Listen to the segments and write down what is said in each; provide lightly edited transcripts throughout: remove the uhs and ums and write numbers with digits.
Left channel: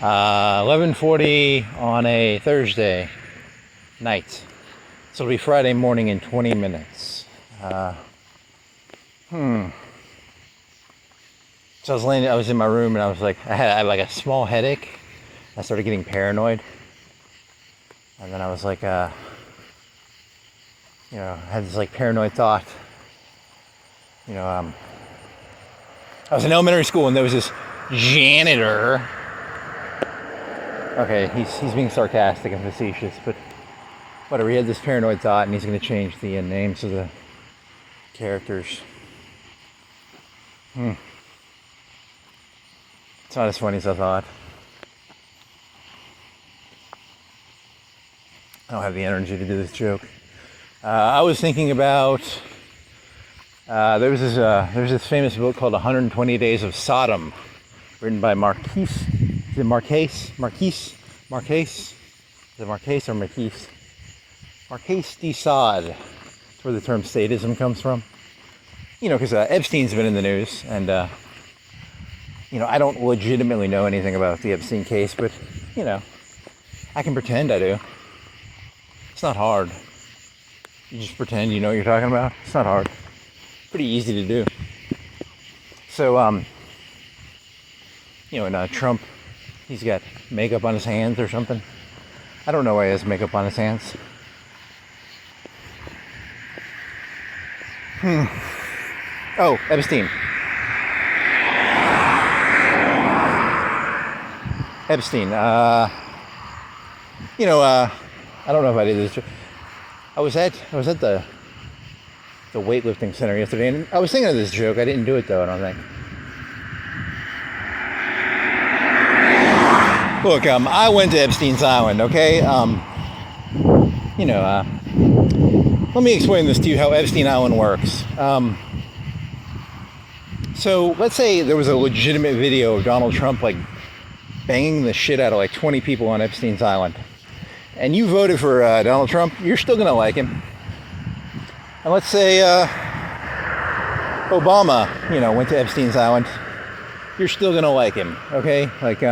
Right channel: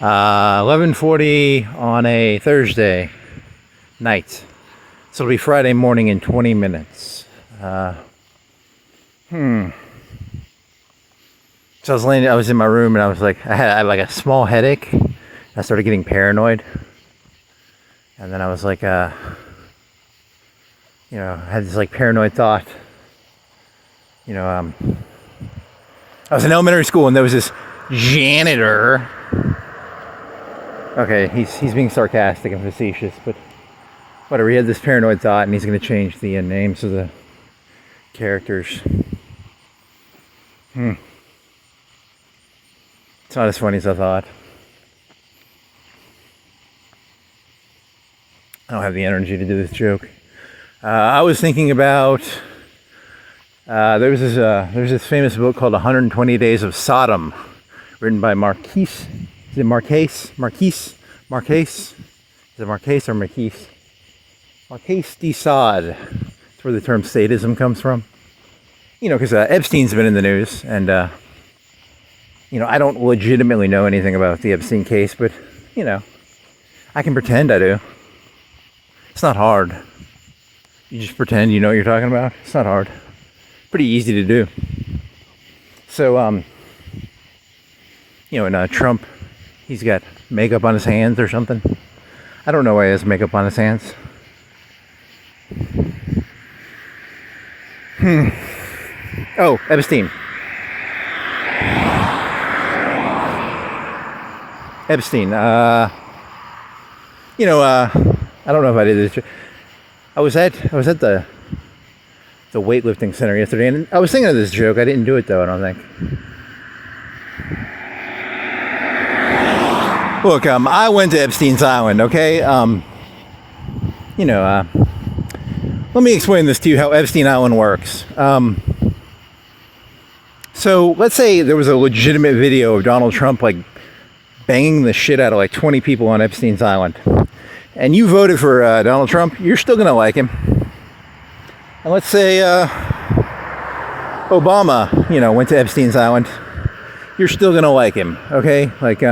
11:40 on a Thursday night. So it'll be Friday morning in 20 minutes. So I was in my room and I was like, I had like a small headache. I started getting paranoid. And then I was like, I had this like paranoid thought. I was in elementary school and there was this janitor. Okay, he's being sarcastic and facetious, but whatever. He had this paranoid thought and he's going to change the names of the characters. It's not as funny as I thought. I don't have the energy to do this joke. I was thinking about there's this famous book called 120 Days of Sodom, written by Marquis. Is it Marquis? Marquis? Is it Marquis or Marquis? Marquis de Sade. That's where the term sadism comes from. Because Epstein's been in the news, and I don't legitimately know anything about the Epstein case, but I can pretend I do. It's not hard. You just pretend you know what you're talking about. It's not hard. Pretty easy to do. So, and Trump, he's got makeup on his hands or something. I don't know why he has makeup on his hands. Oh, Epstein. I don't know if I did this. I was at the weightlifting center yesterday, and I was thinking of this joke. I didn't do it though, I don't think. Look, I went to Epstein's Island, okay? Let me explain this to you how Epstein Island works. So let's say there was a legitimate video of Donald Trump like banging the shit out of like 20 people on Epstein's Island. And you voted for Donald Trump, you're still gonna like him. And let's say Obama, went to Epstein's Island, you're still gonna like him, okay? Like,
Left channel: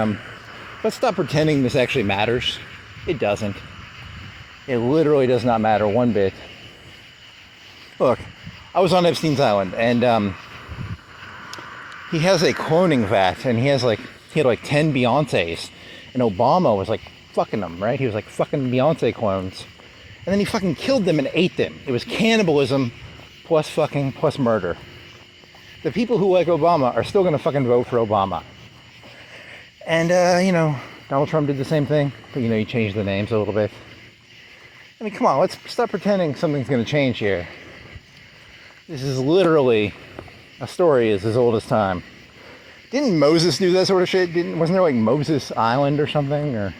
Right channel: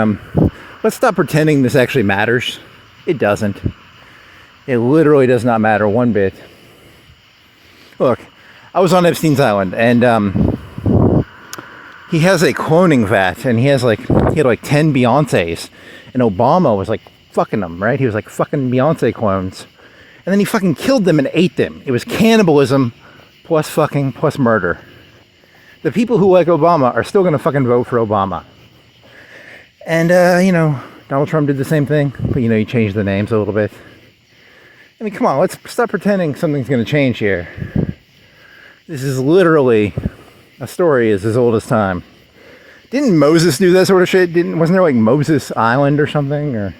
let's stop pretending this actually matters. It doesn't. It literally does not matter one bit. Look, I was on Epstein's Island, and he has a cloning vat, and he had like 10 Beyoncés, and Obama was like fucking them, right? He was like fucking Beyonce clones. And then he fucking killed them and ate them. It was cannibalism plus murder. The people who like Obama are still gonna fucking vote for Obama. And, Donald Trump did the same thing, but he changed the names a little bit. I mean, come on, let's stop pretending something's gonna change here. This is literally a story as old as time. Didn't Moses do that sort of shit? Wasn't there like Moses Island or something? Or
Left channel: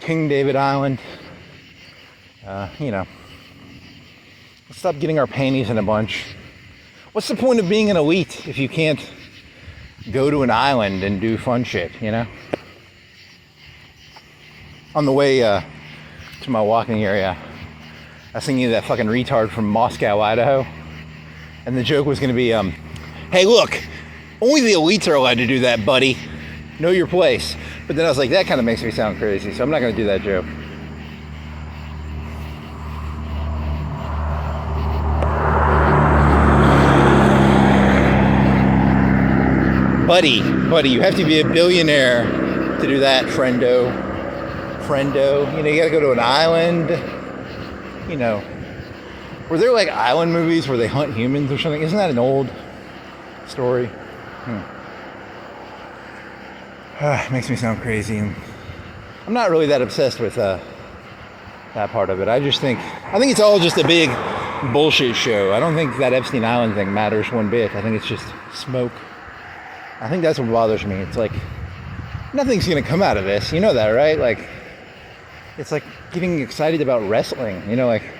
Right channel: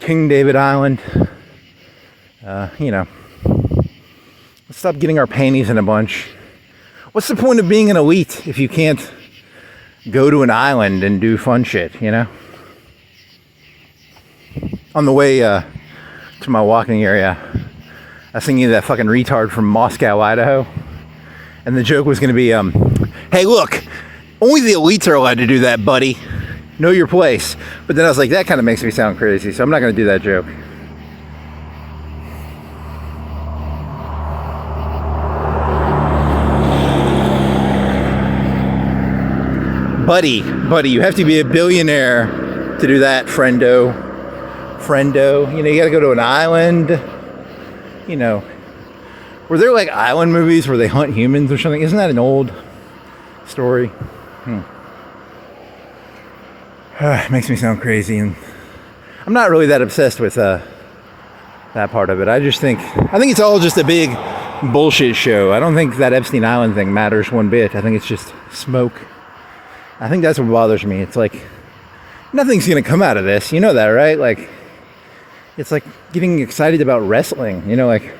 King David Island. Let's stop getting our panties in a bunch. What's the point of being an elite if you can't go to an island and do fun shit, On the way to my walking area, I was thinking of that fucking retard from Moscow, Idaho. And the joke was going to be, hey, look, only the elites are allowed to do that, buddy. Know your place. But then I was like, that kind of makes me sound crazy, so I'm not going to do that joke. Buddy, you have to be a billionaire to do that, friendo. You got to go to an island. Were there like island movies where they hunt humans or something? Isn't that an old story? It makes me sound crazy, and I'm not really that obsessed with that part of it. I think it's all just a big bullshit show. I don't think that Epstein Island thing matters one bit. I think it's just smoke. I think that's what bothers me. It's like nothing's gonna come out of this. You know that, right? Like, it's like getting excited about wrestling. Like,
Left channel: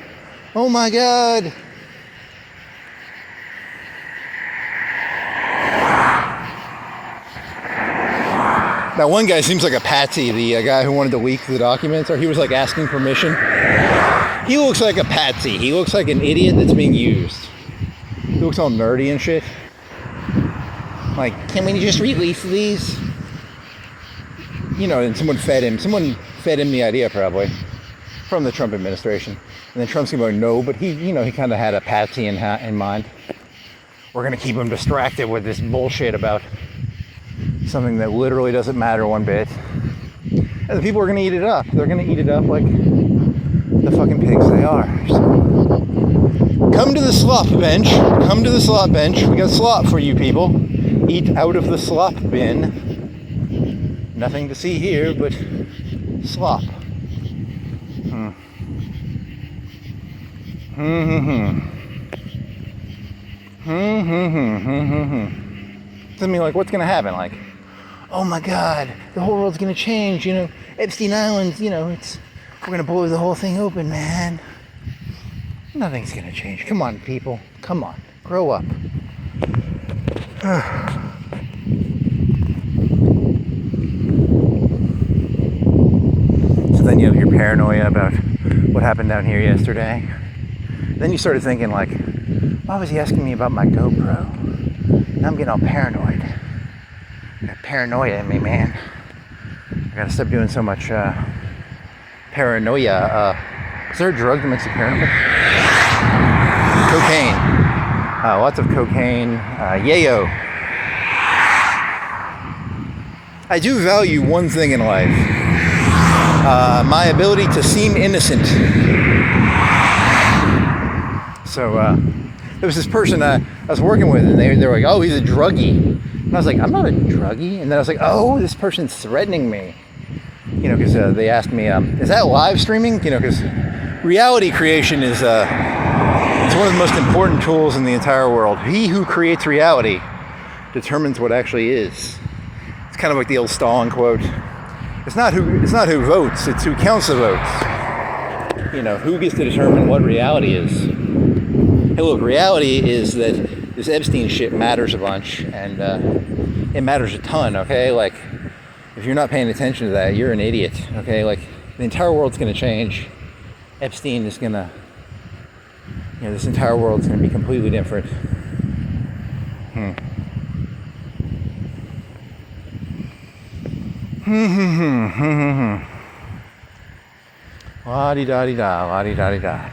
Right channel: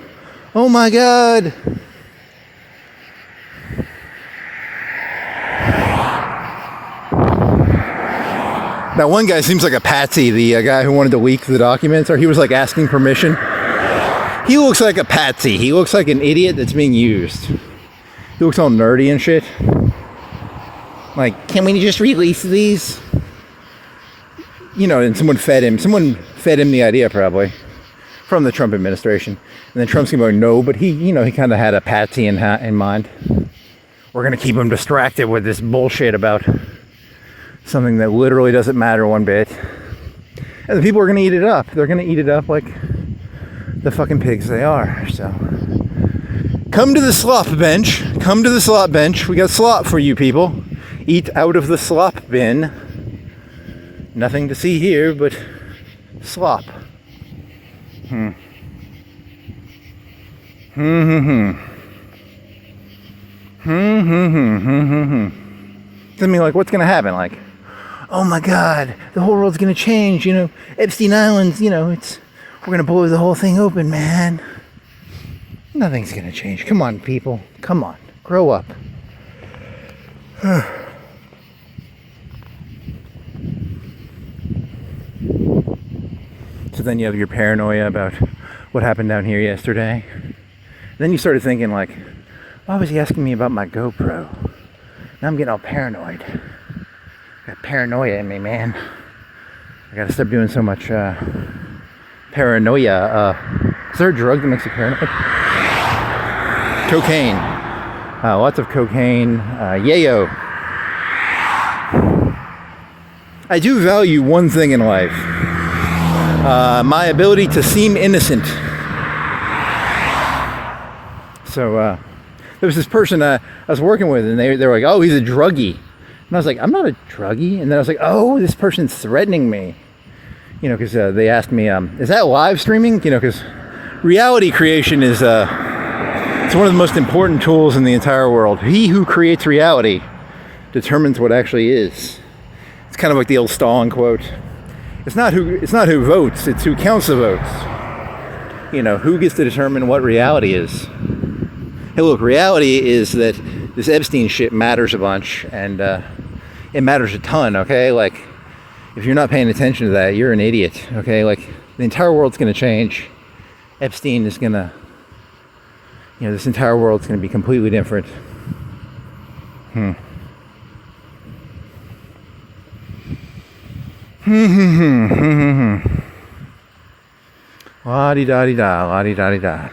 oh my god. That one guy seems like a patsy, the guy who wanted to leak the documents, or he was like asking permission. He looks like a patsy. He looks like an idiot that's being used. He looks all nerdy and shit. Like, can we just release these? You know, and someone fed him the idea probably from the Trump administration. And then Trump's going, no, but he kind of had a patsy in mind. We're going to keep him distracted with this bullshit about something that literally doesn't matter one bit. And the people are going to eat it up. They're going to eat it up like the fucking pigs they are. So come to the slop bench. Come to the slop bench. We got slop for you people. Eat out of the slop bin. Nothing to see here but slop. I mean, like, what's gonna happen? Like, oh my God, the whole world's gonna change. You know, Epstein Island's. You know, we're gonna blow the whole thing open, man. Nothing's gonna change. Come on, people. Come on, grow up. So then you have your paranoia about what happened down here yesterday. Then you started thinking, like, why was he asking me about my GoPro? Now I'm getting all paranoid. I got paranoia in me, man. I gotta stop doing so much paranoia. Is there a drug that makes you paranoid? Cocaine. Lots of cocaine. Yayo. I do value one thing in life. My ability to seem innocent. So there was this person I was working with, and they were like, oh, he's a druggie. And I was like, I'm not a druggie. And then I was like, oh, this person's threatening me. You know, because they asked me, is that live streaming? You know, because reality creation is it's one of the most important tools in the entire world. He who creates reality determines what actually is. It's kind of like the old Stalin quote. It's not who votes, it's who counts the votes. You know, who gets to determine what reality is. Hey, look, reality is that this Epstein shit matters a bunch, and it matters a ton, okay? Like, if you're not paying attention to that, you're an idiot, okay? Like, the entire world's gonna change. Epstein is gonna, you know, this entire world's gonna be completely different. La-di-da-di-da, la-di-da-di-da.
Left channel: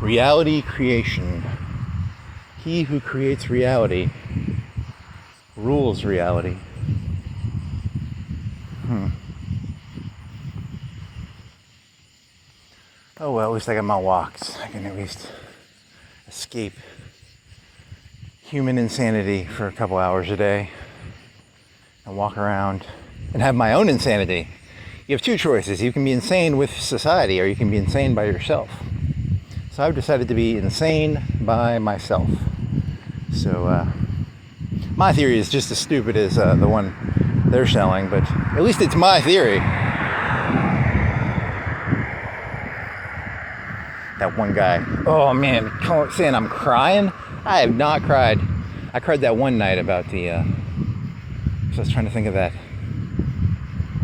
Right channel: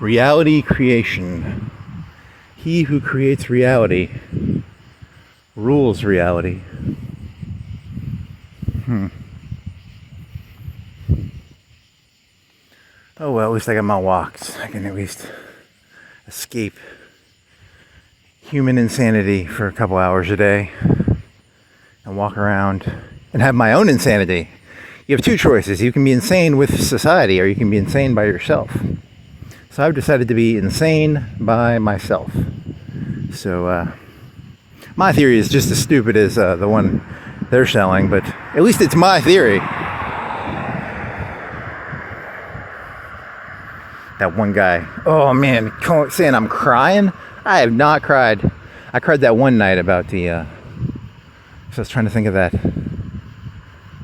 Reality creation. He who creates reality rules reality. Oh well, at least I got my walks. I can at least escape human insanity for a couple hours a day and walk around and have my own insanity. You have two choices. You can be insane with society, or you can be insane by yourself. So I've decided to be insane by myself. So my theory is just as stupid as the one they're selling, but at least it's my theory. That one guy, oh man, saying I'm crying? I have not cried. I cried that one night about the, so I was trying to think of that.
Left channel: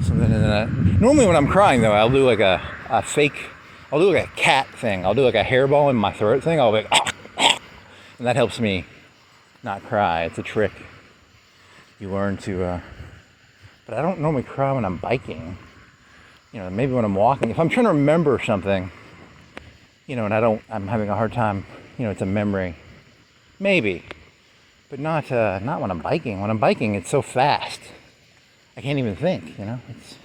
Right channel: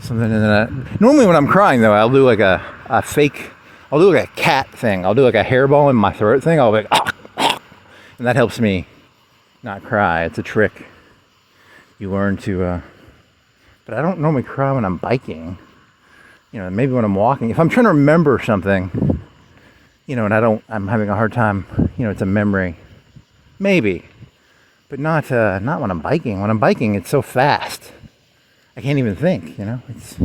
Something in that. Normally when I'm crying though, I'll do like a fake, I'll do like a cat thing. I'll do like a hairball in my throat thing. I'll be like, and that helps me not cry. It's a trick you learn to, but I don't normally cry when I'm biking. You know, maybe when I'm walking. If I'm trying to remember something, you know, and I'm having a hard time, you know, it's a memory. Maybe. But not when I'm biking. When I'm biking, it's so fast. I can't even think, you know? It's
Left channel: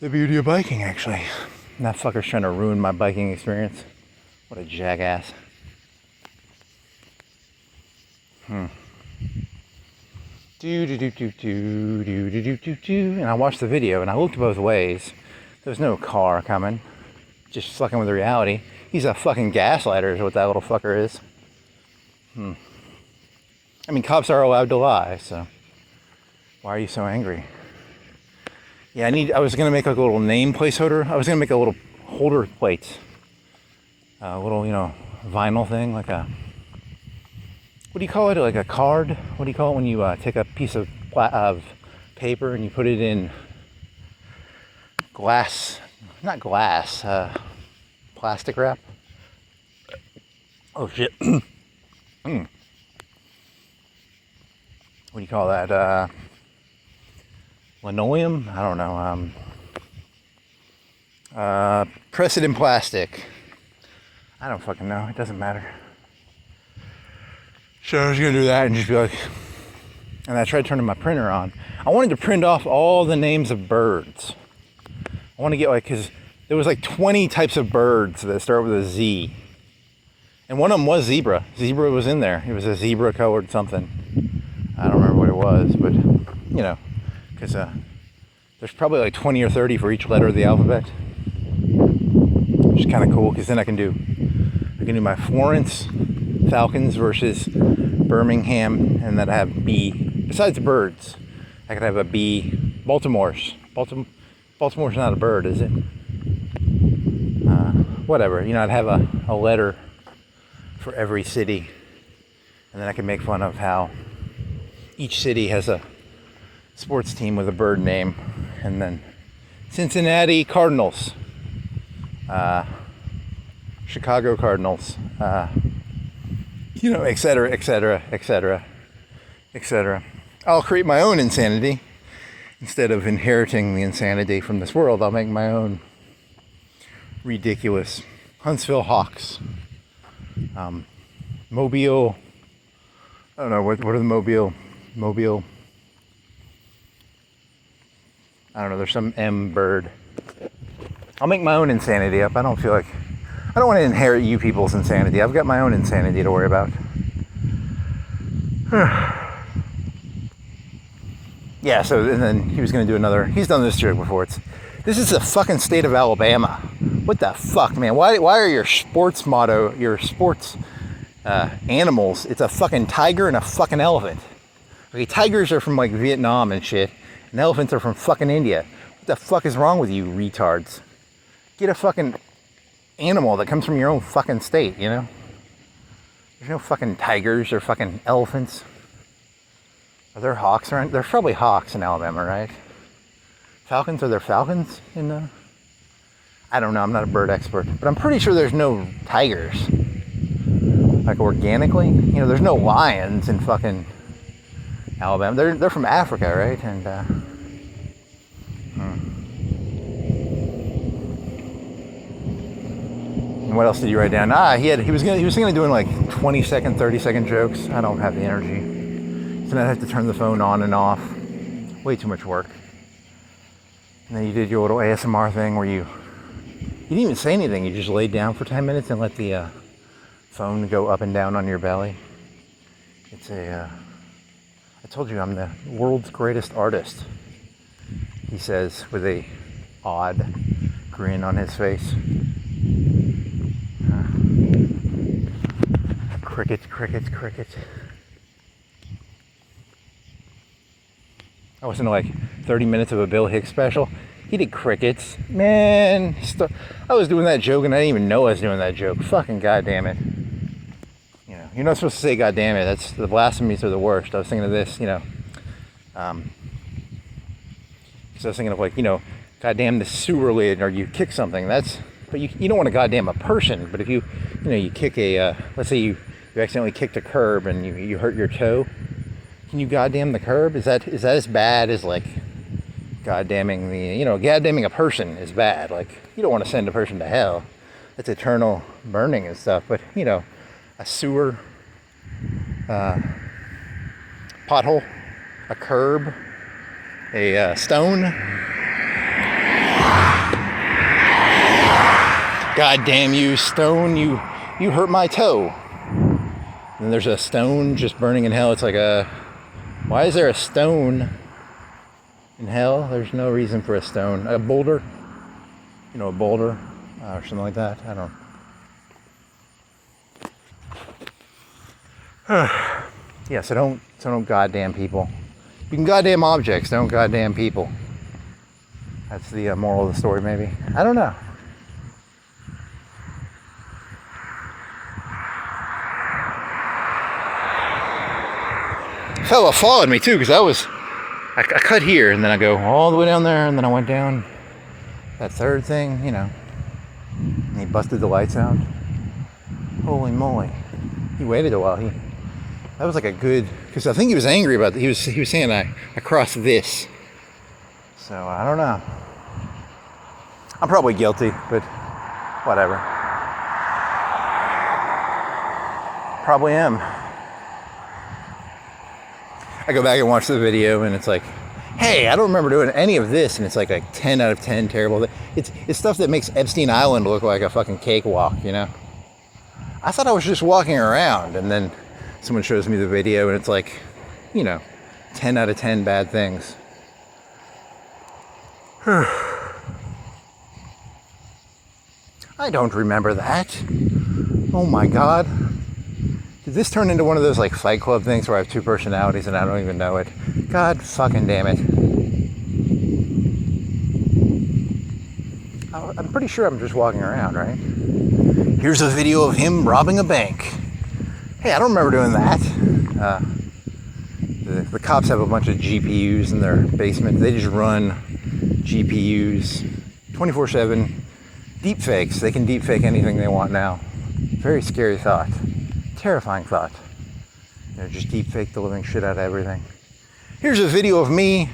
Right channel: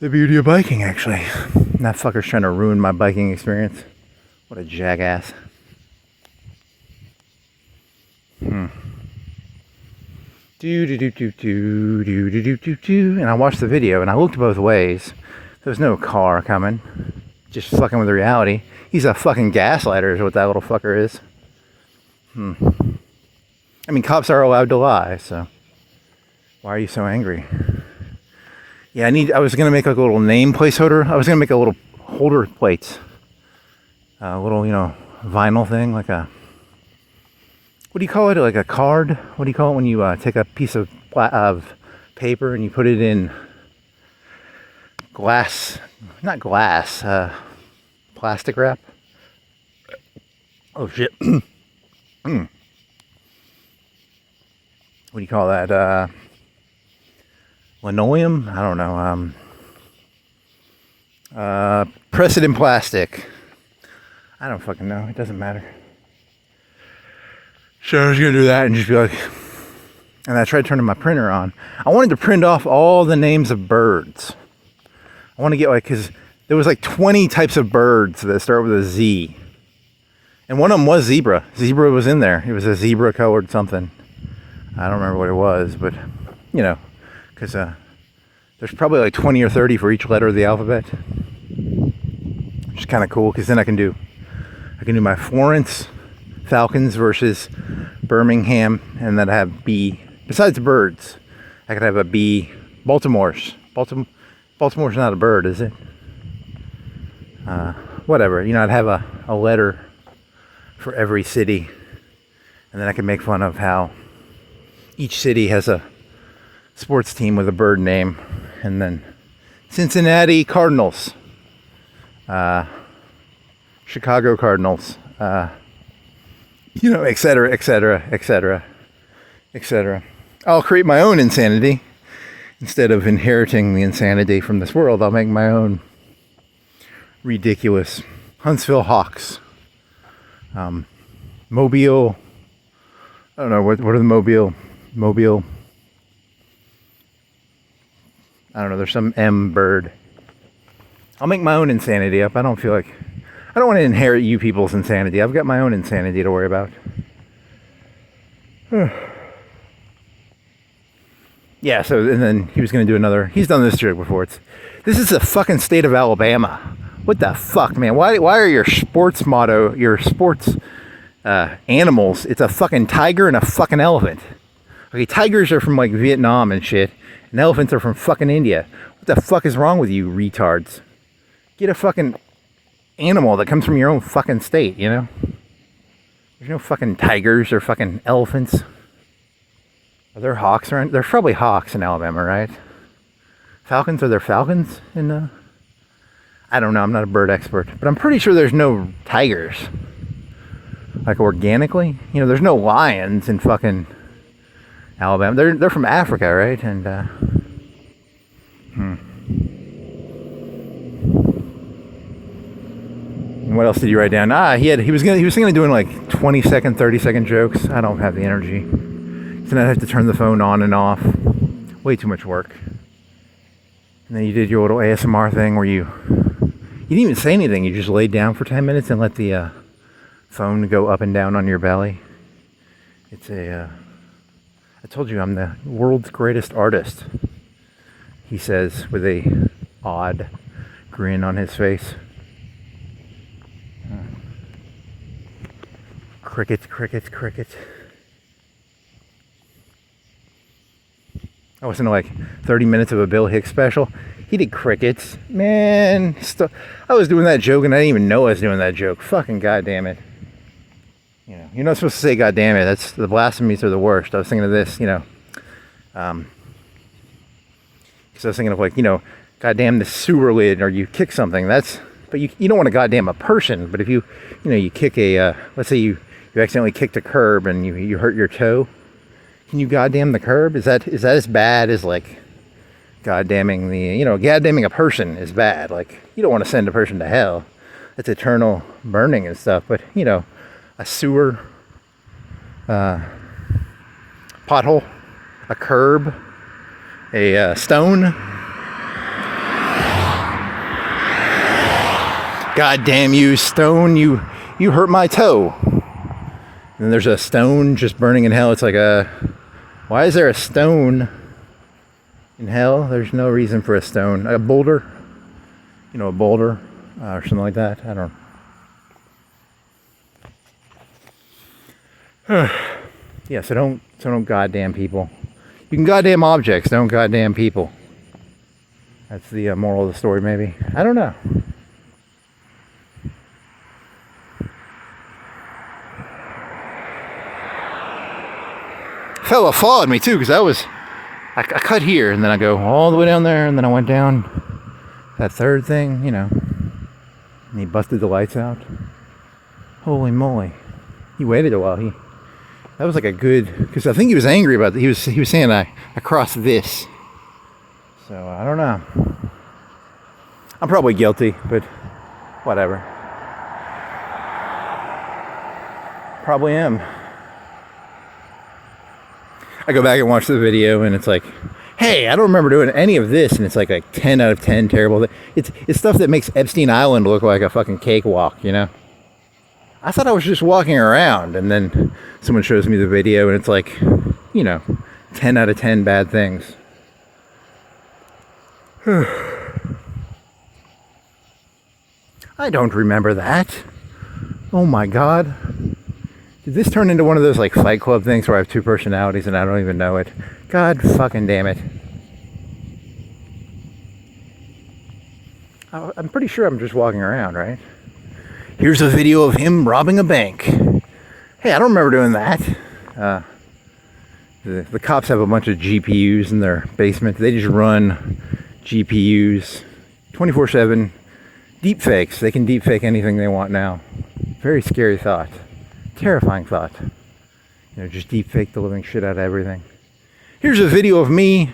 the beauty of biking, actually. And that fucker's trying to ruin my biking experience. What a jackass. And I watched the video, and I looked both ways. There was no car coming. Just fucking with reality. He's a fucking gaslighter is what that little fucker is. I mean, cops are allowed to lie, so why are you so angry? Yeah, I was gonna make like a little name placeholder. I was gonna make a little holder plate. A little, you know, vinyl thing, like a, what do you call it? Like a card? What do you call it when you take a piece of of paper and you put it in glass, not glass, plastic wrap. Oh shit. What do you call that? Linoleum? I don't know. Press it in plastic. I don't fucking know. It doesn't matter. So I was gonna do that and just be like, and I tried turning my printer on. I wanted to print off all the names of birds. I want to get like, cause there was like 20 types of birds that start with a Z. And one of them was zebra. Zebra was in there. It was a zebra colored something. I don't remember what it was, but you know, cause there's probably like 20 or 30 for each letter of the alphabet. Which is kind of cool, cause then I can do my Florence Falcons versus Birmingham, and then I have B. Besides birds, I could have a B. Baltimore's not a bird, is it? Whatever. You know, I'd have a letter for every city, and then I could make fun of how each city has a sports team with a bird name, and then Cincinnati Cardinals, Chicago Cardinals, you know, etc., etc., etc., etc. I'll create my own insanity. Instead of inheriting the insanity from this world, I'll make my own ridiculous Huntsville Hawks. Mobile, I don't know, what are the Mobile, I don't know, there's some M bird. I'll make my own insanity up. I don't want to inherit you people's insanity. I've got my own insanity to worry about. Yeah, so, and then he was going to do another, he's done this joke before. This is the fucking state of Alabama. What the fuck, man? Why are your sports animals, it's a fucking tiger and a fucking elephant. Okay, tigers are from like Vietnam and shit, and elephants are from fucking India. What the fuck is wrong with you retards? Get a fucking animal that comes from your own fucking state, you know? There's no fucking tigers or fucking elephants. Are there hawks around? There's probably hawks in Alabama, right? Falcons? Are there falcons in I don't know, I'm not a bird expert, but I'm pretty sure there's no tigers. Like organically? You know, there's no lions in fucking Alabama. They're from Africa, right? And And what else did he write down? He was thinking of doing like 20-second, 30-second jokes. I don't have the energy. So now I have to turn the phone on and off. Way too much work. And then you did your little ASMR thing where you didn't even say anything. You just laid down for 10 minutes and let the phone go up and down on your belly. It's I told you I'm the world's greatest artist, he says with a odd grin on his face. Cricket, cricket, cricket. I listened to like 30 minutes of a Bill Hicks special. He did crickets. Man, I was doing that joke and I didn't even know I was doing that joke. Fucking goddamn it. You know, you're not supposed to say goddamn it. That's, the blasphemies are the worst. I was thinking of this, you know. Because I was thinking of like, you know, goddamn the sewer lid, or you kick something. But you don't want to goddamn a person. But if you kick let's say you accidentally kicked a curb and you hurt your toe. Can you goddamn the curb? Is that as bad as like goddamming goddamming a person is bad. Like, you don't want to send a person to hell. It's eternal burning and stuff. But, you know, a sewer, pothole, a curb, a stone. God damn you, stone, you hurt my toe. And there's a stone just burning in hell. It's like why is there a stone in hell? There's no reason for a stone. A boulder, you know, a boulder or something like that. I don't know. Yeah, so don't goddamn people. You can goddamn objects, don't goddamn people. That's the moral of the story, maybe. I don't know. Fella followed me too, because I was I cut here, and then I go all the way down there, and then I went down that third thing, you know. And he busted the lights out. Holy moly. He waited a while. That was like a good, because I think he was angry about it. He was saying I crossed this. So I don't know. I'm probably guilty, but whatever. Probably am. I go back and watch the video, and it's like, hey, I don't remember doing any of this, and it's like a 10 out of 10 terrible. It's stuff that makes Epstein Island look like a fucking cakewalk, you know? I thought I was just walking around, and then someone shows me the video, and it's like, you know, 10 out of 10 bad things. I don't remember that. Oh my God. Did this turn into one of those like Fight Club things where I have two personalities and I don't even know it? God fucking damn it. I'm pretty sure I'm just walking around, right? Here's a video of him robbing a bank. Hey, I don't remember doing that. The cops have a bunch of GPUs in their basement. They just run GPUs 24/7. Deep fakes. They can deep fake anything they want now. Very scary thought. Terrifying thought. You know, just deep fake the living shit out of everything. Here's a video of me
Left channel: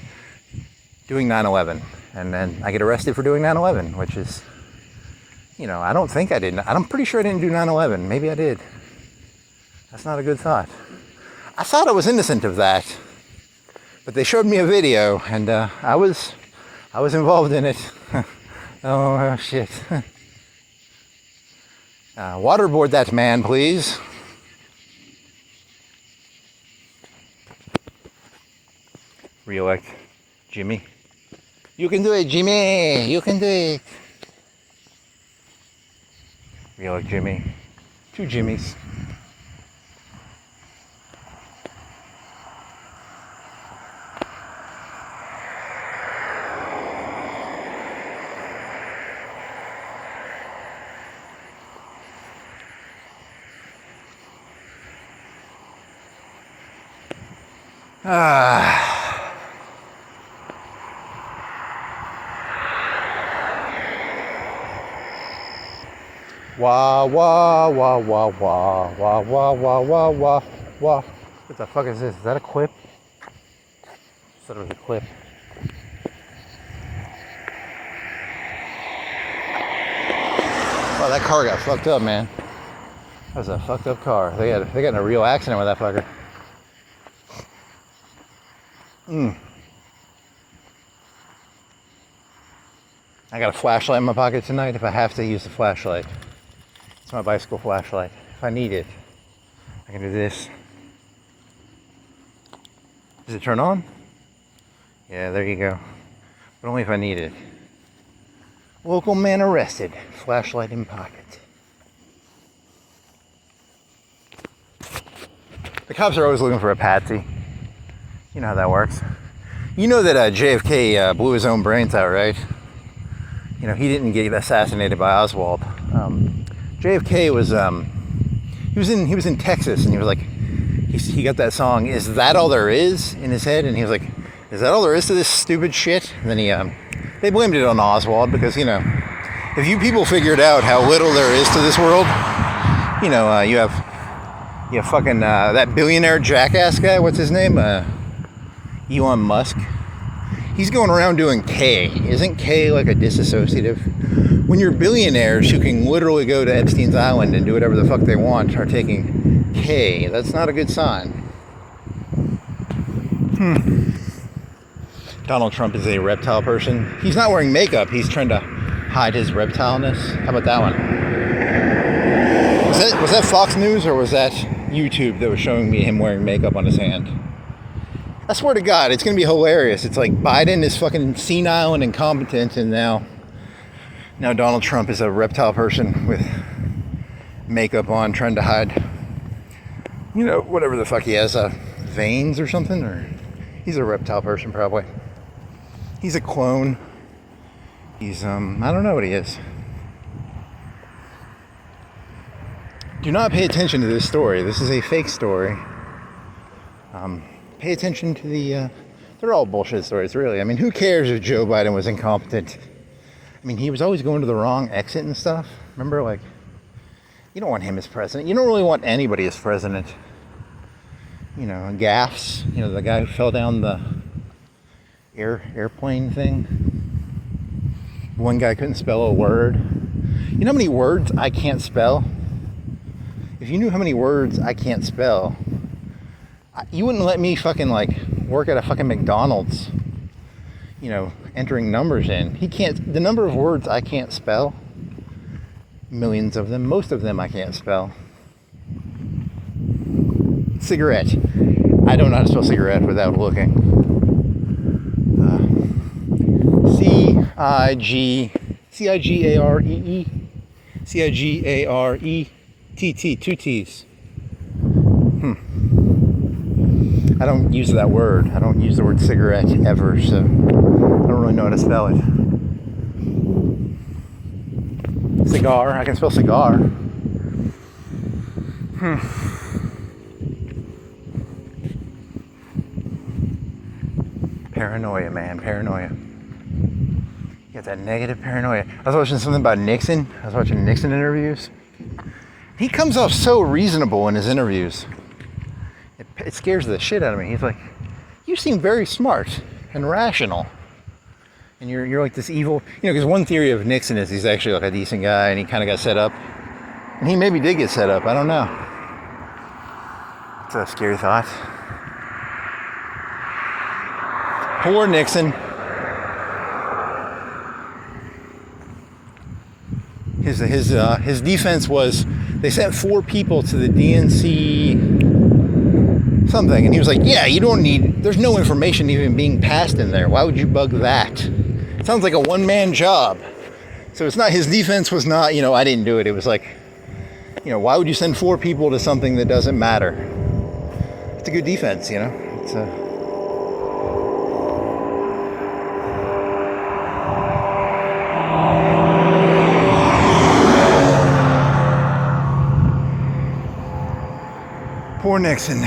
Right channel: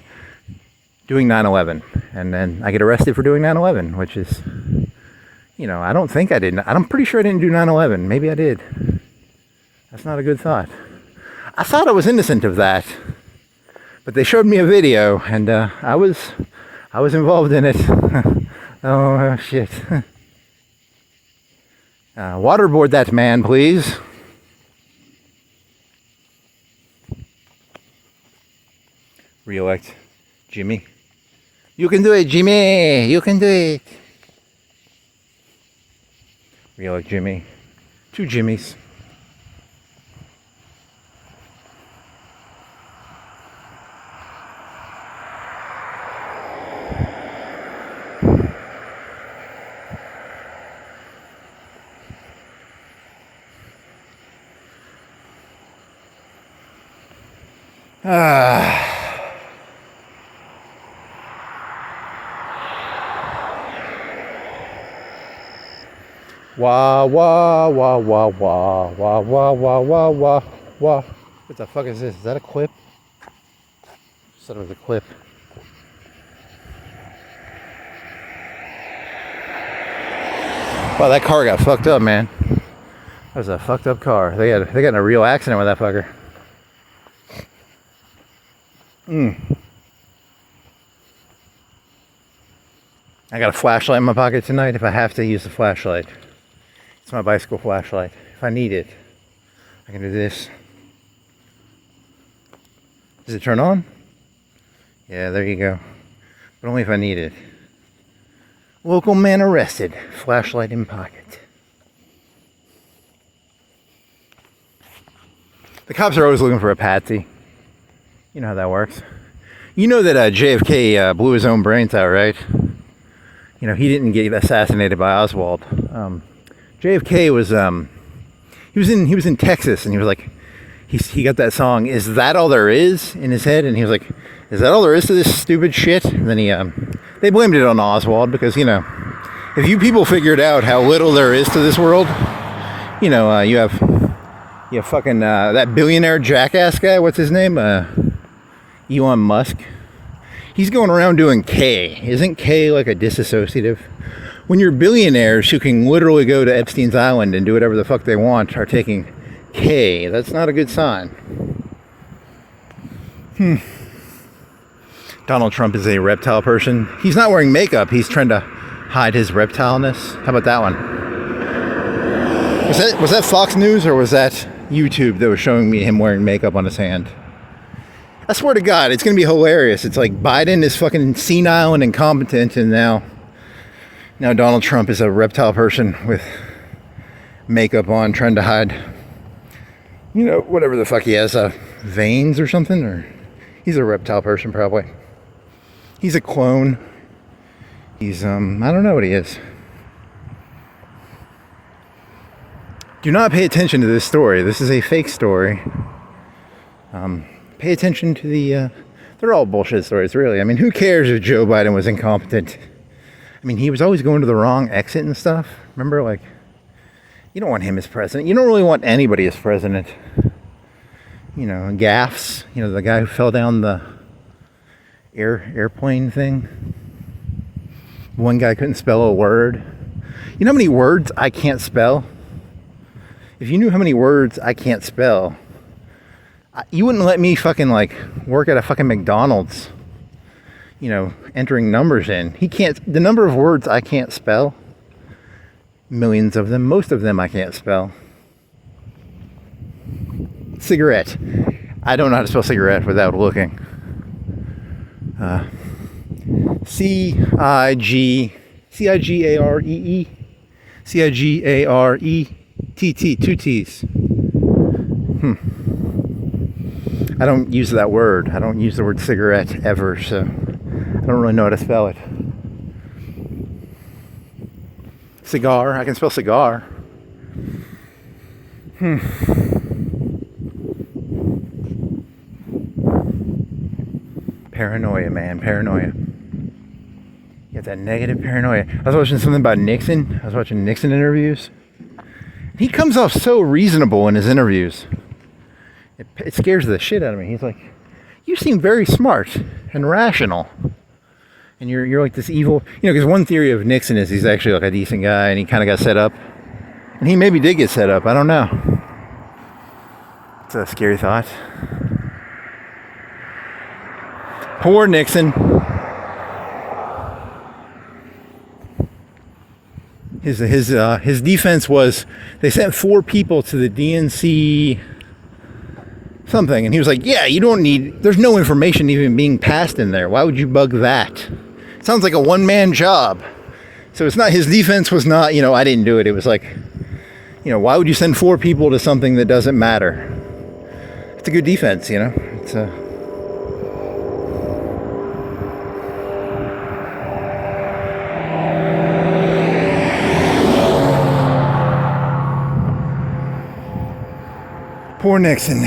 doing 9/11, and then I get arrested for doing 9/11, which is, you know, I don't think I did. I'm pretty sure I didn't do 9/11. Maybe I did. That's not a good thought. I thought I was innocent of that, but they showed me a video, and I was involved in it. Oh shit. Waterboard that man, please. Re-elect Jimmy. You can do it, Jimmy. You can do it. Re-elect Jimmy. Two Jimmys. Wah wah wah wah wah wah wah wah wah wah wah. What the fuck is this? Is that a clip? I thought it was a clip. Wow, that car got fucked up, man. That was a fucked up car. They got in a real accident with that fucker. I got a flashlight in my pocket tonight if I have to use the flashlight. It's my bicycle flashlight. If I need it, I can do this. Does it turn on? Yeah, there you go. But only if I need it. Local man arrested. Flashlight in pocket. The cops are always looking for a patsy. You know how that works. You know that JFK blew his own brains out, right? You know, he didn't get assassinated by Oswald. JFK was he was in Texas, and he was like, he got that song "Is That All There Is" in his head, and he was like, "Is that all there is to this stupid shit?" And then they blamed it on Oswald because, you know, if you people figured out how little there is to this world, you know, you have fucking that billionaire jackass guy. What's his name? Elon Musk. He's going around doing K. Isn't K like a disassociative? When you're billionaires who can literally go to Epstein's Island and do whatever the fuck they want are taking K, that's not a good sign. Donald Trump is a reptile person. He's not wearing makeup. He's trying to hide his reptileness. How about that one? Was that Fox News, or was that YouTube that was showing me him wearing makeup on his hand? I swear to God, it's going to be hilarious. It's like Biden is fucking senile and incompetent, and now Donald Trump is a reptile person with makeup on, trying to hide, you know, whatever the fuck he has, veins or something, or he's a reptile person probably. He's a clone. He's, I don't know what he is. Do not pay attention to this story. This is a fake story. Pay attention to the They're all bullshit stories, really. I mean, who cares if Joe Biden was incompetent? I mean, he was always going to the wrong exit and stuff. Remember, like, you don't want him as president. You don't really want anybody as president. You know, gaffes. You know, the guy who fell down the airplane thing. One guy couldn't spell a word. You know how many words I can't spell? If you knew how many words I can't spell, you wouldn't let me fucking, like, work at a fucking McDonald's, you know, entering numbers in. The number of words I can't spell, millions of them, most of them I can't spell. Cigarette. I don't know how to spell cigarette without looking. C-I-G-A-R-E-E. C-I-G-A-R-E-T-T. Two T's. I don't use that word. I don't use the word cigarette ever, so I don't really know how to spell it. Cigar. I can spell cigar. Paranoia, man. Paranoia. You got that negative paranoia. I was watching something about Nixon. I was watching Nixon interviews. He comes off so reasonable in his interviews. It scares the shit out of me. He's like, you seem very smart and rational. And you're like this evil... You know, because one theory of Nixon is he's actually like a decent guy and he kind of got set up. And he maybe did get set up. I don't know. It's a scary thought. Poor Nixon. His defense was they sent 4 people to the DNC something, and he was like, yeah, you don't need, there's no information even being passed in there. Why would you bug that? It sounds like a one-man job. So it's not, his defense was not, you know, I didn't do it. It was like, you know, why would you send 4 people to something that doesn't matter? It's a good defense, you know. It's a... Poor Nixon.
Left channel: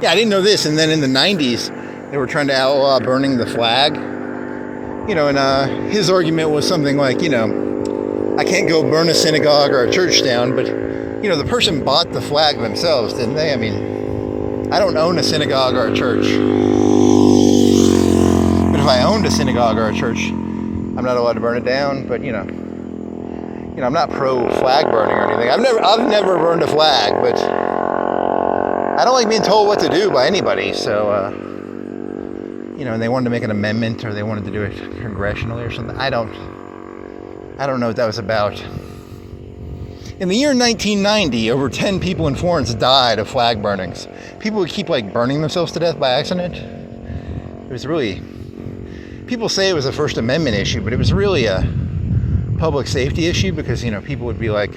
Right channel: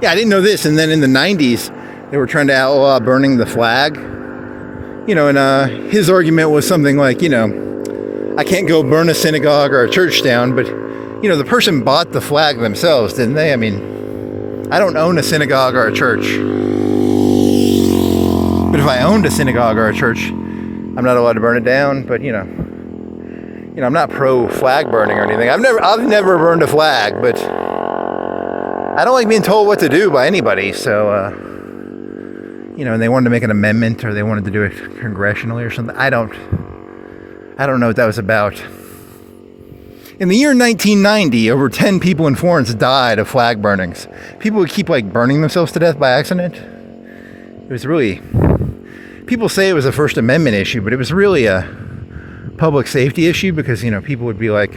Yeah, I didn't know this. And then in the 90s, they were trying to outlaw burning the flag. You know, and his argument was something like, you know, I can't go burn a synagogue or a church down, but, you know, the person bought the flag themselves, didn't they? I mean, I don't own a synagogue or a church. But if I owned a synagogue or a church, I'm not allowed to burn it down, but, you know, I'm not pro flag burning or anything. I've never burned a flag, but I don't like being told what to do by anybody. So, you know, and they wanted to make an amendment, or they wanted to do it congressionally or something. I don't know what that was about. In the year 1990, over 10 people in Florence died of flag burnings. People would keep, like, burning themselves to death by accident. It was really, people say it was a First Amendment issue, but it was really a public safety issue, because, you know, people would be like,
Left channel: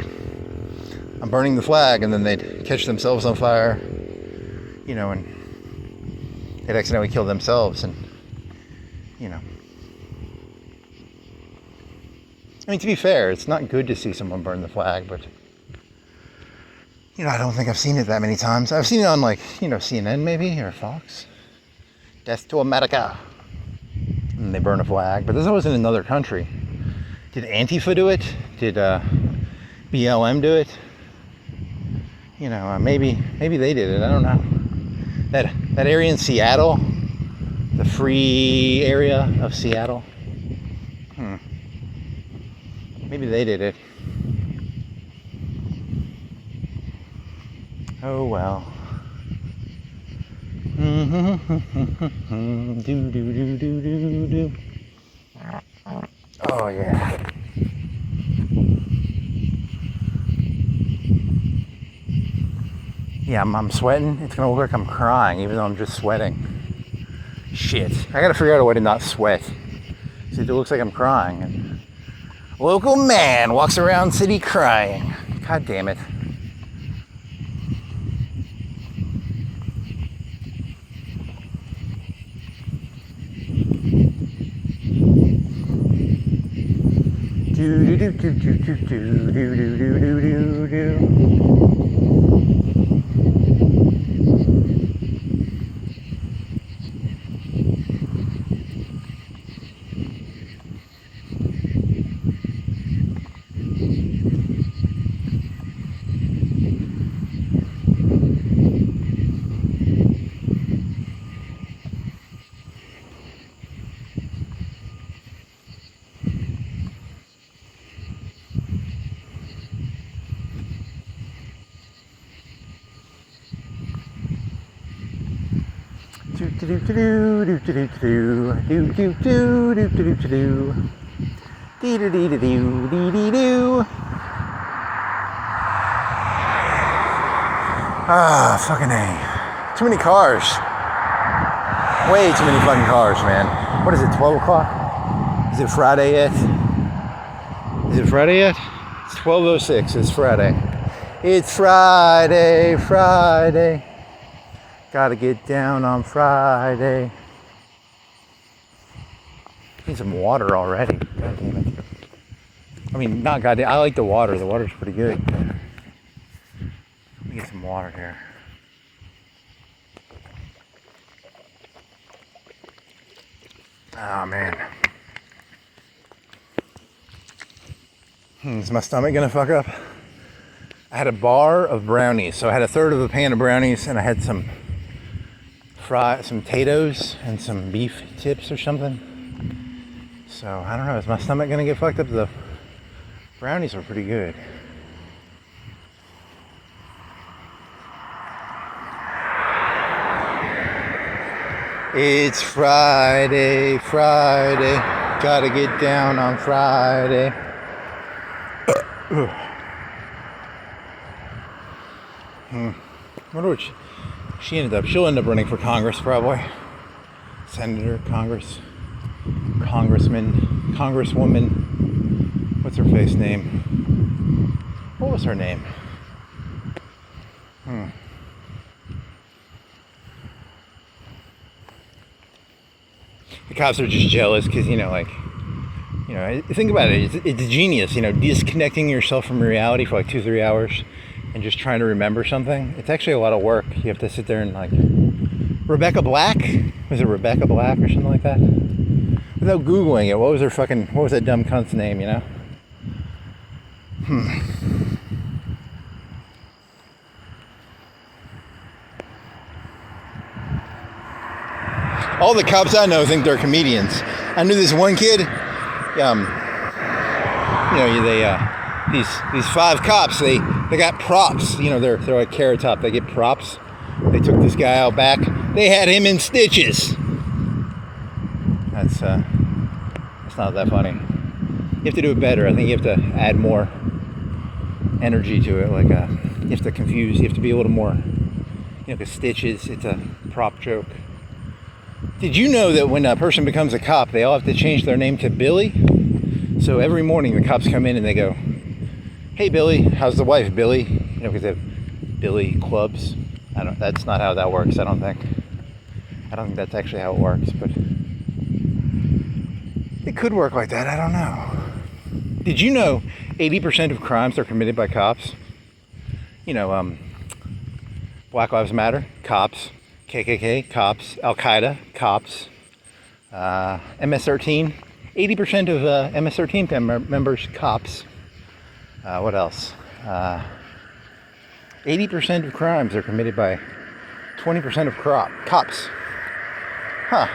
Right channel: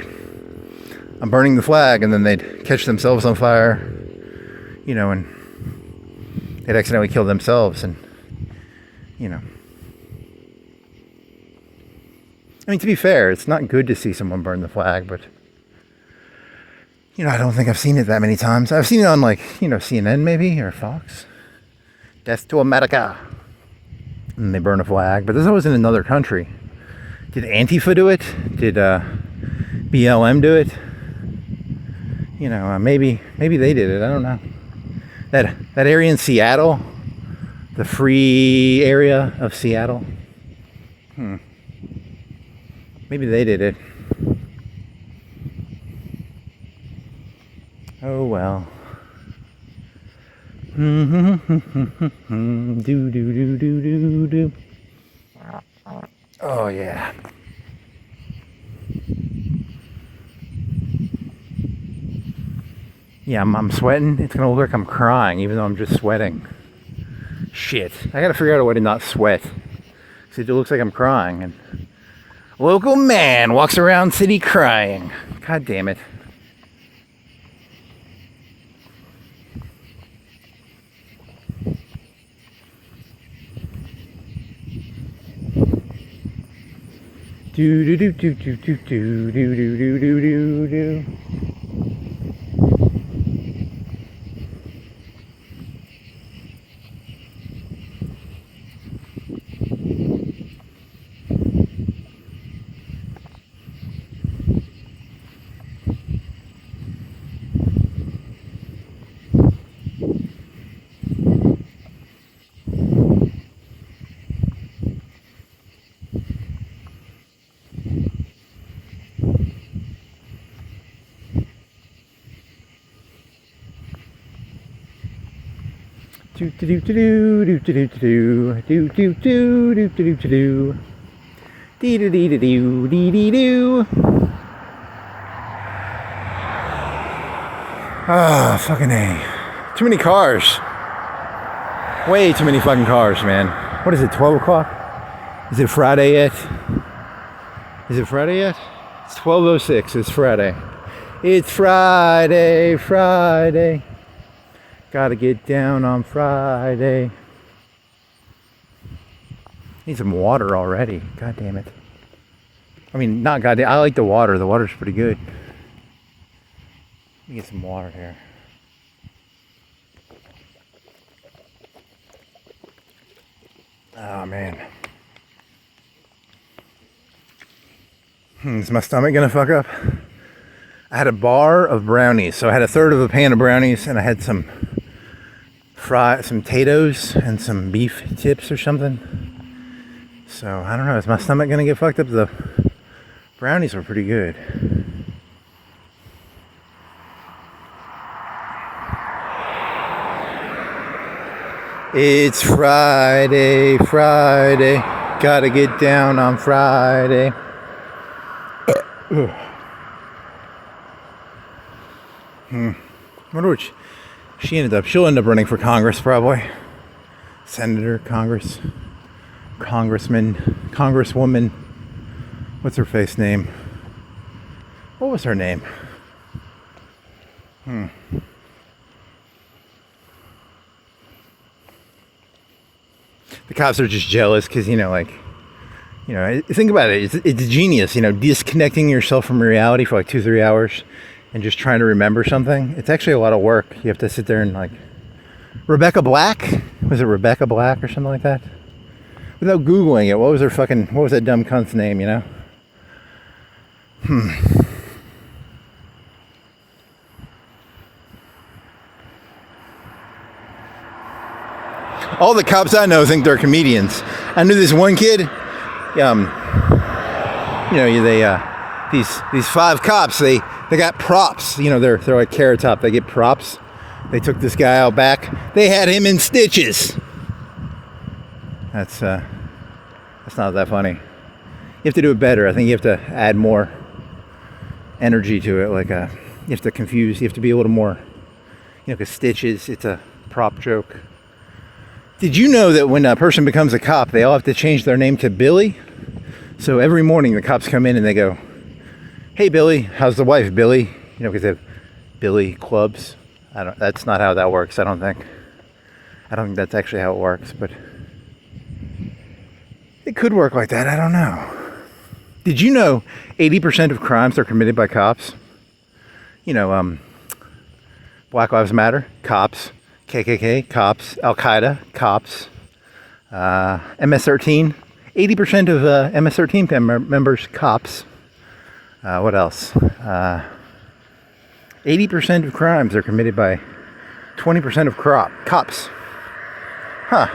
I'm burning the flag, and then they'd catch themselves on fire, you know, and they'd accidentally kill themselves. And, you know, I mean, to be fair, it's not good to see someone burn the flag, but, you know, I don't think I've seen it that many times. I've seen it on, like, you know, CNN maybe, or Fox. Death to America. And they burn a flag, but there's always in another country. Did Antifa do it? Did BLM do it? You know, maybe they did it. I don't know. That area in Seattle, the free area of Seattle. Maybe they did it. Oh well. Do do do do do do. Oh yeah. Yeah, I'm sweating. It's gonna look like I'm crying, even though I'm just sweating. Shit. I gotta figure out a way to not sweat. See, it looks like I'm crying. And local man walks around city crying. God damn it. Do do do do do do do do do do do do do. Do do do do do do do do do do do do do do. Dee dee dee dee doo dee dee doo. Ah, fucking A. Too many cars. Way too many fucking cars, man. What is it, 12 o'clock? Is it Friday yet? Is it Friday yet? It's 12:06. It's Friday. It's Friday, Friday. Gotta get down on Friday. Need some water already. God damn it. I mean, not goddamn. I like the water. The water's pretty good. Let me get some water here. Oh, man. Is my stomach gonna fuck up? I had a bar of brownies. So I had a third of a pan of brownies and I had some potatoes and some beef tips or something. So I don't know, is my stomach gonna get fucked up? The brownies were pretty good. It's Friday, Friday. Gotta get down on Friday. Wonder what she ended up. She'll end up running for Congress probably. Senator, Congressman, Congresswoman. What's her face name? What was her name? The cops are just jealous because, think about it. It's genius, disconnecting yourself from reality for like 2-3 hours and just trying to remember something. It's actually a lot of work. You have to sit there and Rebecca Black? Was it Rebecca Black or something like that? Without Googling it, what was that dumb cunt's name, All the cops I know think they're comedians. I knew this one kid, these 5 cops, they got props, they're like Carrot Top, they get props. They took this guy out back, they had him in stitches. That's not that funny. You have to do it better. I think you have to add more energy to it, you have to confuse, you have to be a little more, because stitches, it's a prop joke. Did you know that when a person becomes a cop, they all have to change their name to Billy? So every morning the cops come in and they go, "Hey Billy, how's the wife, Billy?" Because they have Billy clubs. That's not how that works, I don't think. I don't think that's actually how it works, but it could work like that, I don't know. Did you know 80% of crimes are committed by cops? Black Lives Matter, cops. KKK, cops. Al-Qaeda, cops. MS-13, 80% of MS-13 members, cops. What else? 80% of crimes are committed by 20% of cops. Huh.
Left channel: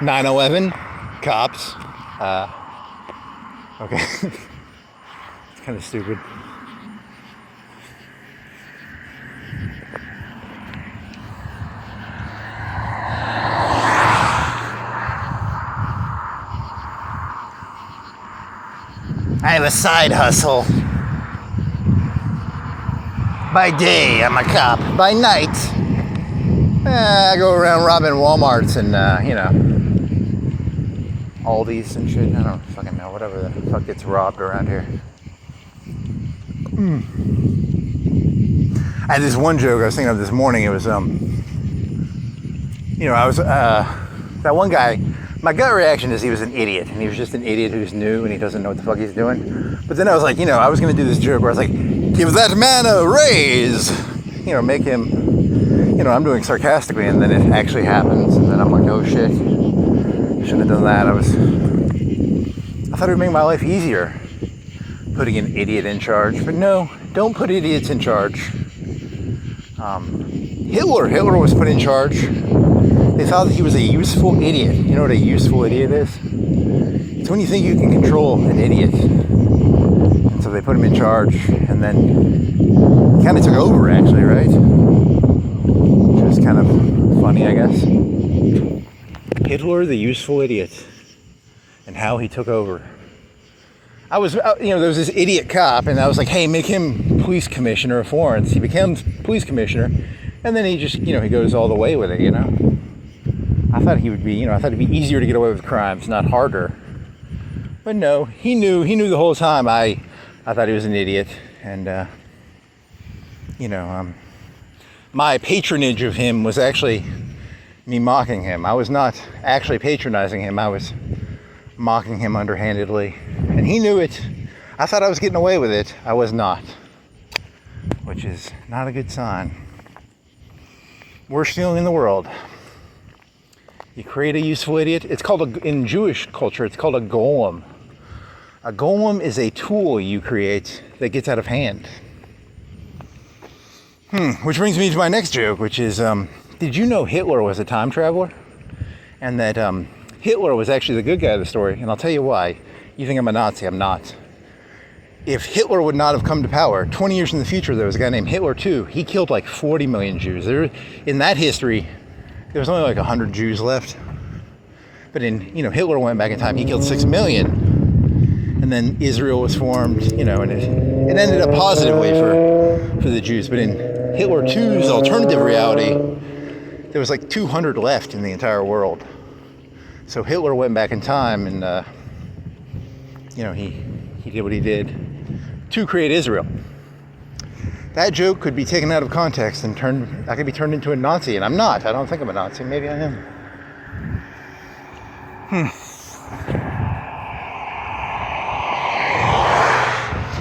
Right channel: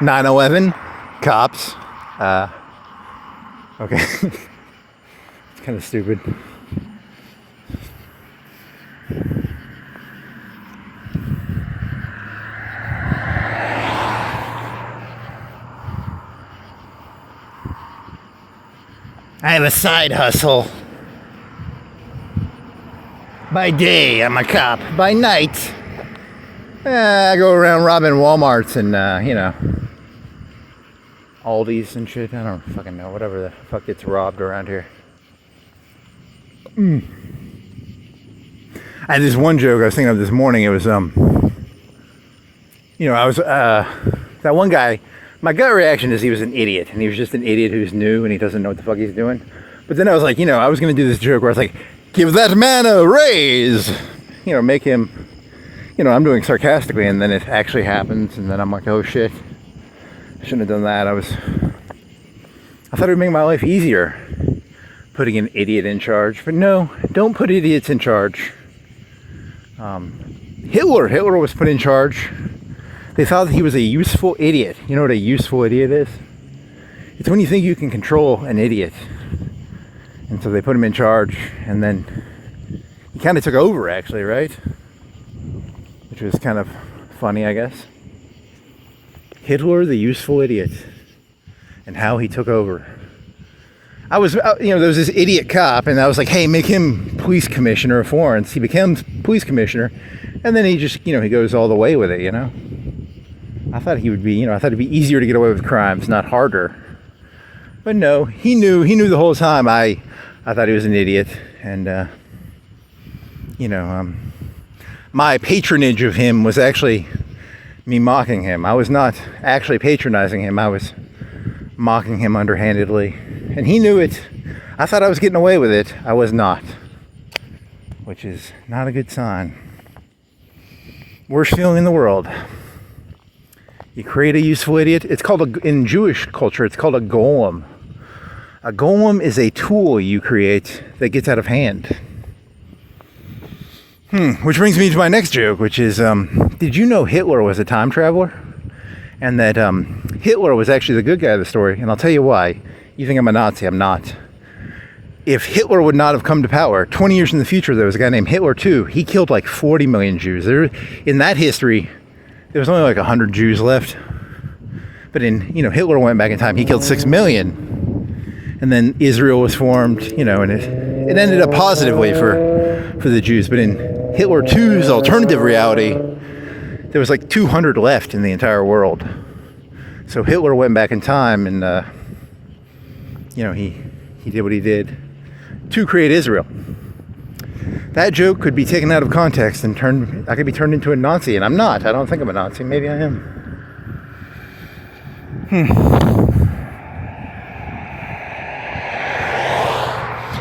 9/11, cops. Okay. It's kind of stupid. I have a side hustle. By day, I'm a cop. By night, I go around robbing Walmarts and, Aldi's and shit. I don't fucking know. Whatever the fuck gets robbed around here. I had this one joke I was thinking of this morning. It was, that one guy, my gut reaction is he was an idiot, and he was just an idiot who's new and he doesn't know what the fuck he's doing. But then I was like, I was going to do this joke where I was like, "Give that man a raise," make him, I'm doing sarcastically, and then it actually happens, and then I'm like, oh shit, shouldn't have done that. I thought it would make my life easier, putting an idiot in charge, but no, don't put idiots in charge. Hitler was put in charge. They thought that he was a useful idiot. You know what a useful idiot is? It's when you think you can control an idiot. And so they put him in charge, and then he kind of took over, actually, right? is kind of funny, I guess. Hitler, the useful idiot, and how he took over. There was this idiot cop, and I was like, hey, make him police commissioner of Florence. He becomes police commissioner, and then he just, he goes all the way with it, I thought he would be, I thought it'd be easier to get away with crimes, not harder. But no, he knew the whole time. I thought he was an idiot, and, my patronage of him was actually me mocking him. I was not actually patronizing him. I was mocking him underhandedly. And he knew it. I thought I was getting away with it. I was not. Which is not a good sign. Worst feeling in the world. You create a useful idiot. It's called, in Jewish culture, it's called a golem. A golem is a tool you create that gets out of hand. Which brings me to my next joke, which is, did you know Hitler was a time traveler? And that Hitler was actually the good guy of the story, and I'll tell you why. You think I'm a Nazi, I'm not. If Hitler would not have come to power, 20 years in the future, there was a guy named Hitler too. He killed like 40 million Jews. In that history, there was only like 100 Jews left. But Hitler went back in time, he killed 6 million. And then Israel was formed, and it ended up positively for the Jews. But in Hitler 2's alternative reality, there was like 200 left in the entire world. So Hitler went back in time and, he did what he did to create Israel. That joke could be taken out of context and I could be turned into a Nazi, and I'm not. I don't think I'm a Nazi. Maybe I am.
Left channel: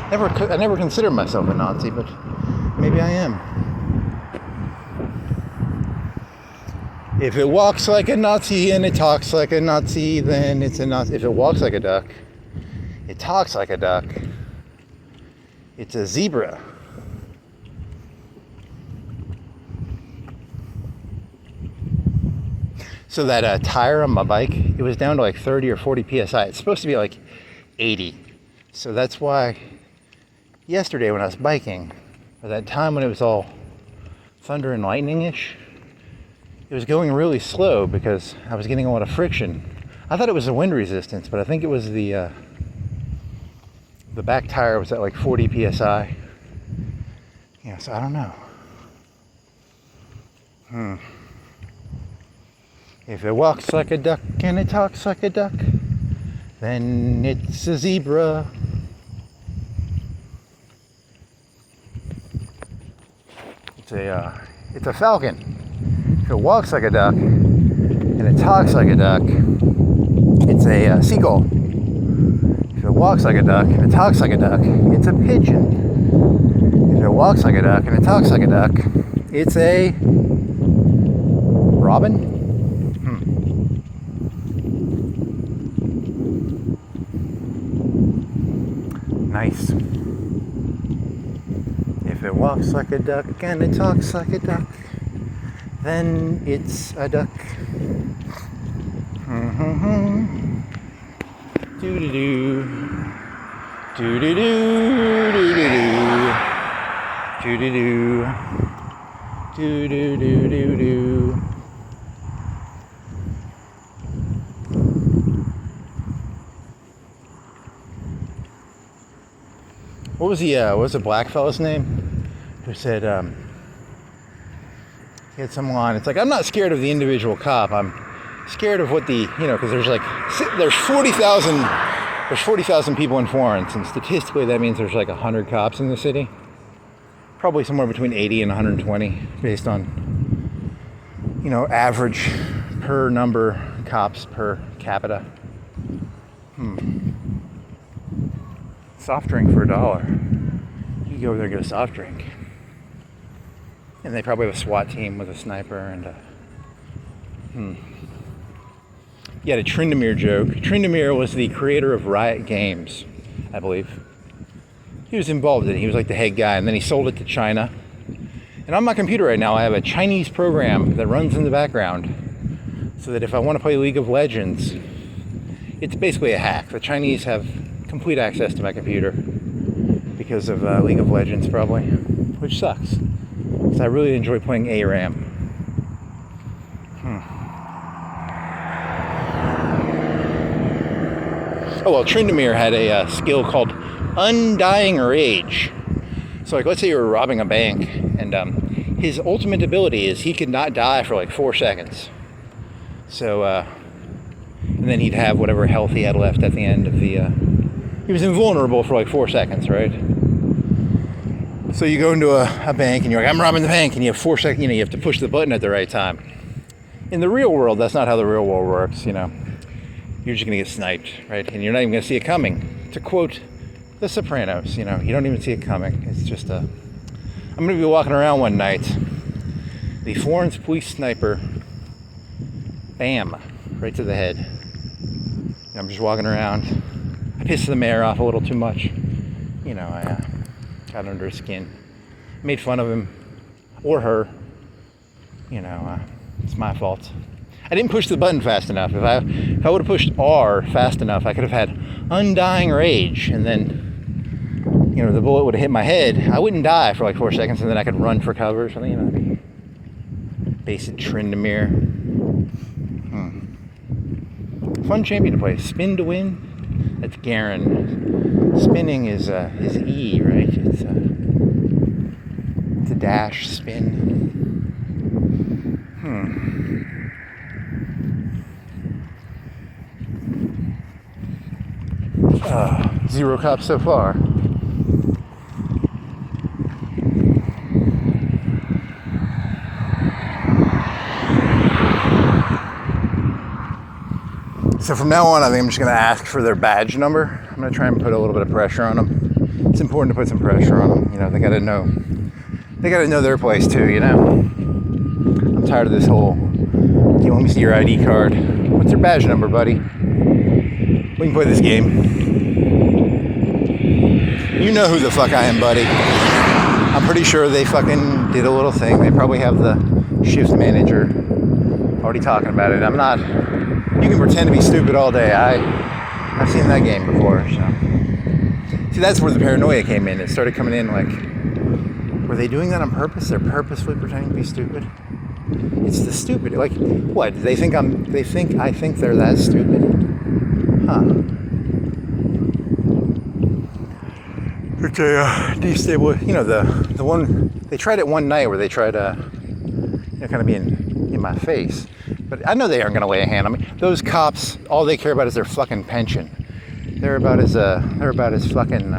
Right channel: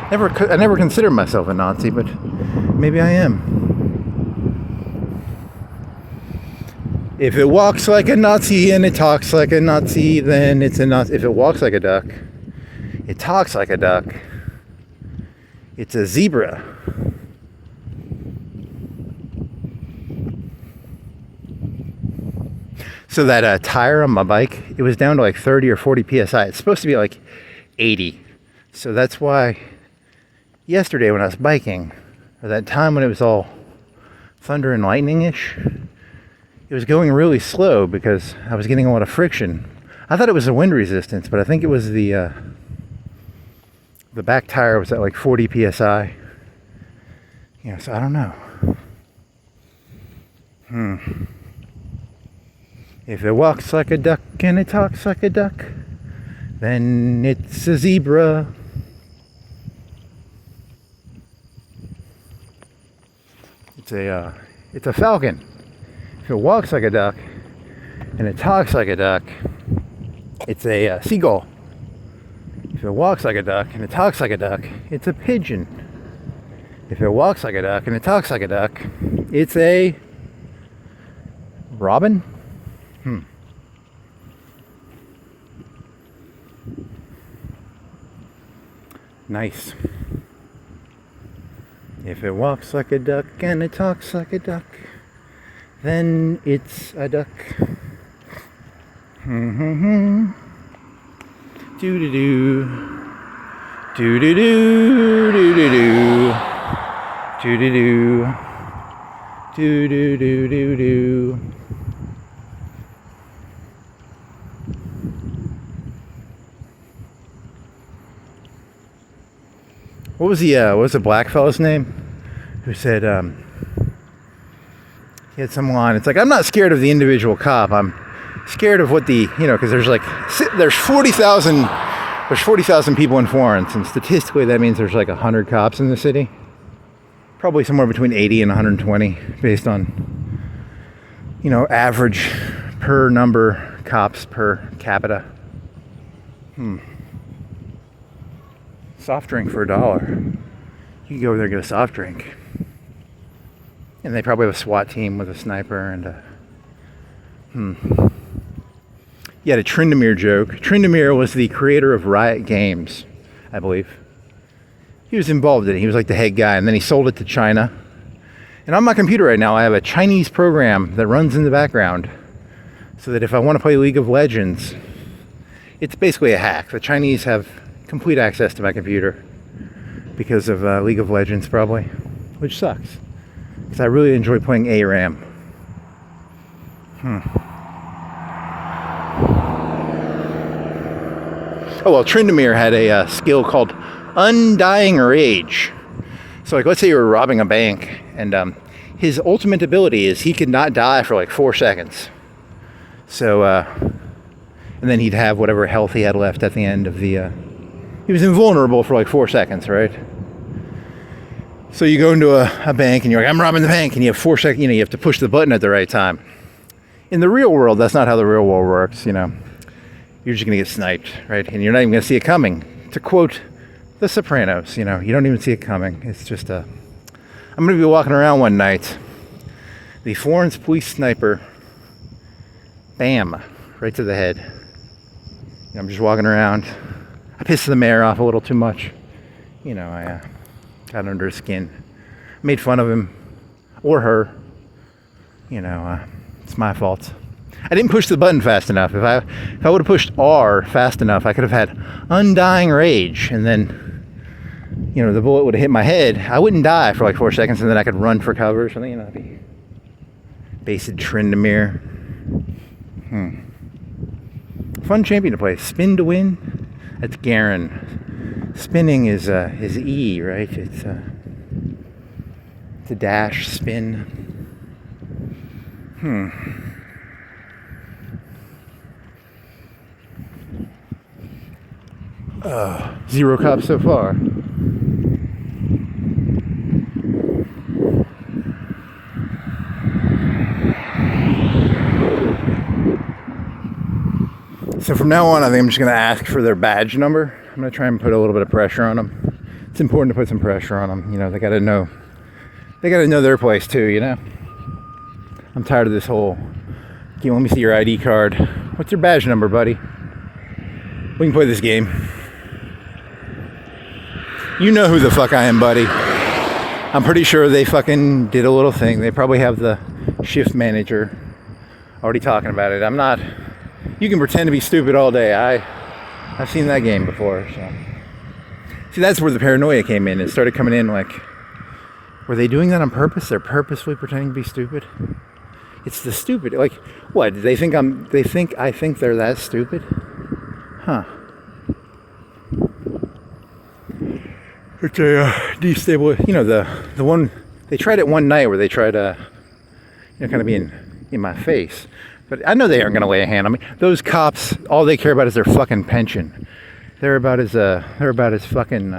I never considered myself a Nazi, but maybe I am. If it walks like a Nazi and it talks like a Nazi, then it's a Nazi. If it walks like a duck, it talks like a duck, it's a zebra. So that tire on my bike, it was down to like 30 or 40 PSI. It's supposed to be like 80. So that's why yesterday when I was biking, or that time when it was all thunder and lightning-ish, it was going really slow because I was getting a lot of friction. I thought it was the wind resistance, but I think it was the back tire was at like 40 PSI. So I don't know. If it walks like a duck and it talks like a duck, then it's a zebra. It's a falcon. If it walks like a duck and it talks like a duck, it's a seagull. If it walks like a duck and it talks like a duck, it's a pigeon. If it walks like a duck and it talks like a duck, it's a robin. Nice. If it walks like a duck and it talks like a duck, then it's a duck. Do-do-do. Do-do-do. Do-do-do. Do-do-do. Do-do-do-do-do. What was the black fella's name? Who said, he had some line. It's like, I'm not scared of the individual cop. I'm scared of what because there's 40,000 people in Florence, and statistically that means there's like 100 cops in the city. Probably somewhere between 80 and 120 based on, average per number cops per capita. Soft drink for $1. You can go over there and get a soft drink. And they probably have a SWAT team with a sniper and You had a Tryndamere joke. Tryndamere was the creator of Riot Games, I believe. He was involved in it. He was like the head guy, and then he sold it to China. And on my computer right now, I have a Chinese program that runs in the background so that if I want to play League of Legends, it's basically a hack. The Chinese have complete access to my computer because of League of Legends, probably, which sucks because I really enjoy playing ARAM. Oh, well, Tryndamere had a skill called Undying Rage. So, like, let's say you were robbing a bank, and his ultimate ability is he could not die for like 4 seconds. So, and then he'd have whatever health he had left at the end of the... he was invulnerable for like 4 seconds, right? So you go into a bank, and you're like, I'm robbing the bank, and you have 4 seconds, you have to push the button at the right time. In the real world, that's not how the real world works, You're just going to get sniped, right? And you're not even going to see it coming. To quote The Sopranos, you don't even see it coming. It's just I'm going to be walking around one night. The Florence police sniper, bam, right to the head. I'm just walking around. I pissed the mayor off a little too much. I got under his skin. Made fun of him. Or her. It's my fault. I didn't push the button fast enough. If I would have pushed R fast enough, I could have had Undying Rage, and then, the bullet would have hit my head. I wouldn't die for like 4 seconds, and then I could run for cover or something, Basic Tryndamere. Fun champion to play. Spin to win. That's Garen. Spinning is E, right? It's a dash spin. 0 cops so far. So from now on, I think I'm just going to ask for their badge number. I'm going to try and put a little bit of pressure on them. It's important to put some pressure on them. They got to know. They got to know their place too. I'm tired of this whole. You let me see your ID card. What's your badge number, buddy? We can play this game. You know who the fuck I am, buddy. I'm pretty sure they fucking did a little thing. They probably have the shift manager already talking about it. I'm not. You can pretend to be stupid all day. I've seen that game before. So. See, that's where the paranoia came in. It started coming in like, were they doing that on purpose? They're purposefully pretending to be stupid. It's the stupid. Like, what? They think I think they're that stupid? Huh. Okay, destabilize. The one they tried it one night where they tried to, kind of be in my face. But I know they aren't going to lay a hand on me. Those cops, all they care about is their fucking pension. They're about as fucking.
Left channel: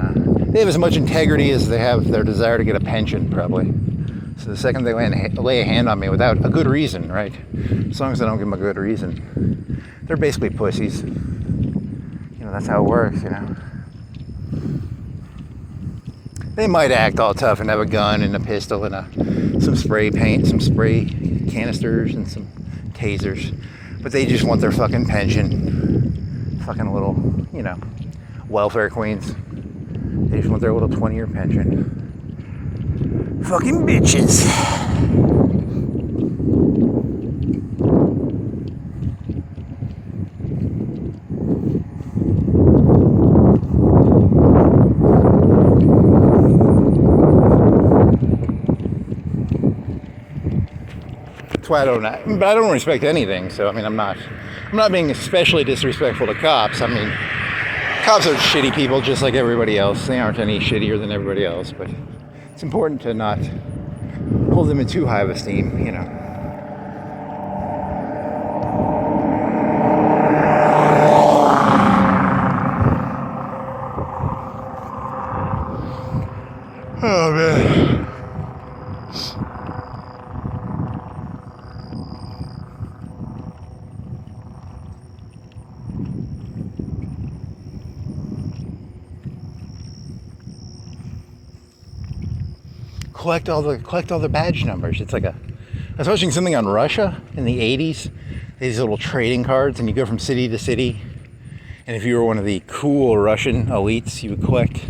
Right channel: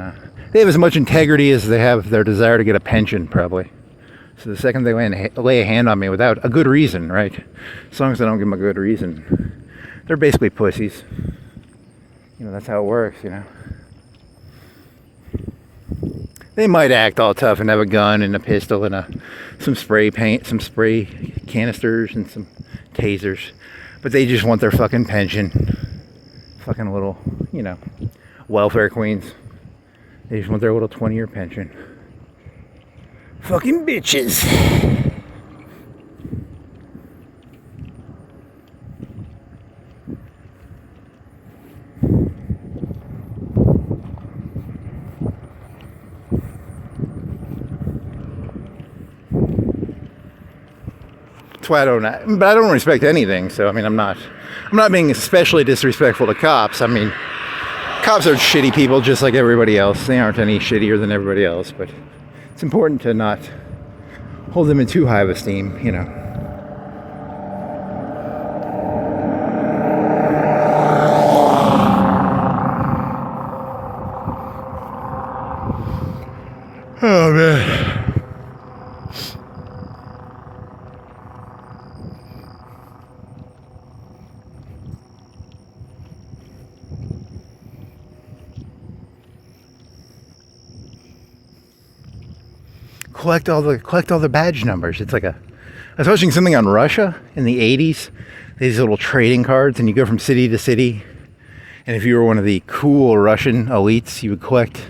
They have as much integrity as they have their desire to get a pension, probably. So the second they lay a hand on me without a good reason, right? As long as I don't give them a good reason, they're basically pussies. That's how it works, They might act all tough and have a gun and a pistol and some spray paint, some spray canisters and some tasers, but they just want their fucking pension. Fucking little, welfare queens. They just want their little 20-year pension. Fucking bitches. That's why I don't respect anything. So I'm not being especially disrespectful to cops. Cops are shitty people just like everybody else. They aren't any shittier than everybody else, but it's important to not hold them in too high of esteem, Oh man. Collect all the badge numbers. It's like I was watching something on Russia in the 80s. These little trading cards, and you go from city to city. And if you were one of the cool Russian elites, you would collect.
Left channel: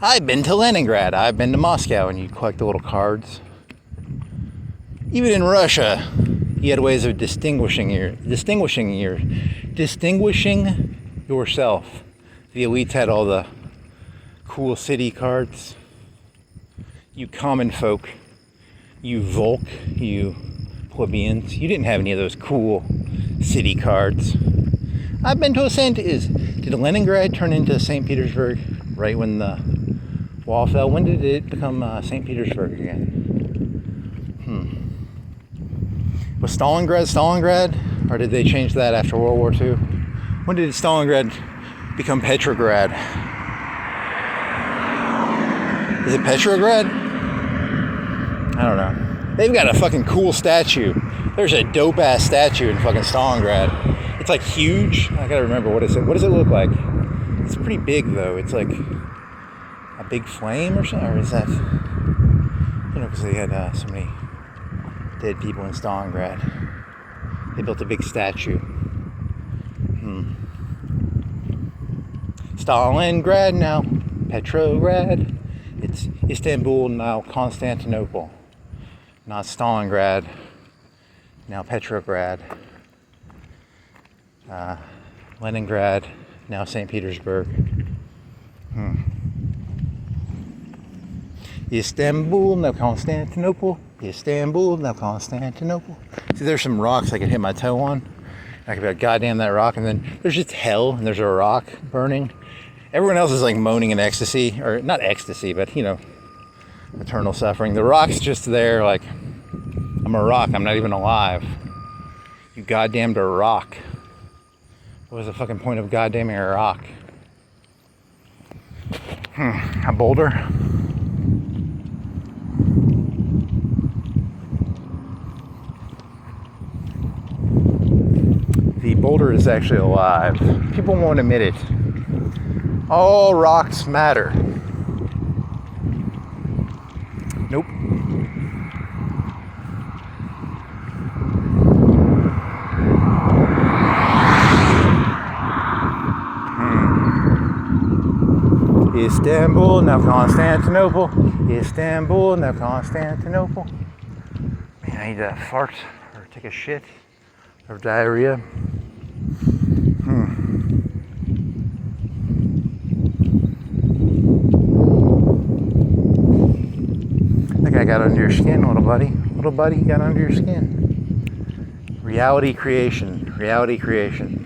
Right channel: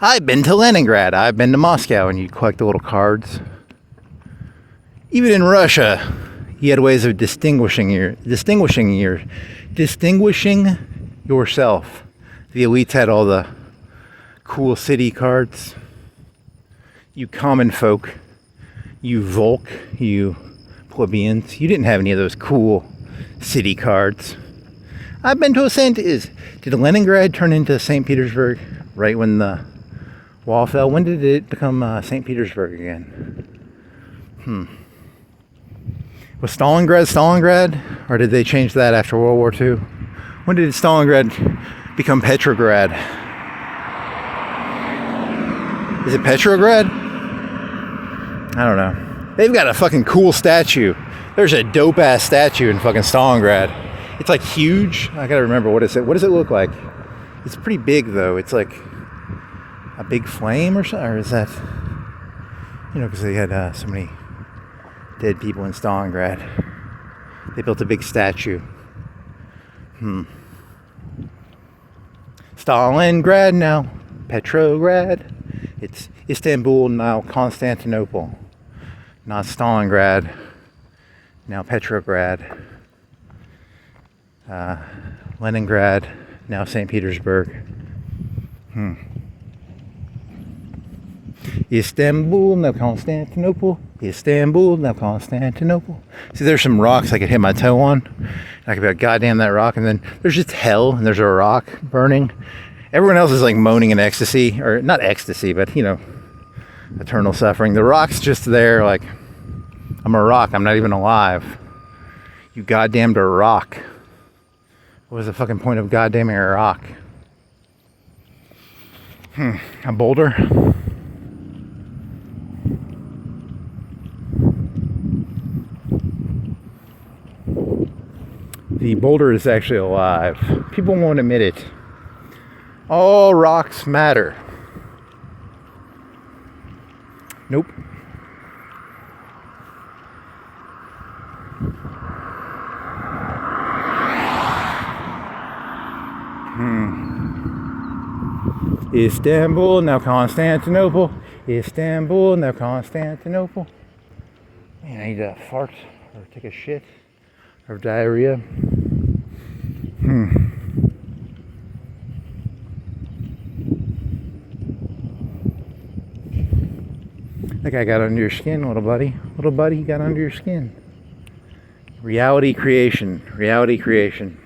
I've been to Leningrad. I've been to Moscow, and you collect the little cards. Even in Russia, you had ways of distinguishing yourself. The elites had all the cool city cards. You common folk, you Volk, you plebeians. You didn't have any of those cool city cards. I've been to did Leningrad turn into St. Petersburg right when the wall fell? When did it become St. Petersburg again? Was Stalingrad? Or did they change that after World War II? When did Stalingrad become Petrograd? Is it Petrograd? I don't know. They've got a fucking cool statue. There's a dope ass statue in fucking Stalingrad. It's like huge. I gotta remember, what is it? What does it look like? It's pretty big though. It's like a big flame or something. Or is that, because they had so many dead people in Stalingrad. They built a big statue. Stalingrad, now Petrograd. It's Istanbul, now Constantinople. Not Stalingrad, now Petrograd. Leningrad, now St. Petersburg. Istanbul, now Constantinople. Istanbul, now Constantinople. See, there's some rocks I could hit my toe on. I could be like, goddamn that rock. And then there's just hell, and there's a rock burning. Everyone else is like moaning in ecstasy, or not ecstasy, but eternal suffering. The rock's just there, like, I'm a rock, I'm not even alive. You goddamned a rock. What was the fucking point of goddamning a rock? A boulder? The boulder is actually alive. People won't admit it. All rocks matter. Nope. Istanbul, now Constantinople. Istanbul, now Constantinople. Man, I need to fart or take a shit or diarrhea. That guy got under your skin, little buddy. Little buddy, got under your skin. Reality creation. Reality creation.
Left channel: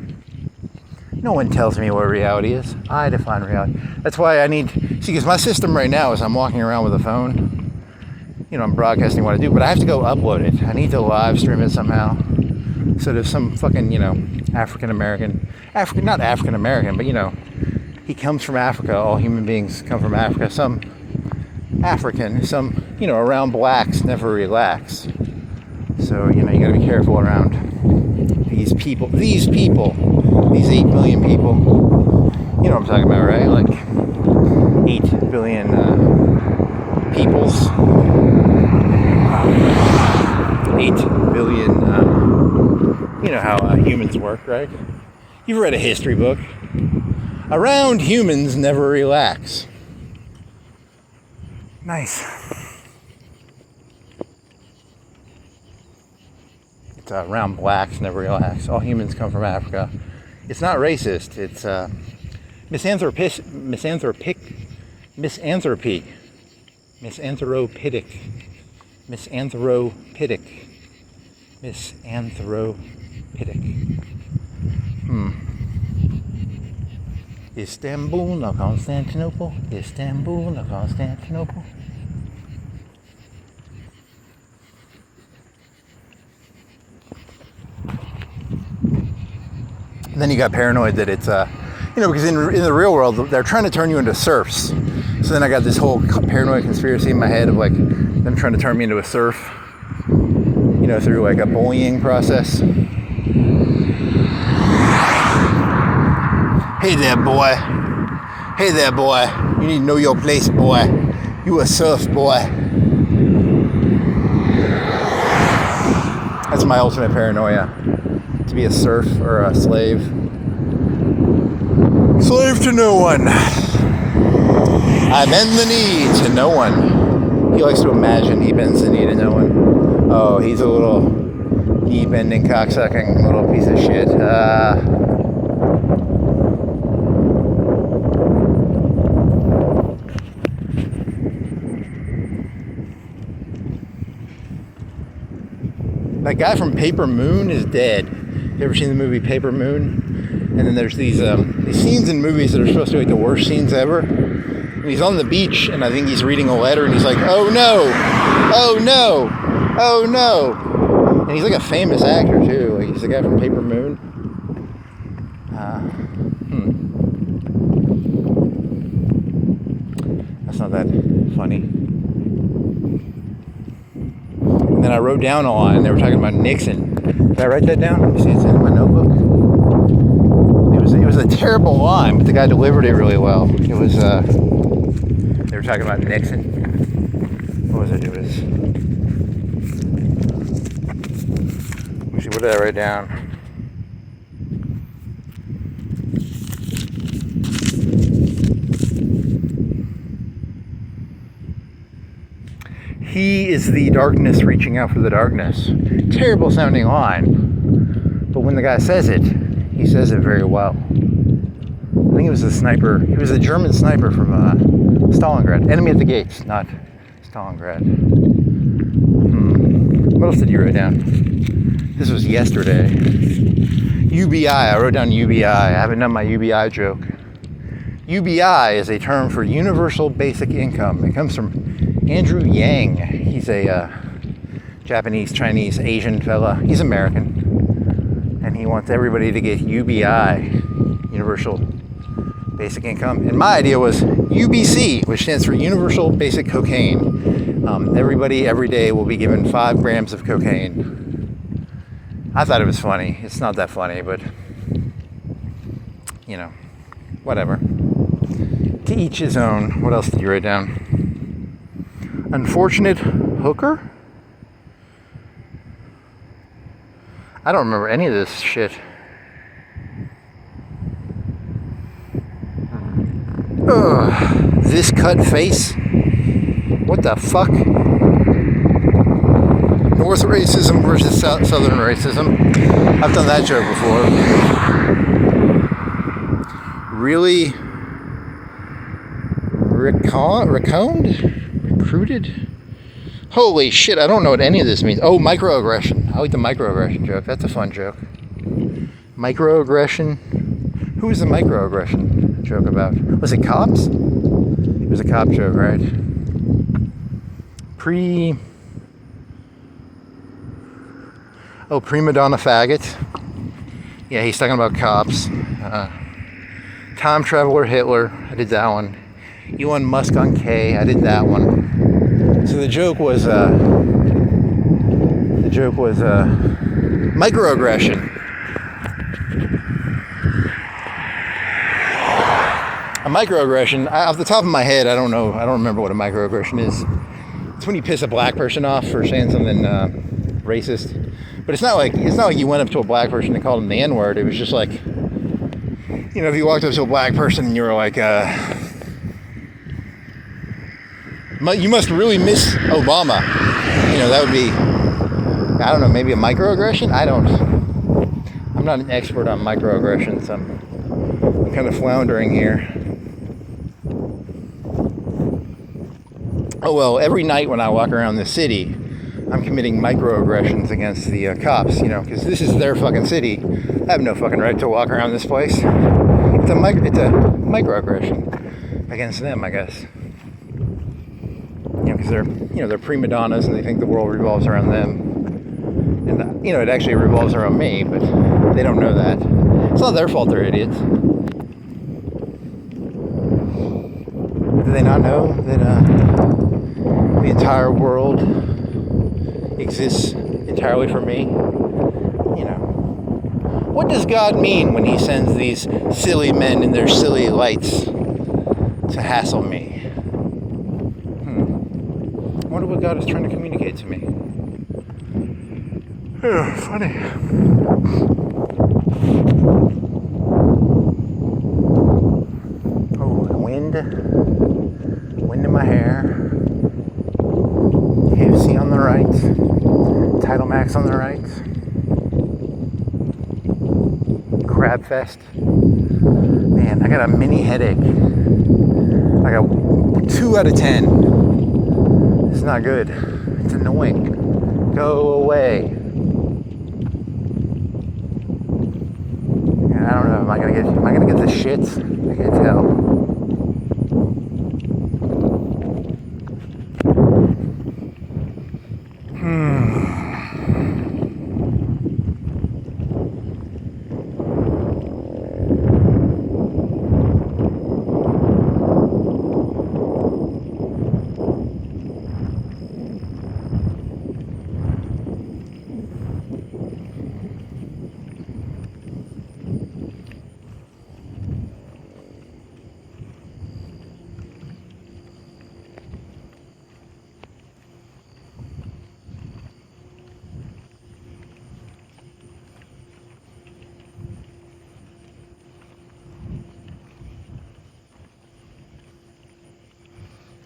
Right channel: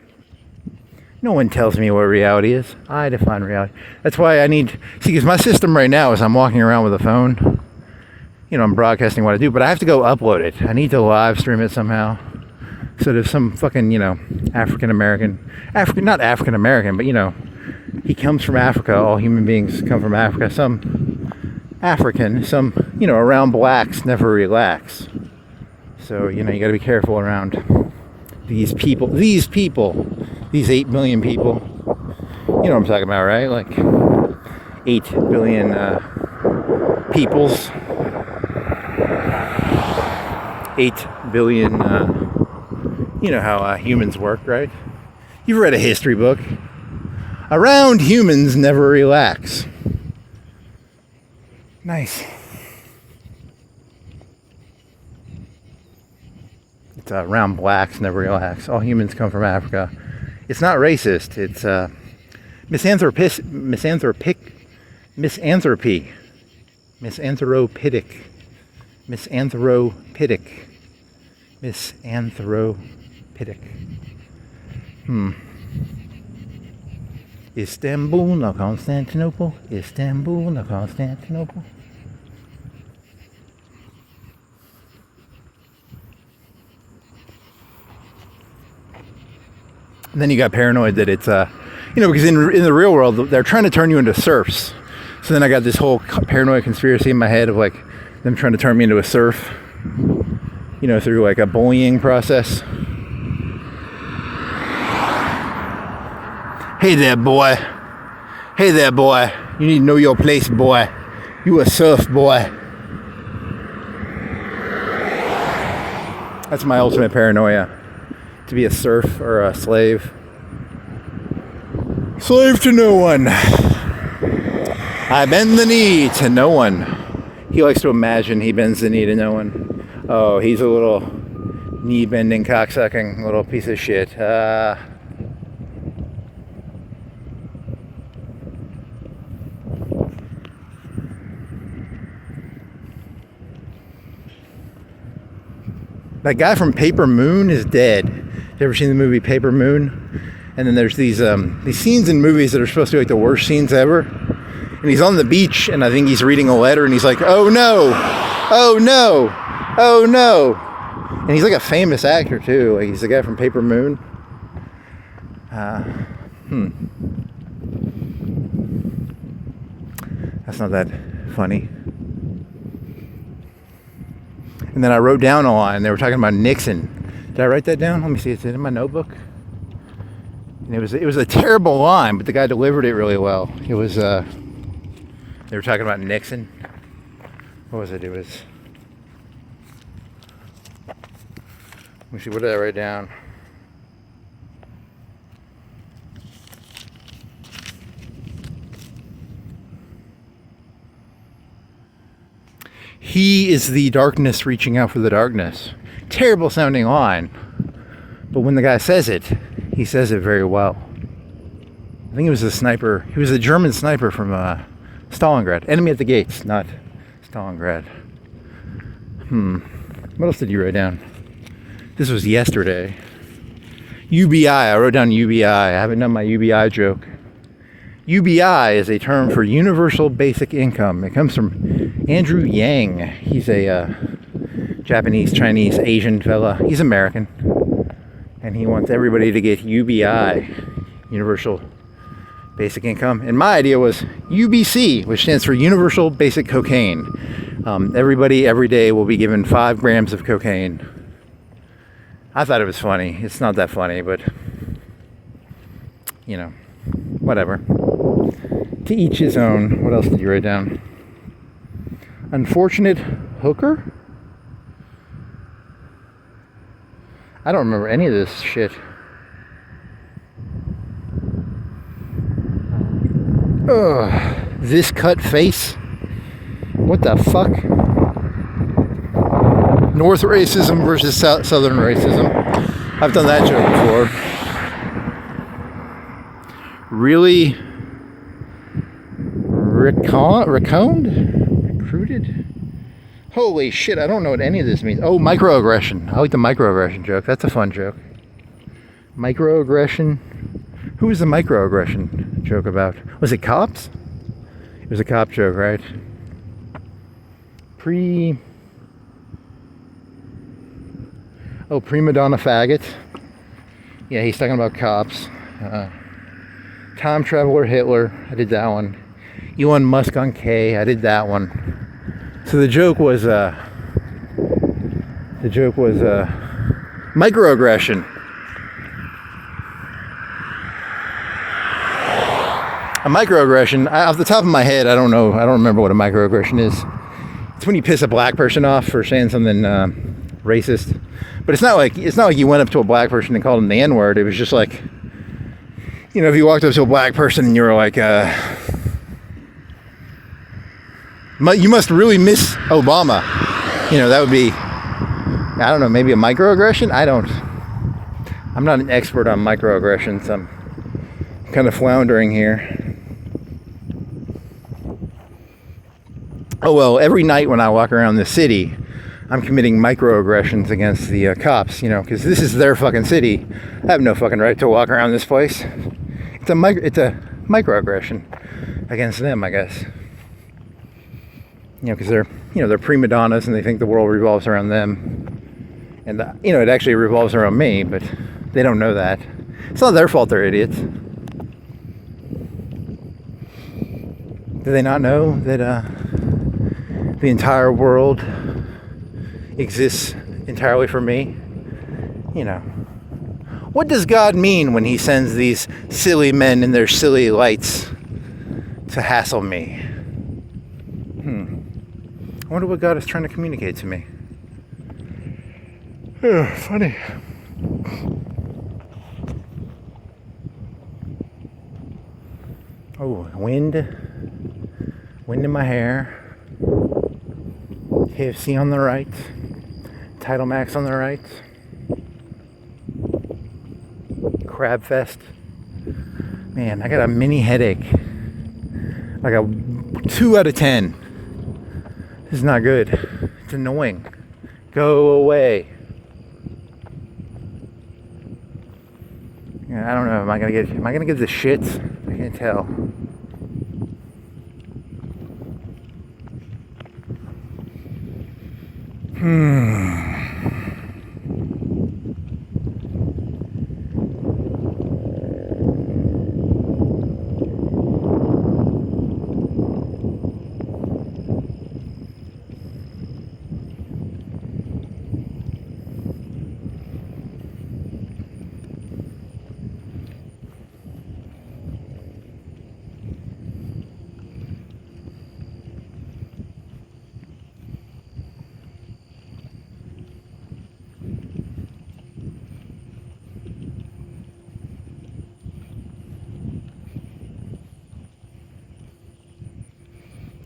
No one tells me what reality is. I define reality. That's why I need... See, because my system right now is I'm walking around with a phone. I'm broadcasting what I do, but I have to go upload it. I need to live stream it somehow. So there's some fucking, African-American... not African-American, but, he comes from Africa. All human beings come from Africa. Some African, some, around blacks never relax. So, you gotta be careful around these people, these 8 million people. You know what I'm talking about, right? Like 8 billion peoples. 8 billion, you know how humans work, right? You've read a history book. Around humans never relax. Nice. It's around blacks never relax. All humans come from Africa. It's not racist. It's misanthropic. Istanbul, now Constantinople. Istanbul, now Constantinople. And then you got paranoid that it's, because in the real world, they're trying to turn you into serfs. So then I got this whole paranoid conspiracy in my head of like them trying to turn me into a serf, through like a bullying process. Hey there, boy. Hey there, boy. You need to know your place, boy. You a serf, boy. That's my ultimate paranoia. To be a serf or a slave. Slave to no one. I bend the knee to no one. He likes to imagine he bends the knee to no one. Oh, he's a little knee-bending, cocksucking little piece of shit. That guy from Paper Moon is dead. You ever seen the movie Paper Moon? And then there's these scenes in movies that are supposed to be like the worst scenes ever. And he's on the beach, and I think he's reading a letter, and he's like, "Oh no, oh no, oh no." And he's like a famous actor too. Like he's the guy from Paper Moon. That's not that funny. And then I wrote down a line. They were talking about Nixon. Did I write that down? Let me see. It's in my notebook. It was a terrible line, but the guy delivered it really well. It was they were talking about Nixon. What was it? Let me see. What did I write down? He is the darkness reaching out for the darkness. Terrible sounding line. But when the guy says it, he says it very well. I think he was a sniper. He was a German sniper from Stalingrad. Enemy at the gates, not Stalingrad. What else did you write down? This was yesterday. UBI. I wrote down UBI. I haven't done my UBI joke. UBI is a term for Universal Basic Income. It comes from Andrew Yang. He's a Japanese, Chinese, Asian fella. He's American. And he wants everybody to get UBI, Universal Basic Income. And my idea was UBC, which stands for Universal Basic Cocaine. Everybody, every day, will be given 5 grams of cocaine. I thought it was funny. It's not that funny, but, you know, whatever. To each his own. What else did you write down? Unfortunate hooker? I don't remember any of this shit. Ugh. This cut face? What the fuck? North racism versus Southern racism. I've done that joke before. Really? Recruited? Holy shit, I don't know what any of this means. Oh, microaggression. I like the microaggression joke. That's a fun joke. Microaggression? Who was the microaggression joke about? Was it cops? It was a cop joke, right? Prima donna faggot. Yeah, he's talking about cops. Time Traveler Hitler. I did that one. Elon Musk on K. I did that one. So the joke was microaggression. A microaggression, off the top of my head, I don't remember what a microaggression is. It's when you piss a black person off for saying something racist. But it's not like you went up to a black person and called them the N-word. It was just like, you know, if you walked up to a black person and you were like, you must really miss Obama. You know, that would be, I don't know, maybe a microaggression? I'm not an expert on microaggressions. I'm kind of floundering here. Oh, well, every night when I walk around the city, I'm committing microaggressions against the cops, you know, because this is their fucking city. I have no fucking right to walk around this place. It's a microaggression against them, I guess. You know, because they're prima donnas and they think the world revolves around them. And, you know, it actually revolves around me, but they don't know that. It's not their fault they're idiots. Do they not know that the entire world exists entirely for me? You know. What does God mean when he sends these silly men in their silly lights to hassle me? I wonder what God is trying to communicate to me. Oh, funny. Oh, wind in my hair. KFC on the right. Title Max on the right. Crab Fest. Man, I got a mini headache. I got 2 out of 10. This is not good. It's annoying. Go away. I don't know. Am I gonna get the shits? I can't tell.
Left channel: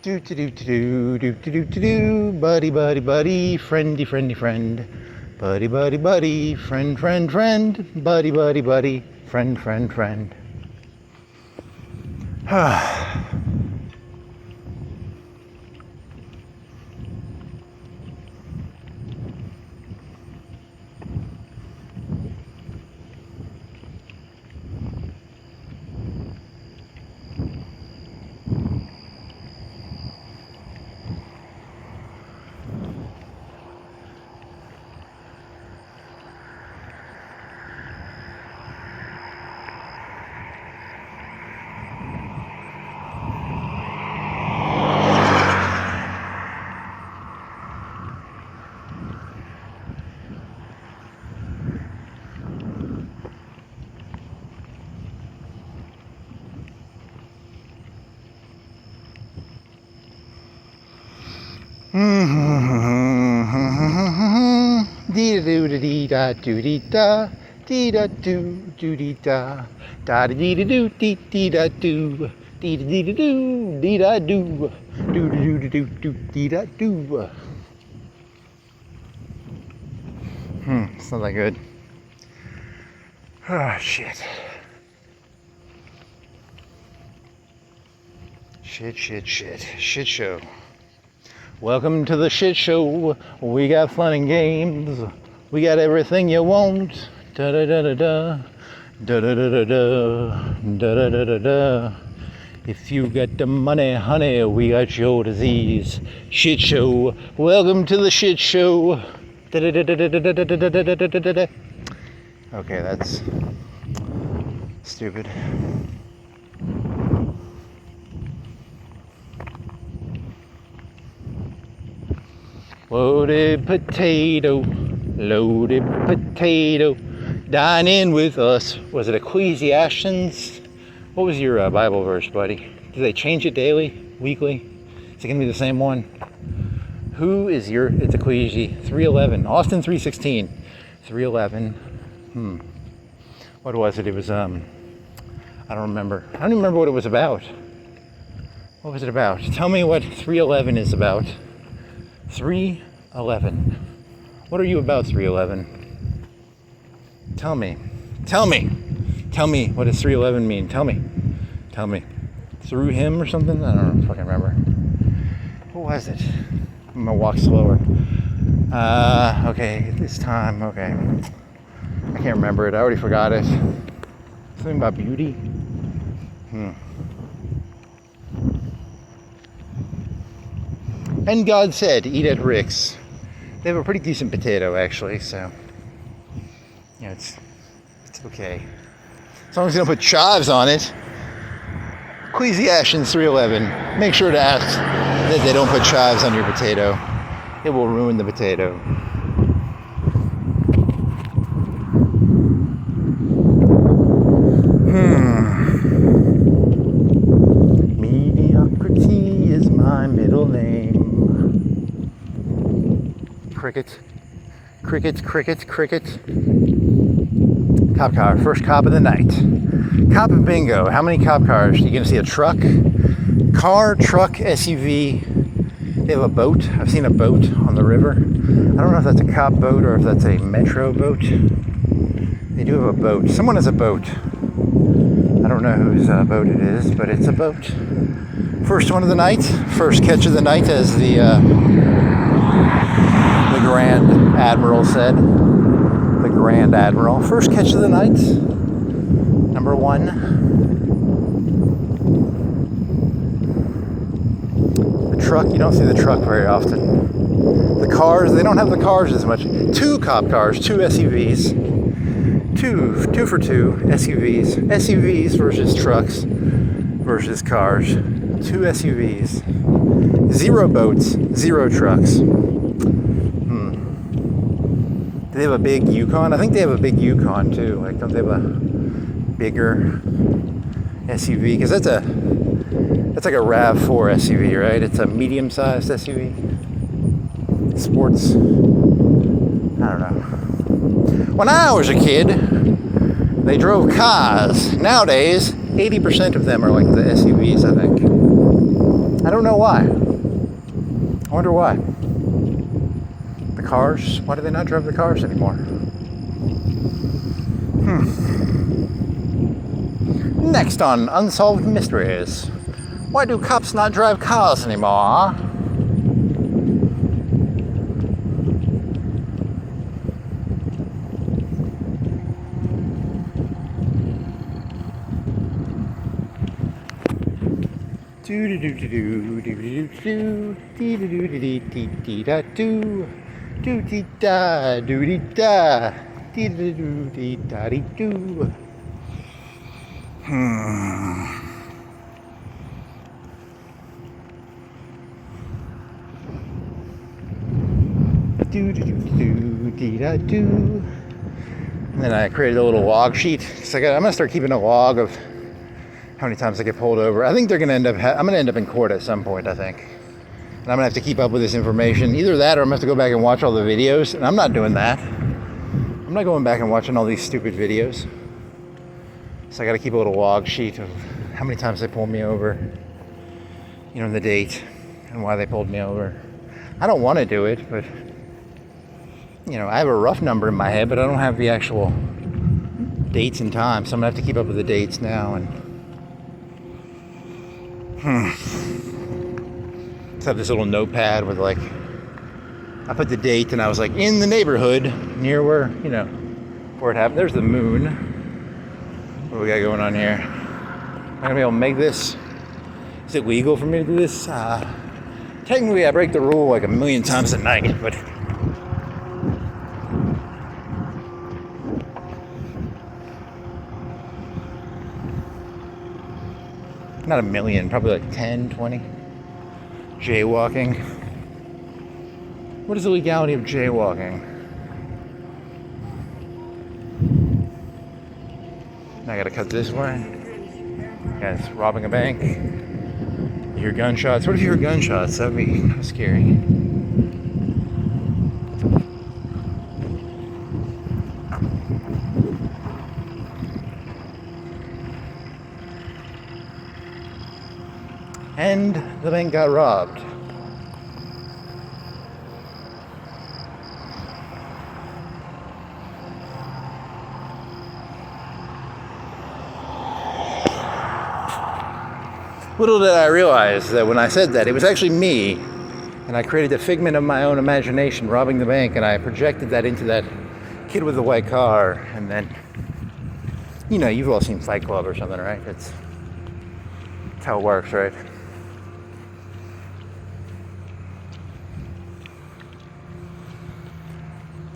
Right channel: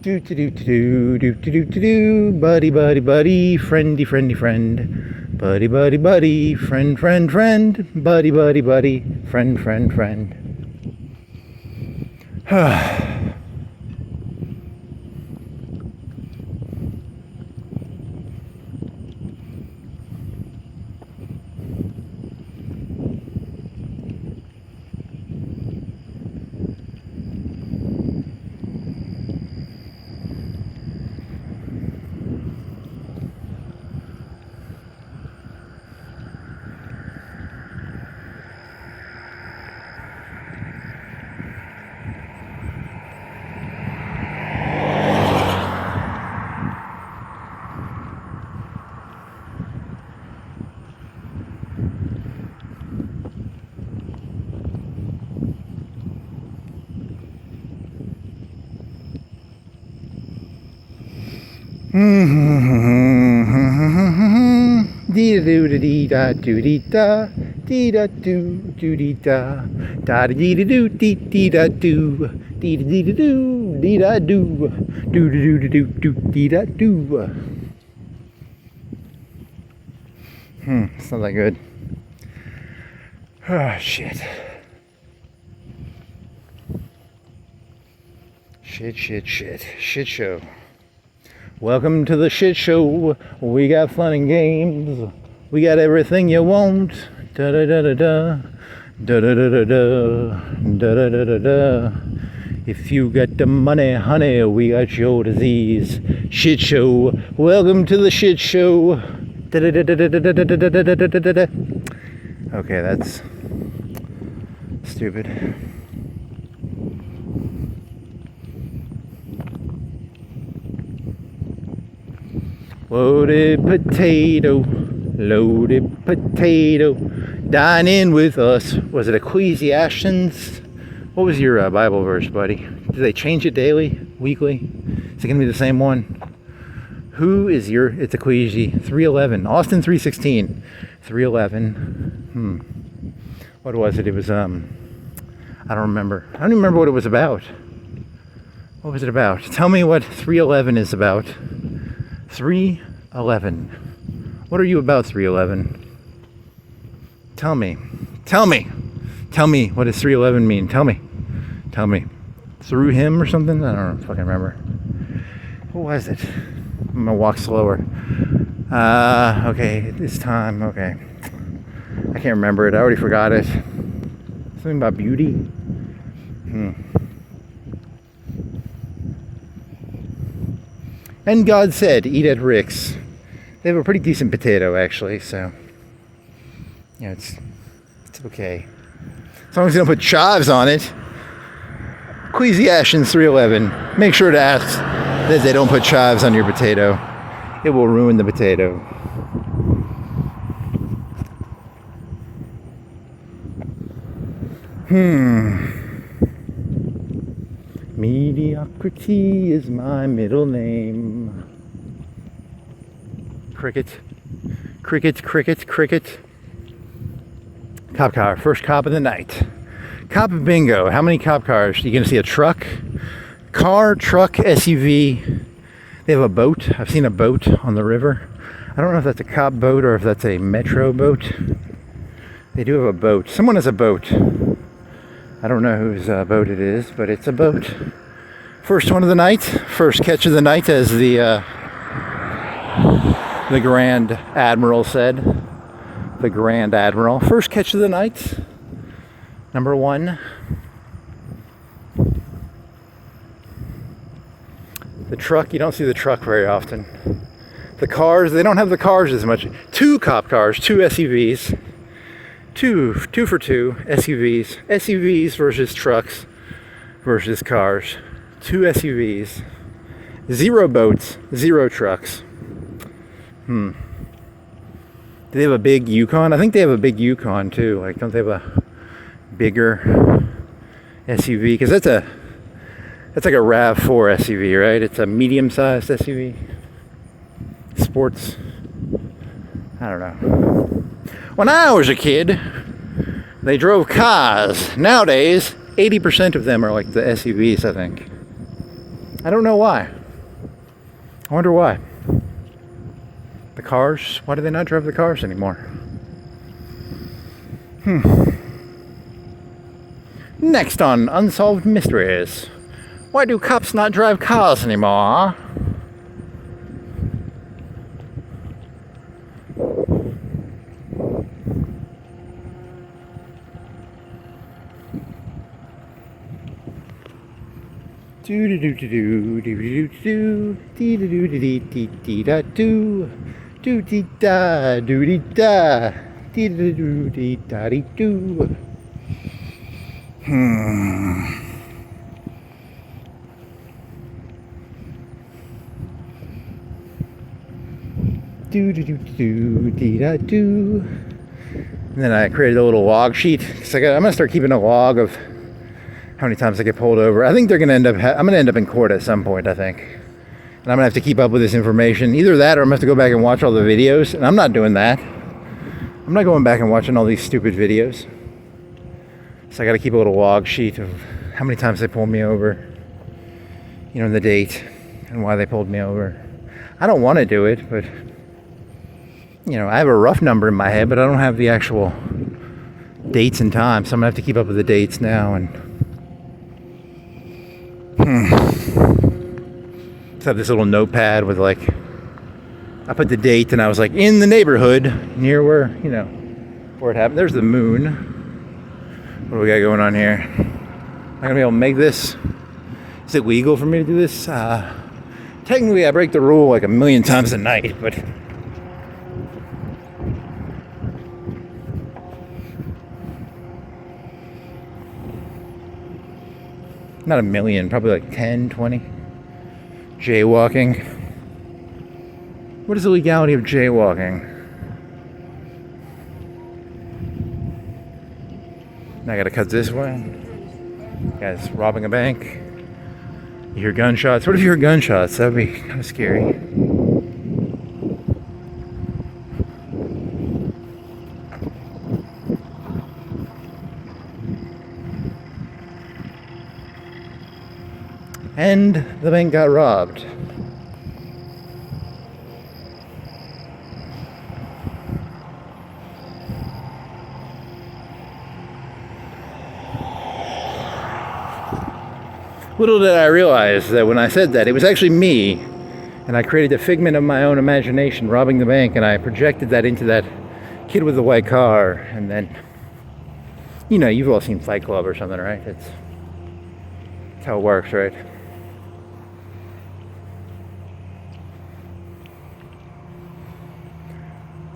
Do do do do do do do do do, buddy buddy buddy, friendy friendy friend, buddy buddy buddy, friend friend friend, buddy buddy buddy, friend friend friend. Dee da doo dee da doo dee da dee da doo doo dee da da dee da doo dee dee da doo dee da dee da doo dee da doo doo doo doo doo doo dee da doo. It's not that good. Oh shit. Shit show. Welcome to the shit show. We got fun and games. We got everything you want. Da da da da da. Da da da da da. Da da da da da. If you got the money, honey, we got your disease. Shit show. Welcome to the shit show. Da da da da da da da da da da da da. Okay, that's stupid. Loaded potato, dine in with us. Was it Ecclesiastes? What was your Bible verse, buddy? Do they change it daily, weekly? Is it going to be the same one? Who is your, it's Ecclesi, 3:11, Austin 3:16, 3:11. What was it? It was, I don't remember. I don't even remember what it was about. What was it about? Tell me what 3:11 is about. 3:11. What are you about, 3:11? Tell me. What does 3:11 mean? Tell me. Through him or something? I don't know. Fucking remember. What was it? I'm gonna walk slower. Okay, this time. Okay, I can't remember it. I already forgot it. Something about beauty. And God said, eat at Rick's. They have a pretty decent potato, actually, so yeah, it's okay. As long as you don't put chives on it. Ecclesiastes 3:11. Make sure to ask that they don't put chives on your potato. It will ruin the potato. Mediocrity is my middle name. Cricket. Cop car, first cop of the night. Cop bingo. How many cop cars? You gonna see a truck? Car, truck, SUV. They have a boat. I've seen a boat on the river. I don't know if that's a cop boat or if that's a metro boat. They do have a boat. Someone has a boat. I don't know whose boat it is, but it's a boat. First one of the night. First catch of the night, as the Grand Admiral said. The Grand Admiral. First catch of the night. Number one, the truck. You don't see the truck very often. The cars, they don't have the cars as much. 2 cop cars, 2 SUVs. Two for two SUVs. SUVs versus trucks versus cars. 2 SUVs. 0 boats, 0 trucks. Do they have a big Yukon? I think they have a big Yukon too. Like, don't they have a bigger SUV? Because that's like a RAV4 SUV, right? It's a medium-sized SUV. Sports. I don't know. When I was a kid, they drove cars. Nowadays, 80% of them are like the SUVs, I think. I don't know why. I wonder why. The cars? Why do they not drive the cars anymore? Next on Unsolved Mysteries. Why do cops not drive cars anymore? Do do do do do do do do do do do do do do do da do do da do do do do da do. Do do do do do da do. And then I created a little log sheet. So I'm gonna start keeping a log of how many times I get pulled over. I think they're gonna end up. I'm gonna end up in court at some point, I think. And I'm gonna have to keep up with this information. Either that, or I'm gonna have to go back and watch all the videos. And I'm not doing that. I'm not going back and watching all these stupid videos. So I got to keep a little log sheet of how many times they pulled me over. You know, the date and why they pulled me over. I don't want to do it, but you know, I have a rough number in my head, but I don't have the actual dates and times. So I'm gonna have to keep up with the dates now and. Just have this little notepad with, like, I put the date and I was like, in the neighborhood near where, you know, where it happened. There's the moon. What do we got going on here? Am I gonna be able to make this? Is it legal for me to do this? Technically I break the rule like a million times a night, but not a million, probably like 10, 20. Jaywalking. What is the legality of jaywalking? Now I gotta cut this way. Guys robbing a bank. You hear gunshots. What if you hear gunshots? That'd be kind of scary. And the bank got robbed. Little did I realize that when I said that, it was actually me, and I created a figment of my own imagination robbing the bank, and I projected that into that kid with the white car, and then, you know, you've all seen Fight Club or something, right? That's how it works, right?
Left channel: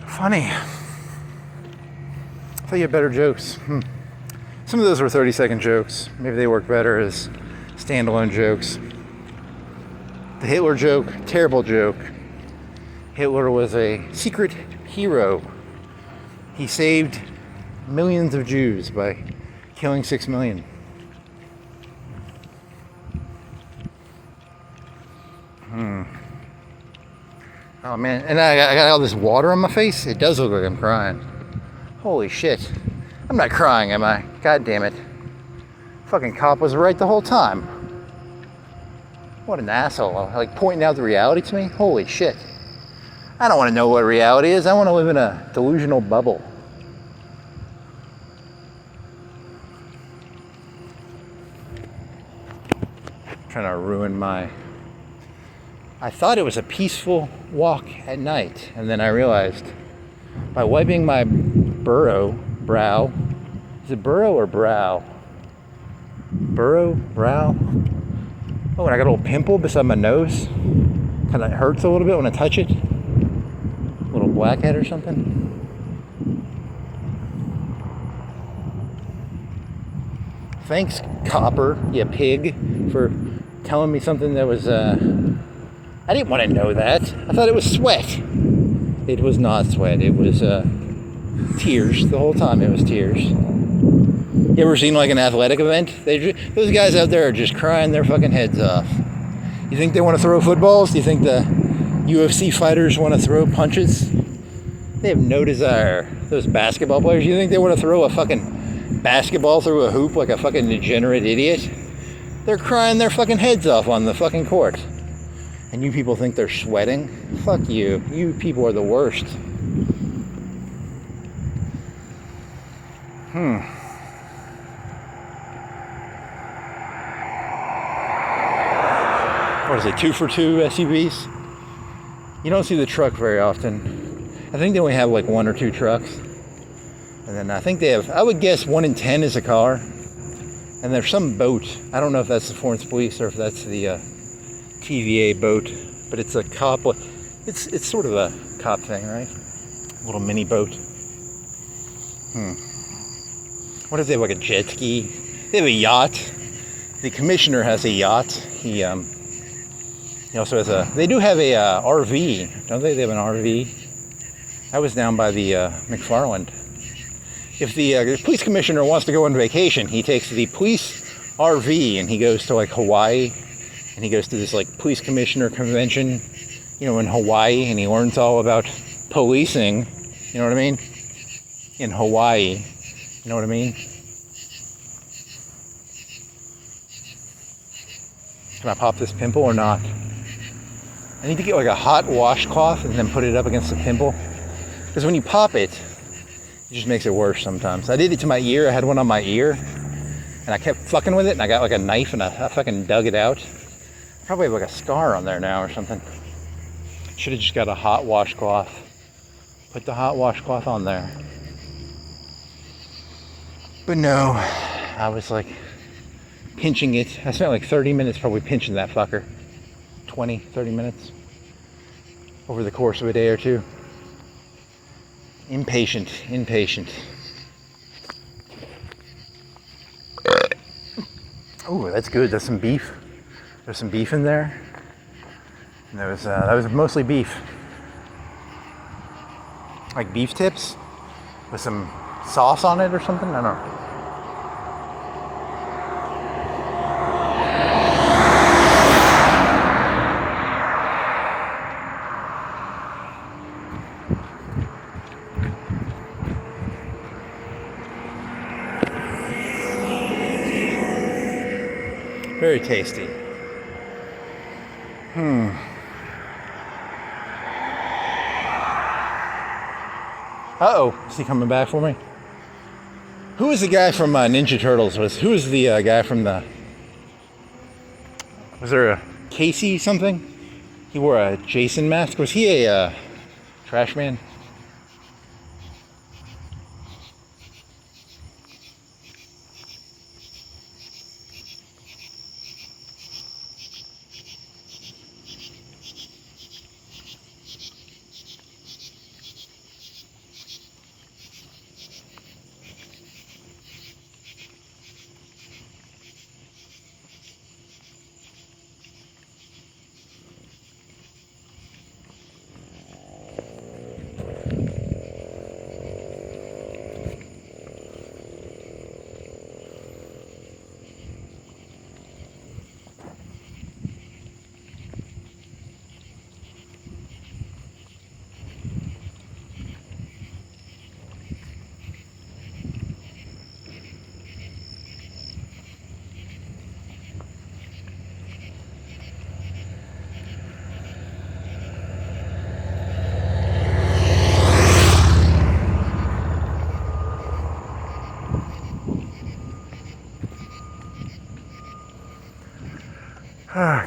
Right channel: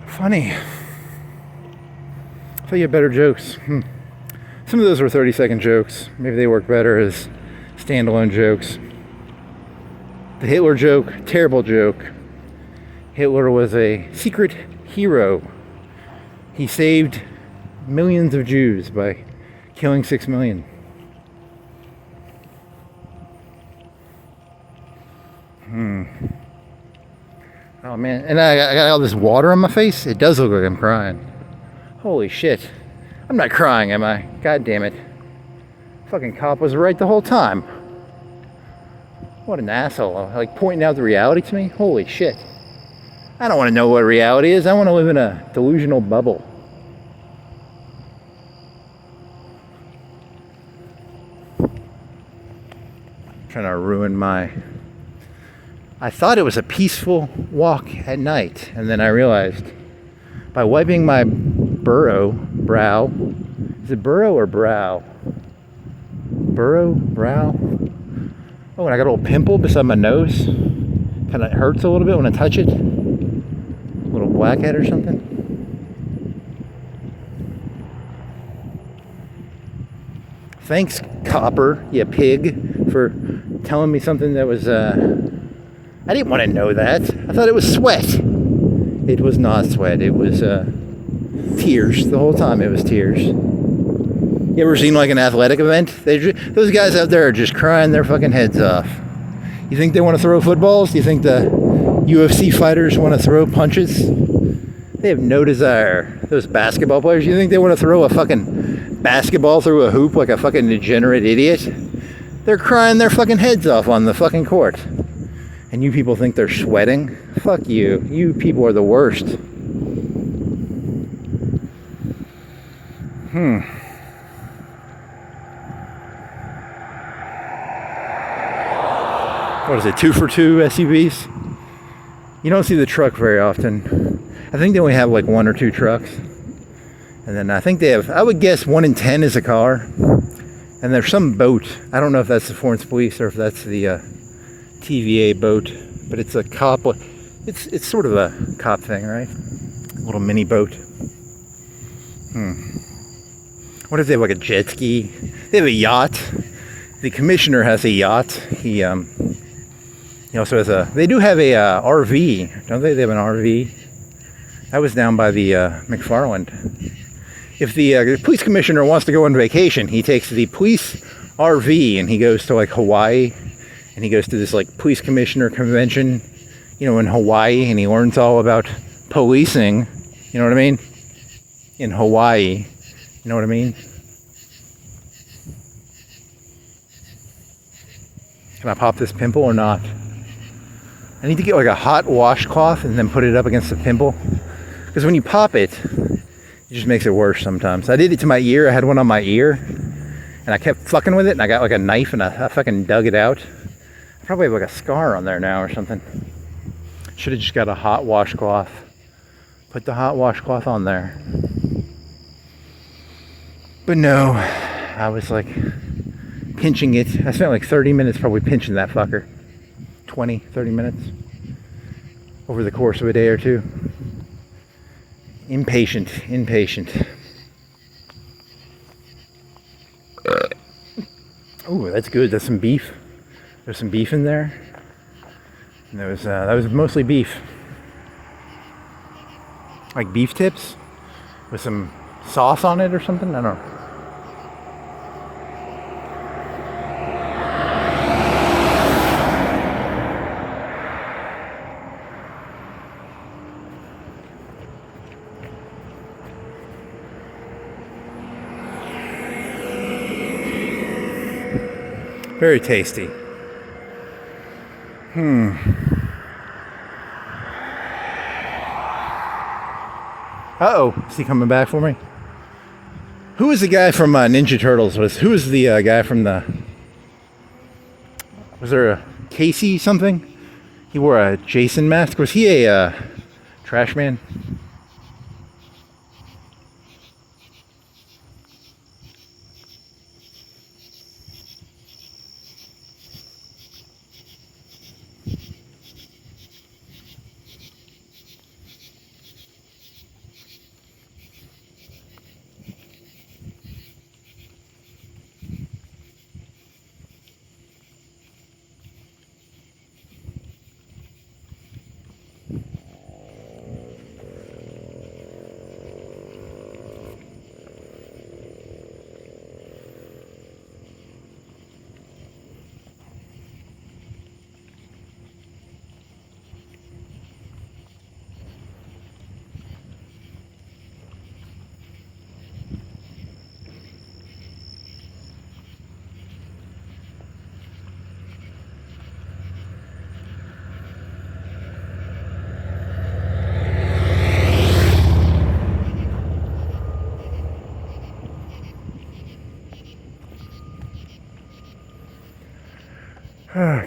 Funny. I thought you had better jokes. Some of those were 30-second jokes. Maybe they work better as standalone jokes. The Hitler joke, terrible joke. Hitler was a secret hero. He saved millions of Jews by killing 6 million. Oh man, and I got all this water on my face. It does look like I'm crying. Holy shit. I'm not crying, am I? God damn it. Fucking cop was right the whole time. What an asshole. Like, pointing out the reality to me? Holy shit. I don't want to know what reality is. I want to live in a delusional bubble. Trying to ruin my... I thought it was a peaceful walk at night, and then I realized by wiping my brow Is it burrow or brow? Burrow? Brow? Oh, and I got a little pimple beside my nose. Kind of hurts a little bit when I touch it. A little blackhead or something. Thanks, copper, you pig, for telling me something that was, I didn't want to know that. I thought it was sweat. It was not sweat. It was, tears. The whole time it was tears. You ever seen like an athletic event? Those guys out there are just crying their fucking heads off. You think they want to throw footballs? Do you think the UFC fighters want to throw punches? They have no desire. Those basketball players, you think they want to throw a fucking basketball through a hoop like a fucking degenerate idiot? They're crying their fucking heads off on the fucking court. And you people think they're sweating? Fuck you. You people are the worst. What is it, 2 for 2 SUVs? You don't see the truck very often. I think they only have like 1 or 2 trucks. And then I think they have, I would guess 1 in 10 is a car. And there's some boat. I don't know if that's the Florence police or if that's the TVA boat. But it's a cop, it's sort of a cop thing, right? A little mini boat. What if they have like a jet ski? They have a yacht. The commissioner has a yacht. He also has they do have a RV, don't they? They have an RV. I was down by the McFarland. If the police commissioner wants to go on vacation, he takes the police RV and he goes to like Hawaii, and he goes to this like police commissioner convention, in Hawaii, and he learns all about policing. You know what I mean? In Hawaii, you know what I mean? Can I pop this pimple or not? I need to get like a hot washcloth and then put it up against the pimple. Because when you pop it, it just makes it worse sometimes. I did it to my ear. I had one on my ear. And I kept fucking with it. And I got like a knife and I fucking dug it out. I probably have like a scar on there now or something. Should have just got a hot washcloth. Put the hot washcloth on there. But no, I was like pinching it. I spent like 30 minutes probably pinching that fucker. 20, 30 minutes over the course of a day or two. Impatient. Oh, that's good. That's some beef. There's some beef in there. And that was mostly beef. Like beef tips with some sauce on it or something. I don't know. Very tasty. Uh-oh, is he coming back for me? Who was the guy from Ninja Turtles? Who was the guy from the... Was there a Casey something? He wore a Jason mask. Was he a trash man?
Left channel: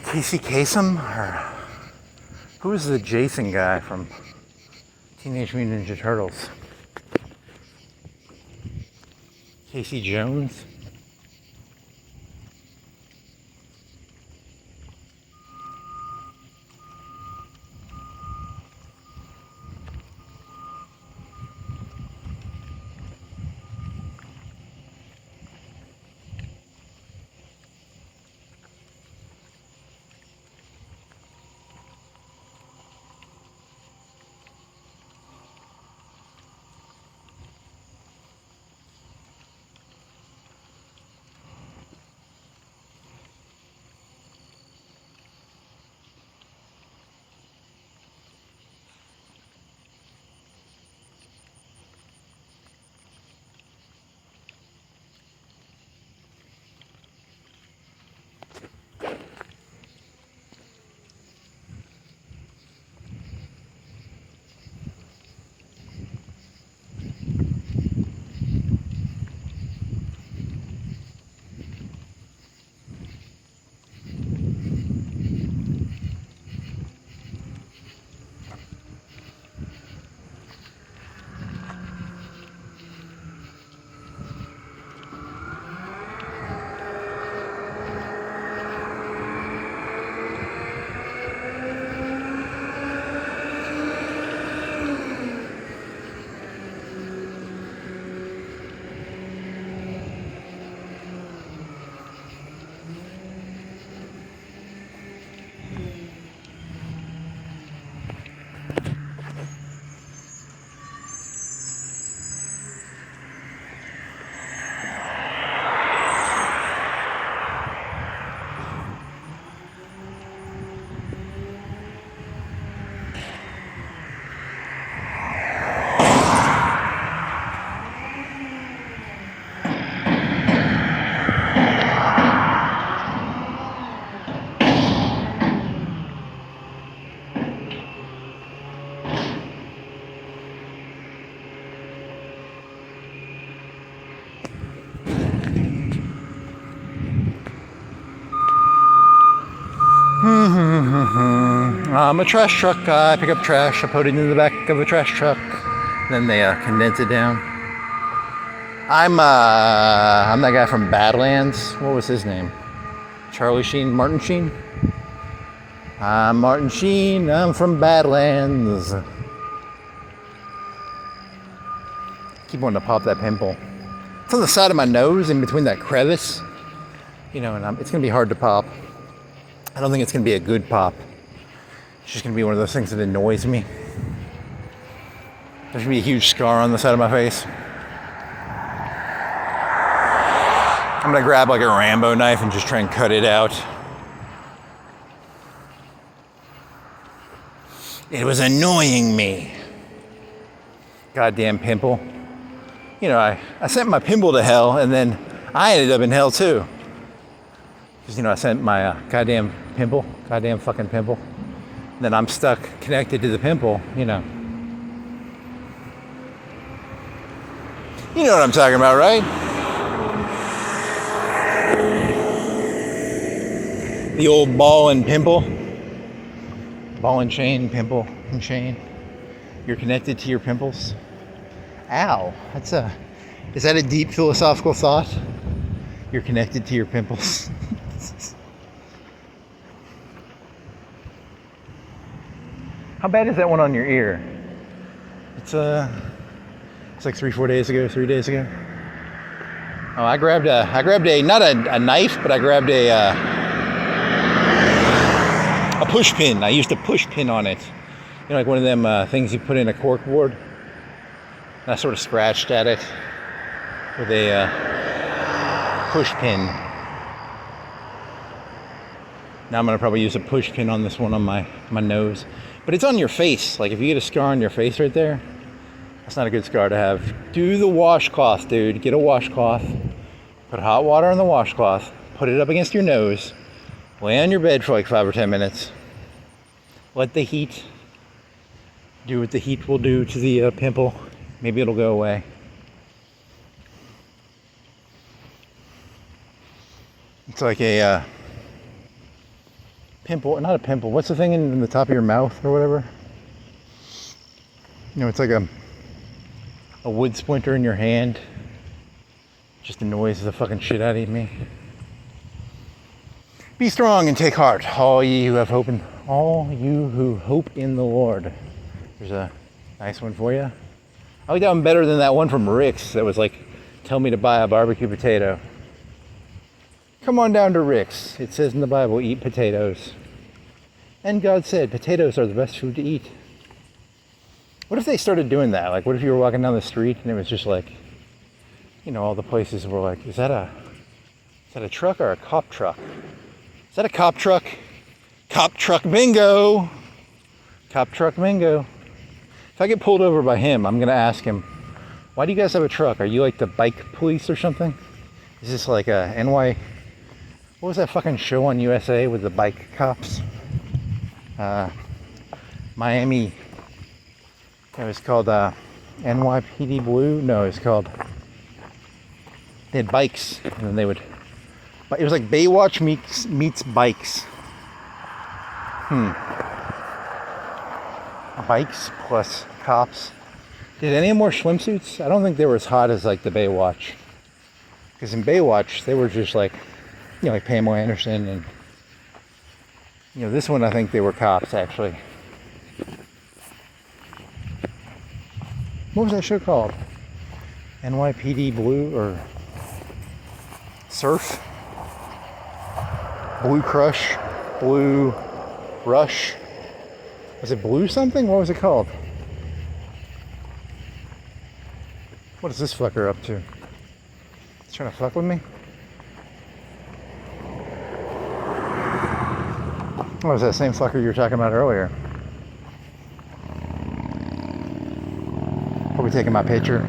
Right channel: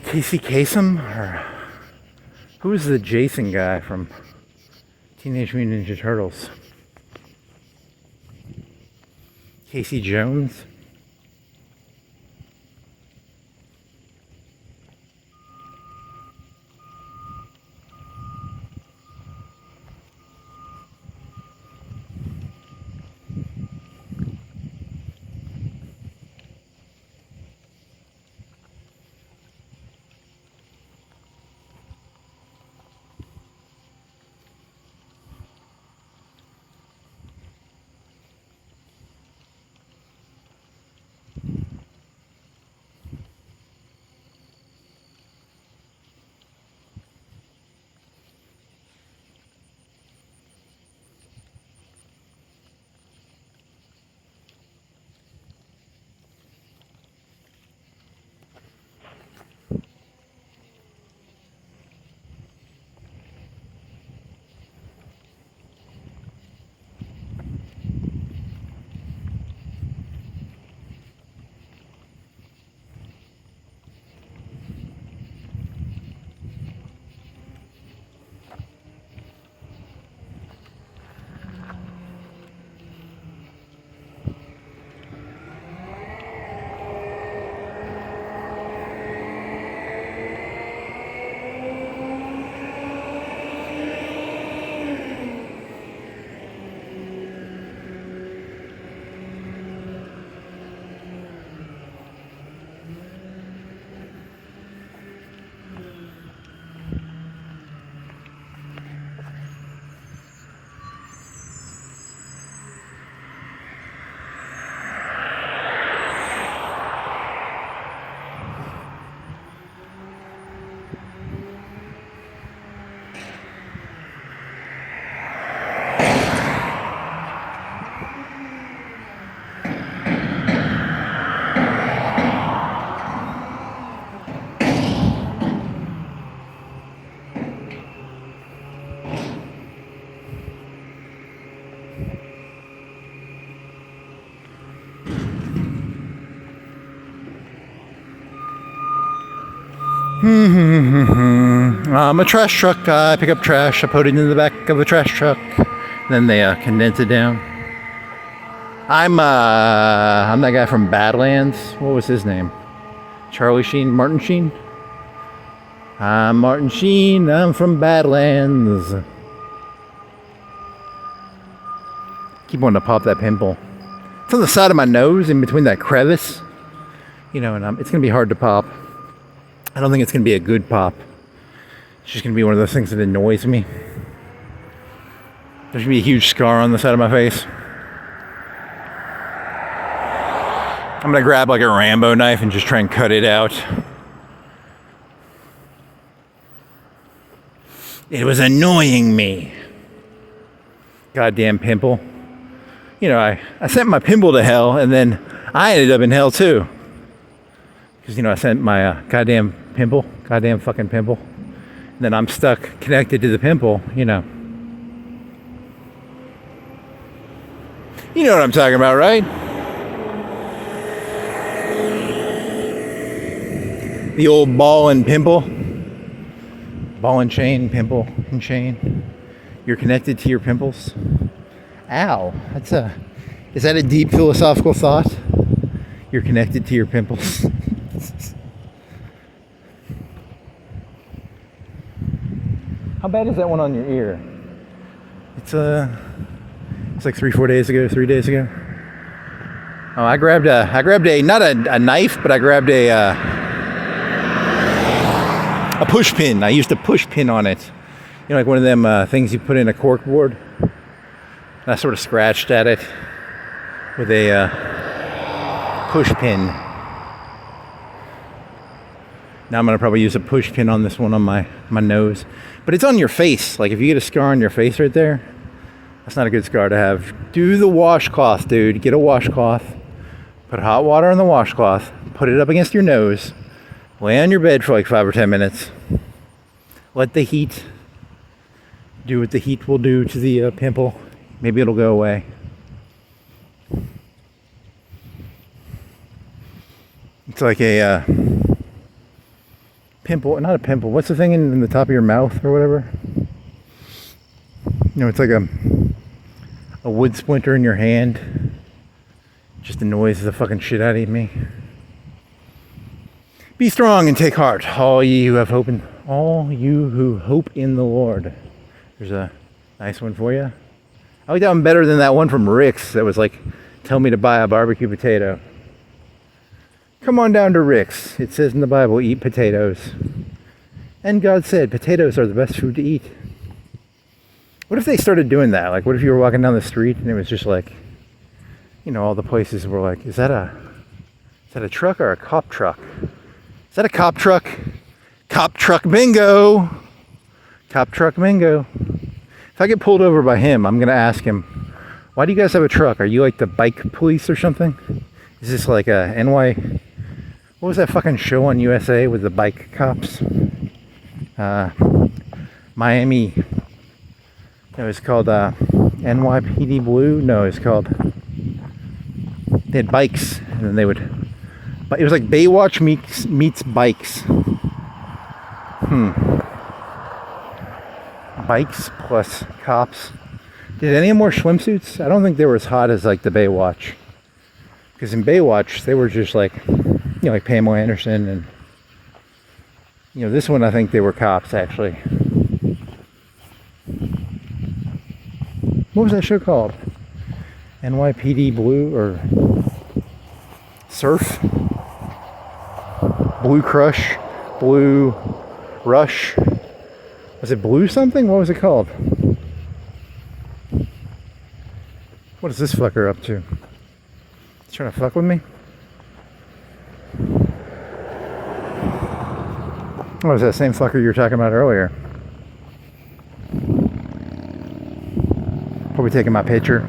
Casey Kasem? Or who is the Jason guy from Teenage Mutant Ninja Turtles? Casey Jones. I'm a trash truck. I pick up trash. I put it in the back of the trash truck. Then they condense it down. I'm that guy from Badlands. What was his name? Charlie Sheen? Martin Sheen? I'm Martin Sheen. I'm from Badlands. Keep wanting to pop that pimple. It's on the side of my nose, in between that crevice. You know, and it's going to be hard to pop. I don't think it's going to be a good pop. It's just going to be one of those things that annoys me. There's going to be a huge scar on the side of my face. I'm going to grab like a Rambo knife and just try and cut it out. It was annoying me. Goddamn pimple. You know, I sent my pimple to hell, and then I ended up in hell too. Because, you know, I sent my goddamn fucking pimple. And then I'm stuck connected to the pimple, you know. You know what I'm talking about, right? The old ball and pimple. Ball and chain, pimple and chain. You're connected to your pimples. Ow. Is that a deep philosophical thought? You're connected to your pimples. How bad is that one on your ear? It's like 3 days ago. Oh, I grabbed a not a knife, but I grabbed a push pin. I used a push pin on it. You know, like one of them things you put in a cork board. And I sort of scratched at it with a push pin. Now I'm gonna probably use a push pin on this one on my nose. But it's on your face. Like if you get a scar on your face right there, that's not a good scar to have. Do the washcloth, dude. Get a washcloth. Put hot water on the washcloth. Put it up against your nose. Lay on your bed for like 5 or 10 minutes. Let the heat do what the heat will do to the pimple. Maybe it'll go away. It's like a pimple, not a pimple. What's the thing in the top of your mouth or whatever? You know, it's like a wood splinter in your hand. Just annoys the fucking shit out of me. Be strong and take heart, all you who hope in the Lord. There's a nice one for you. I like that one better than that one from Rick's that was like, tell me to buy a barbecue potato. Come on down to Rick's. It says in the Bible, eat potatoes. And God said potatoes are the best food to eat. What if they started doing that? Like, what if you were walking down the street and it was just like, you know, all the places were like, is that a truck or a cop truck? Is that a cop truck? Cop truck bingo! Cop truck bingo. If I get pulled over by him, I'm gonna ask him, why do you guys have a truck? Are you like the bike police or something? Is this like a what was that fucking show on USA with the bike cops? Miami. It was called NYPD Blue? No, it's called, they had bikes, and then they would, but it was like Baywatch meets bikes. Bikes plus cops. Did any more swimsuits? I don't think they were as hot as like the Baywatch. Because in Baywatch, they were just like, you know, like Pamela Anderson, and you know, this one I think they were cops actually. What was that show called? NYPD Blue or Surf? Blue Crush? Blue Rush? Was it Blue something? What was it called? What is this fucker up to? He's trying to fuck with me? Oh, it was that same fucker you were talking about earlier. Probably taking my picture.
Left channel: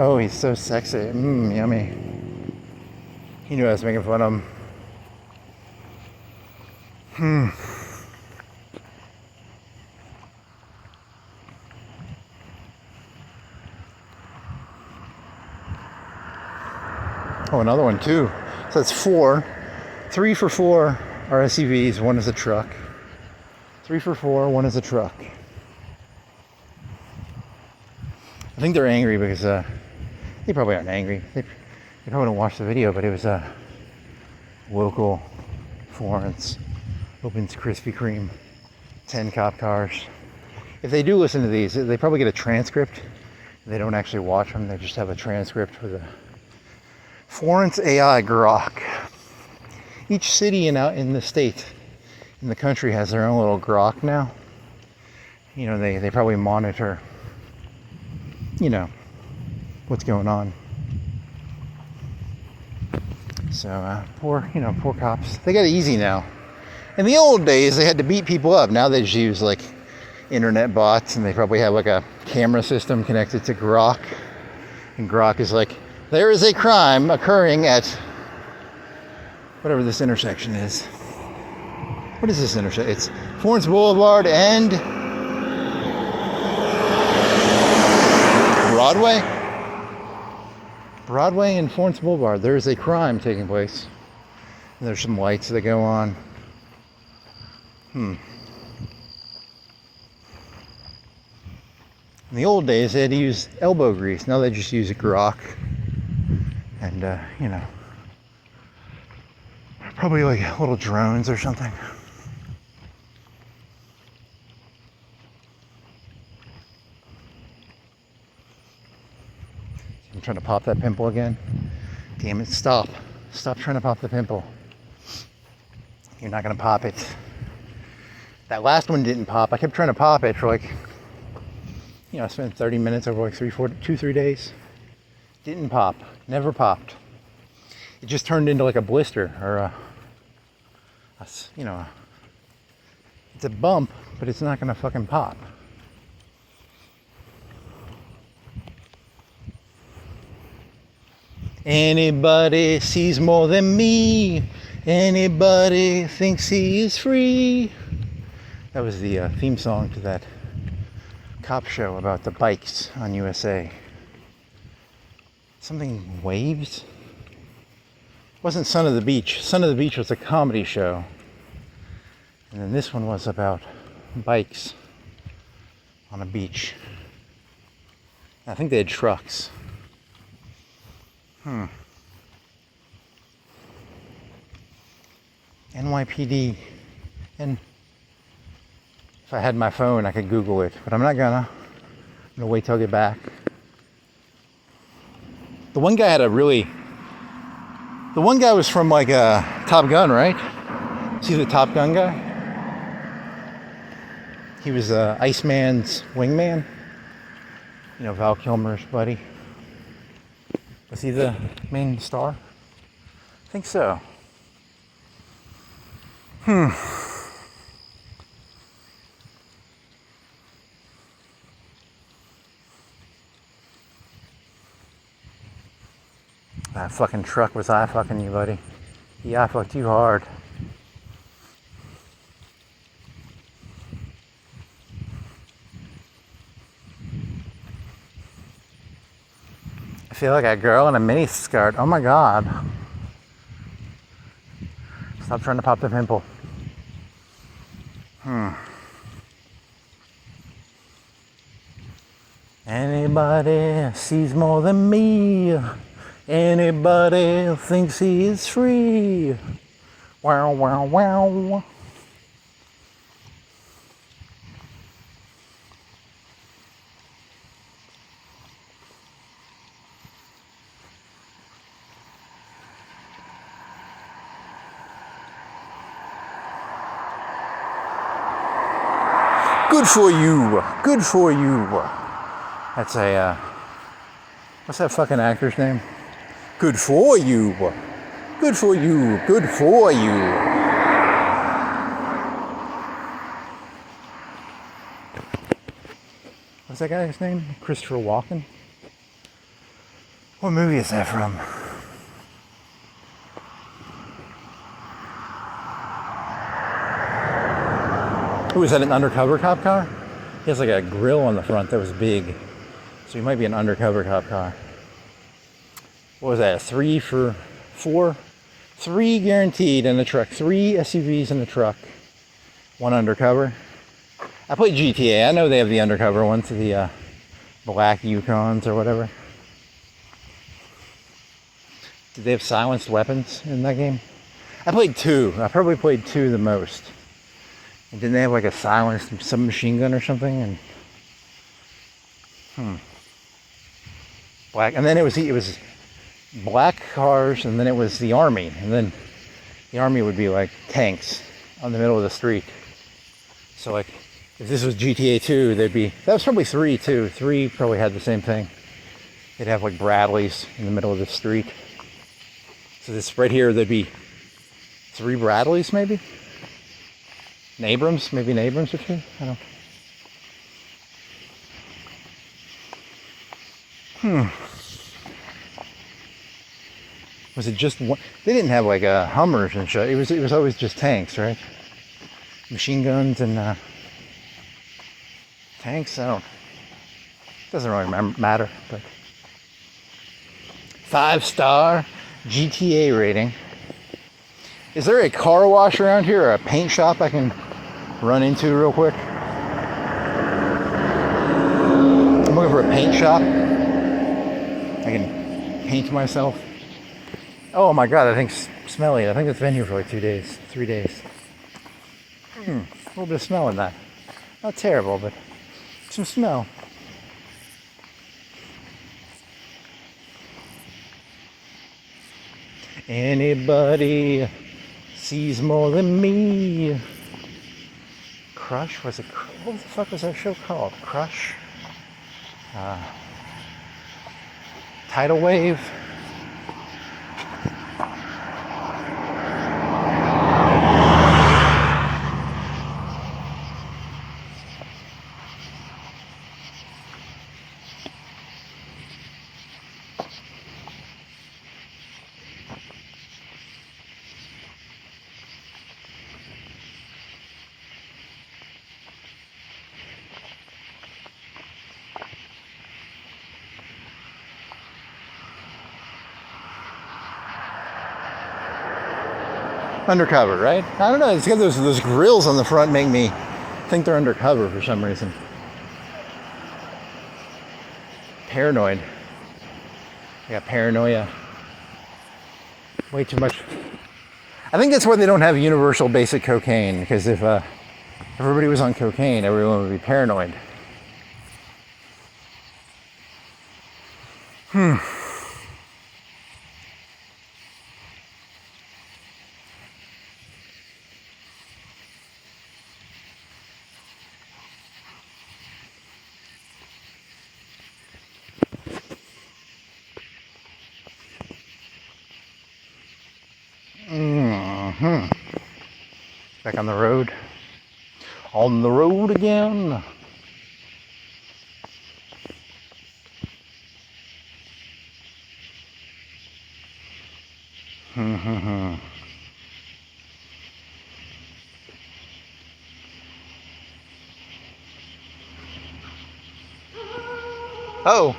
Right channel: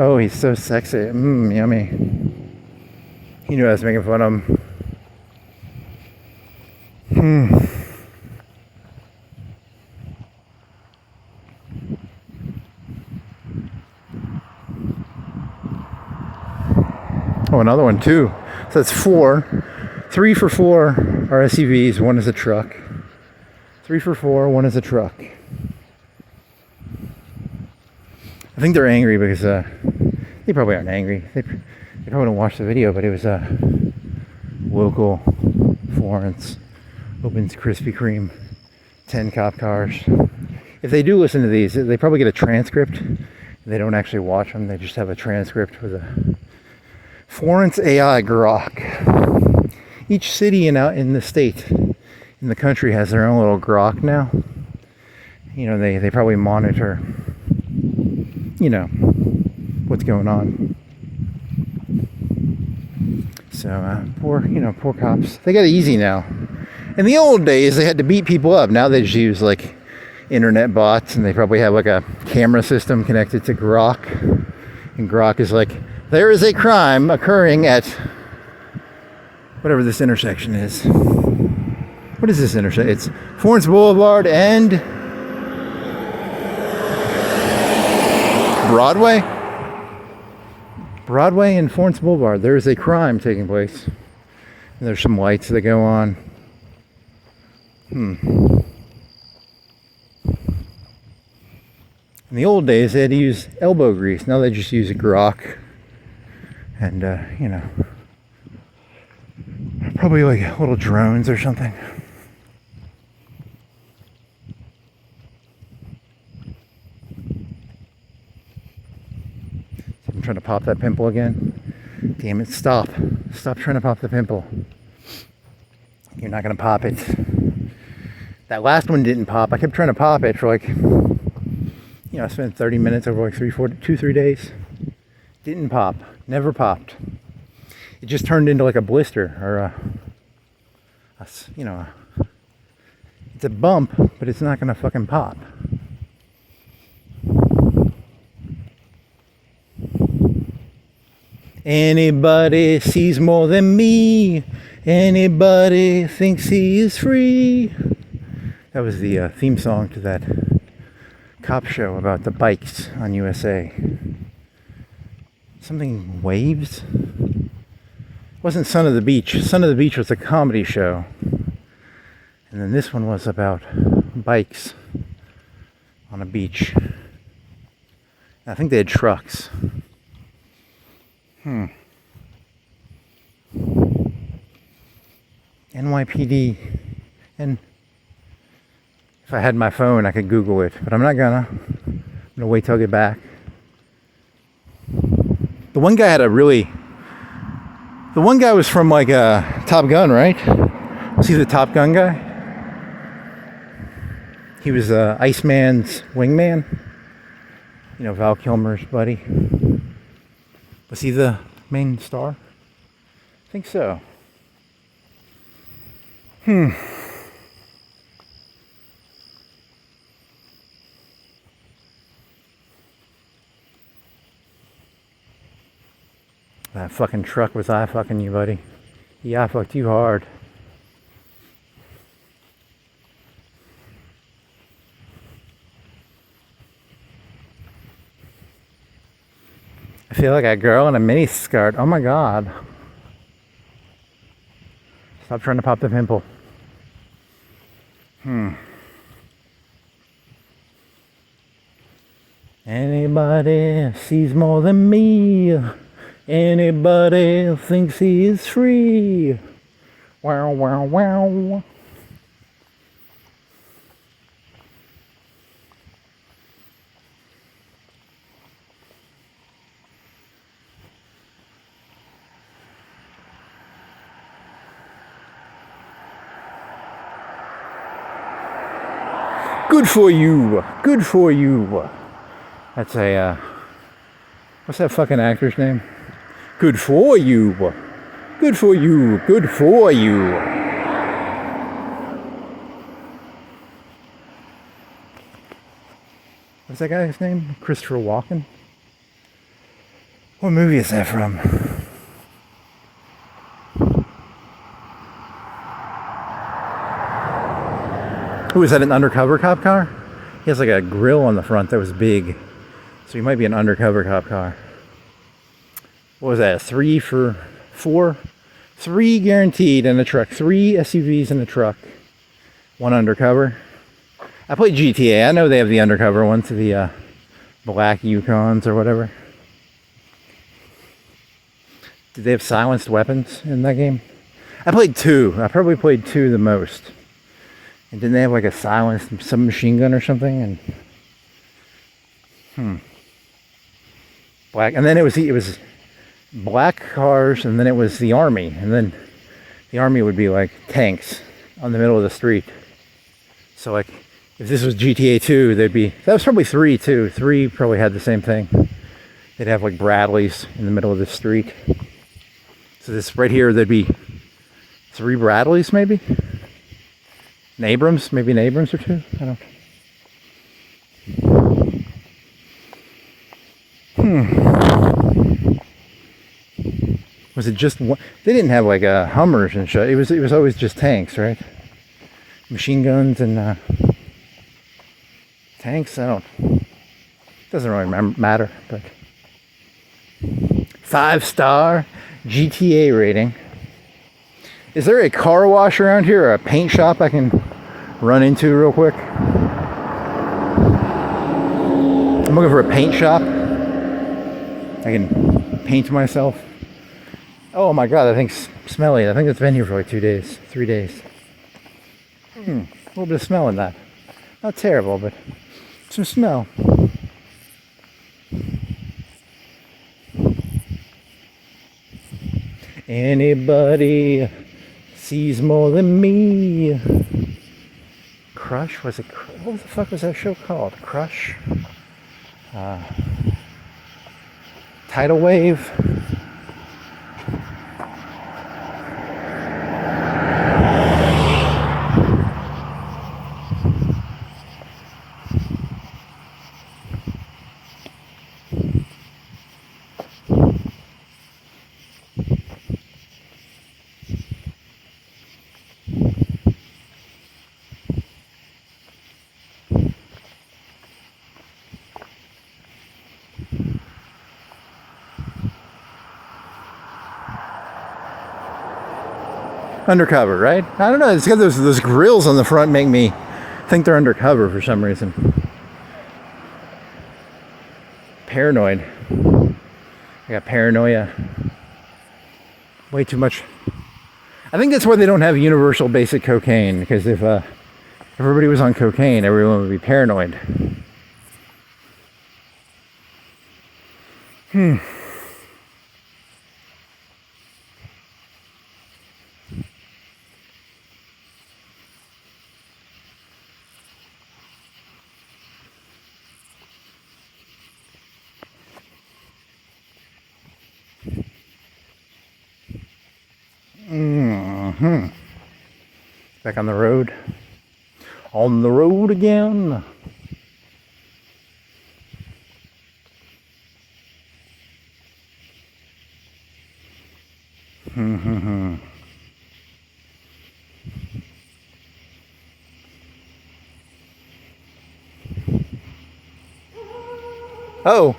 Oh, he's so sexy. Yummy. He knew I was making fun of him. Oh, another one too. So that's 4. 3 for 4 are SUVs, 1 is a truck. 3 for 4, 1 is a truck. I think they're angry because they probably aren't angry. They probably don't watch the video, but it was local Florence opens Krispy Kreme, 10 cop cars. If they do listen to these, they probably get a transcript. They don't actually watch them. They just have a transcript with a Florence AI grok. Each city in the state, in the country, has their own little grok now. You know, they probably monitor, you know, what's going on. So poor cops. They got it easy now. In the old days, they had to beat people up. Now they just use like internet bots, and they probably have like a camera system connected to Grok. And Grok is like, there is a crime occurring at whatever this intersection is. What is this intersection? It's Florence Boulevard and Broadway? Broadway and Florence Boulevard. There is a crime taking place. And there's some lights that go on. In the old days, they had to use elbow grease. Now they just use a grok. And, you know, probably like little drones or something. So I'm trying to pop that pimple again. Damn it, stop. Stop trying to pop the pimple. You're not going to pop it. That last one didn't pop. I kept trying to pop it for like, you know, I spent 30 minutes over like 2-3 days. Didn't pop. Never popped. It just turned into like a blister or you know, it's a bump, but it's not gonna fucking pop. Anybody sees more than me. Anybody thinks he is free. That was the theme song to that cop show about the bikes on USA. Something Waves? It wasn't Son of the Beach. Son of the Beach was a comedy show. And then this one was about bikes on a beach. I think they had trucks. NYPD. And if I had my phone, I could Google it, but I'm not gonna. I'm gonna wait till I get back. The one guy was from like Top Gun, right? Was he the Top Gun guy? He was Iceman's wingman. You know, Val Kilmer's buddy. Was he the main star? I think so. That fucking truck was eye fucking you, buddy. He eye fucked you hard. I feel like a girl in a mini skirt. Oh my god. Stop trying to pop the pimple. Anybody sees more than me. Anybody thinks he is free. Wow, wow, wow. Good for you. Good for you. That's a, what's that fucking actor's name? Good for you. Good for you. Good for you. What's that guy's name? Christopher Walken? What movie is that from? Who is that, an undercover cop car? He has like a grill on the front that was big. So he might be an undercover cop car. What was that? 3 for 4? 3 guaranteed in a truck. 3 SUVs in a truck. 1 undercover. I played GTA. I know they have the undercover ones, the black Yukons or whatever. Did they have silenced weapons in that game? I played 2. I probably played 2 the most. And didn't they have like a silenced submachine gun or something? And black. And then it was black cars, and then it was the army, and then the army would be like tanks on the middle of the street. So like if this was GTA 2, that was probably 3 too. 3 probably had the same thing. They'd have like Bradleys in the middle of the street. So this right here, there'd be 3 Bradleys maybe? An Abrams, maybe an Abrams or 2? I don't know. Was it just one? They didn't have like Hummers and shit. It was always just tanks, right? Machine guns and tanks. Doesn't really matter. But 5-star GTA rating. Is there a car wash around here or a paint shop I can run into real quick? I'm looking for a paint shop. I can paint myself. Oh my god, that thing's smelly. I think it's been here for like 2 days, 3 days. A little bit of smell in that. Not terrible, but some smell. Anybody sees more than me. Crush? What the fuck was that show called? Crush? Tidal Wave? Undercover, right? I don't know. It's got those grills on the front make me think they're undercover for some reason. Paranoid. I got paranoia. Way too much. I think that's why they don't have universal basic cocaine, because if everybody was on cocaine, everyone would be paranoid. Back on the road. On the road again. Oh.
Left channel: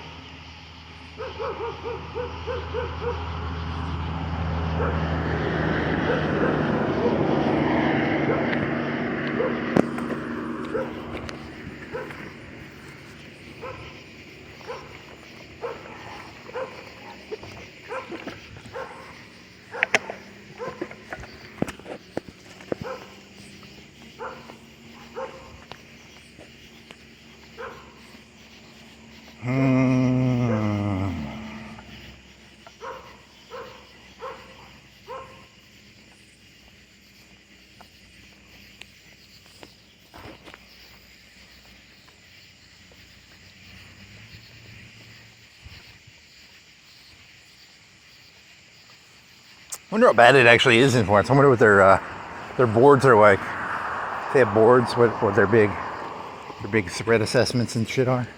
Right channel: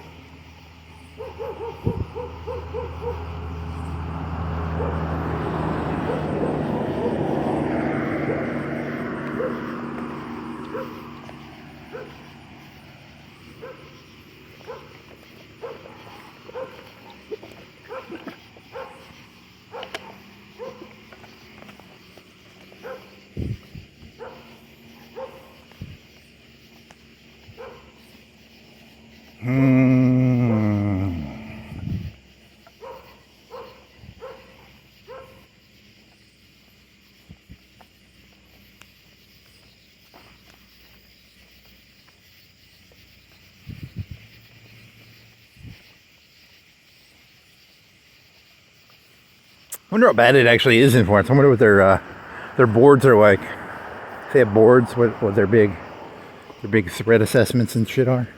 I wonder how bad it actually is in Florence. I wonder what their boards are like. If they have boards, what their big threat assessments and shit are.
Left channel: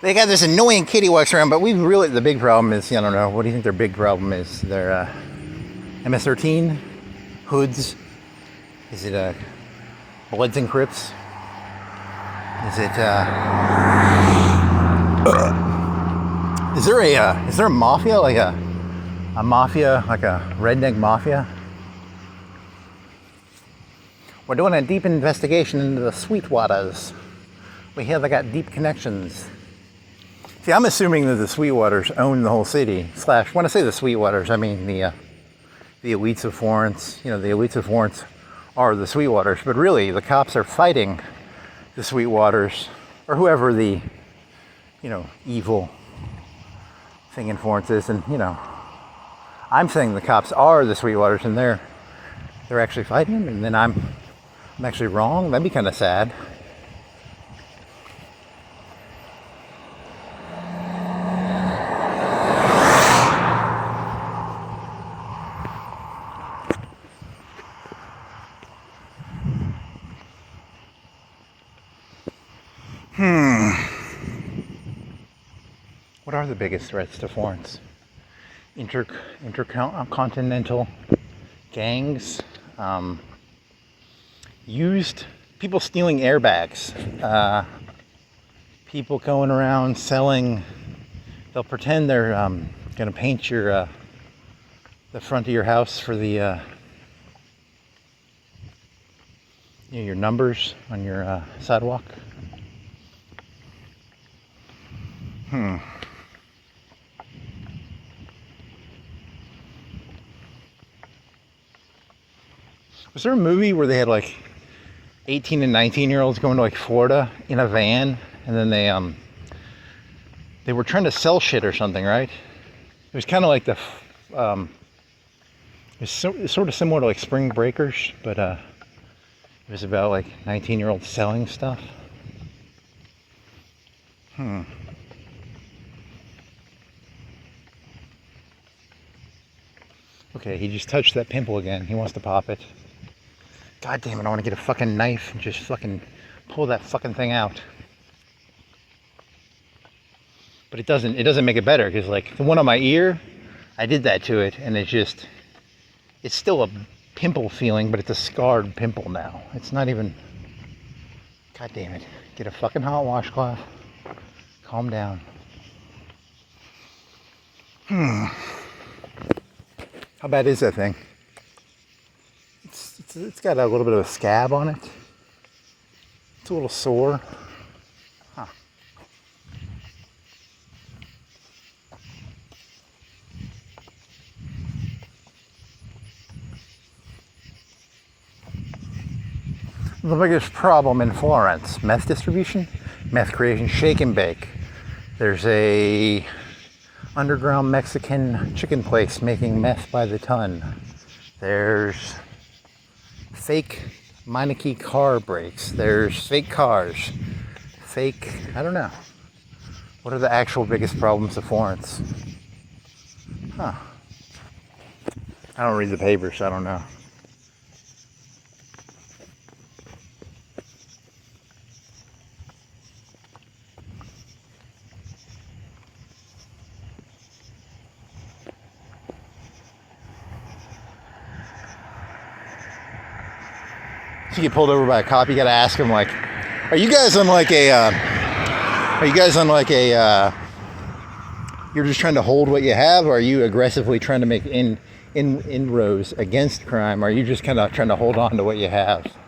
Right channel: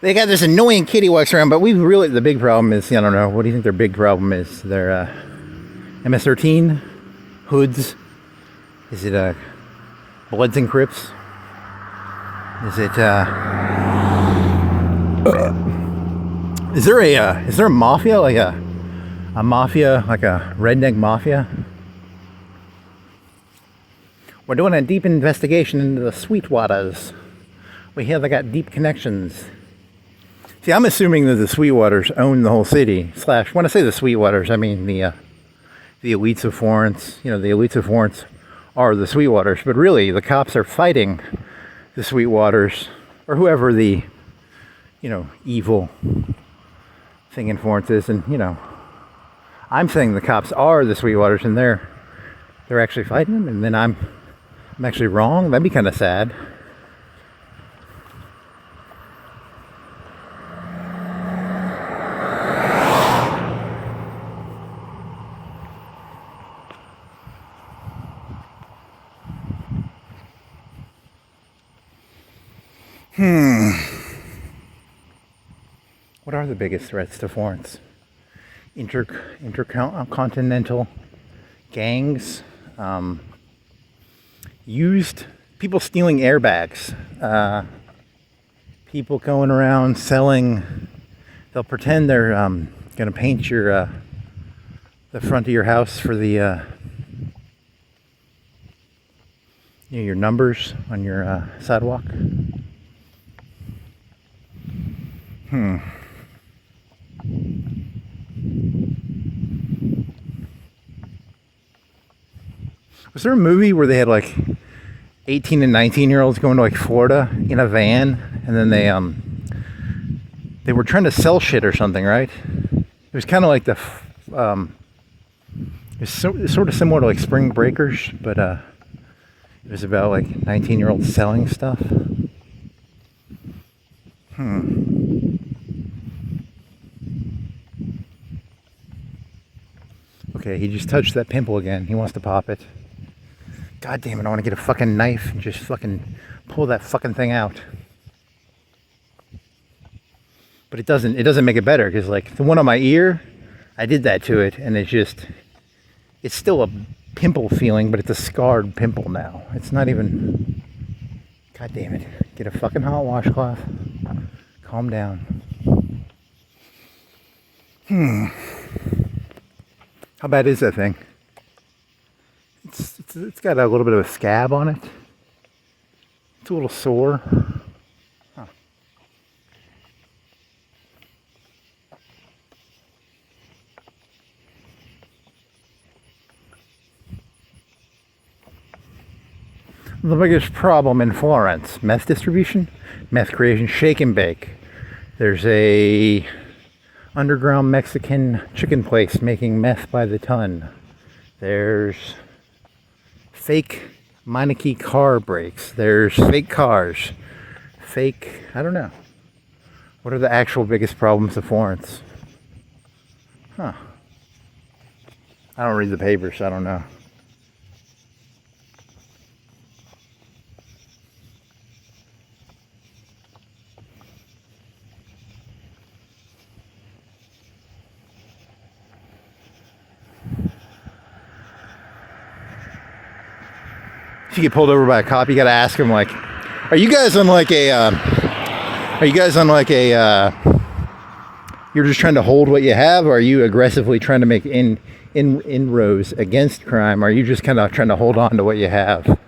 They got this annoying kitty walks around, but the big problem is, I don't know, what do you think their big problem is? Their MS-13 hoods? Is it Bloods and Crips? Is it is there a mafia, like a mafia, like a redneck mafia? We're doing a deep investigation into the Sweetwaters. We hear they got deep connections. See, I'm assuming that the Sweetwaters own the whole city. When I say the Sweetwaters, I mean the elites of Florence. The elites of Florence are the Sweetwaters, but really the cops are fighting the Sweetwaters, or whoever the, evil thing in Florence is. And, I'm saying the cops are the Sweetwaters, and they're actually fighting them, and then I'm actually wrong. That'd be kind of sad. What are the biggest threats to Florence? Intercontinental gangs, people stealing airbags, people going around selling. They'll pretend they're going to paint the front of your house for the your numbers on your sidewalk. Was there a movie where they had like 18 and 19-year-olds going to like Florida in a van, and then they were trying to sell shit or something, right? It was kind of like it was sort of similar to like Spring Breakers, but it was about like 19-year-olds selling stuff. Okay, he just touched that pimple again. He wants to pop it. God damn it, I want to get a fucking knife and just fucking pull that fucking thing out. But it doesn't make it better, because like the one on my ear, I did that to it, and it's still a pimple feeling, but it's a scarred pimple now. It's not even, god damn it. Get a fucking hot washcloth. Calm down. How bad is that thing? It's got a little bit of a scab on it. It's a little sore. Huh. The biggest problem in Florence, meth distribution, meth creation, shake and bake. There's a underground Mexican chicken place making meth by the ton. There's fake manic car brakes. There's fake cars. Fake, I don't know. What are the actual biggest problems of Florence? Huh. I don't read the papers, so I don't know. If you get pulled over by a cop, you gotta ask him, like, are you guys on like a, you're just trying to hold what you have, or are you aggressively trying to make inroads against crime? Or are you just kind of trying to hold on to what you have?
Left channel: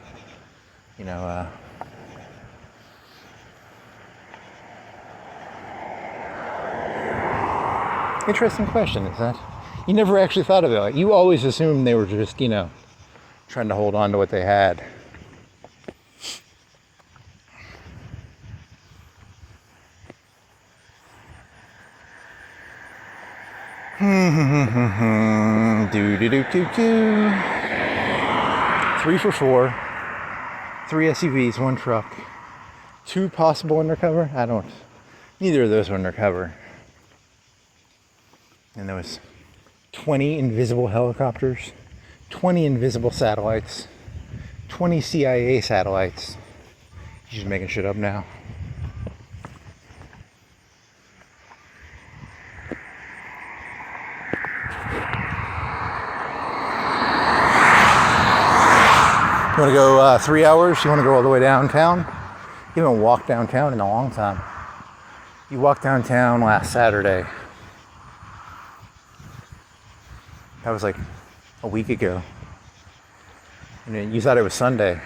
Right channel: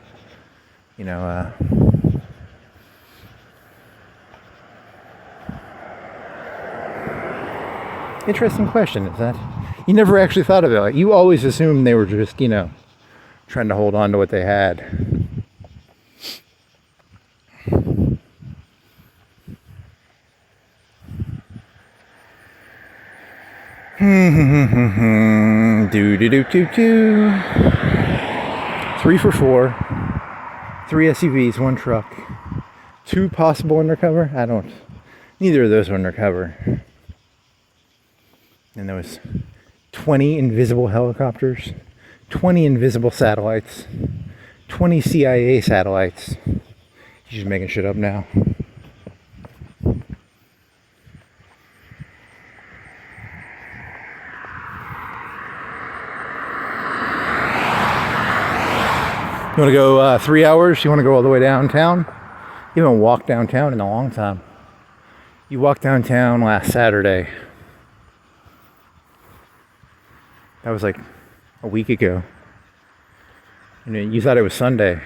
You know, interesting question, is that? You never actually thought of it. Like, you always assumed they were just, you know, trying to hold on to what they had. Do do do do do. 3 for 4. 3 SUVs, 1 truck. 2 possible undercover. Neither of those were undercover. And there was 20 invisible helicopters, 20 invisible satellites, 20 CIA satellites. He's just making shit up now. You want to go 3 hours? You want to go all the way downtown? You haven't walked downtown in a long time. You walked downtown last Saturday. That was like a week ago. And you thought it was Sunday.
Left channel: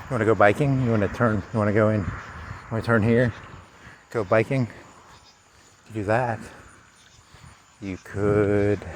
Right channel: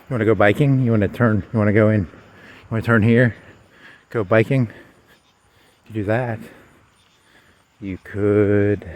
You want to go biking? You want to turn? You want to go in? You want to turn here? Go biking? You do that. You could.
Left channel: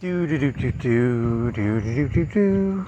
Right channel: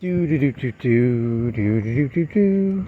Do do do do do do do do do.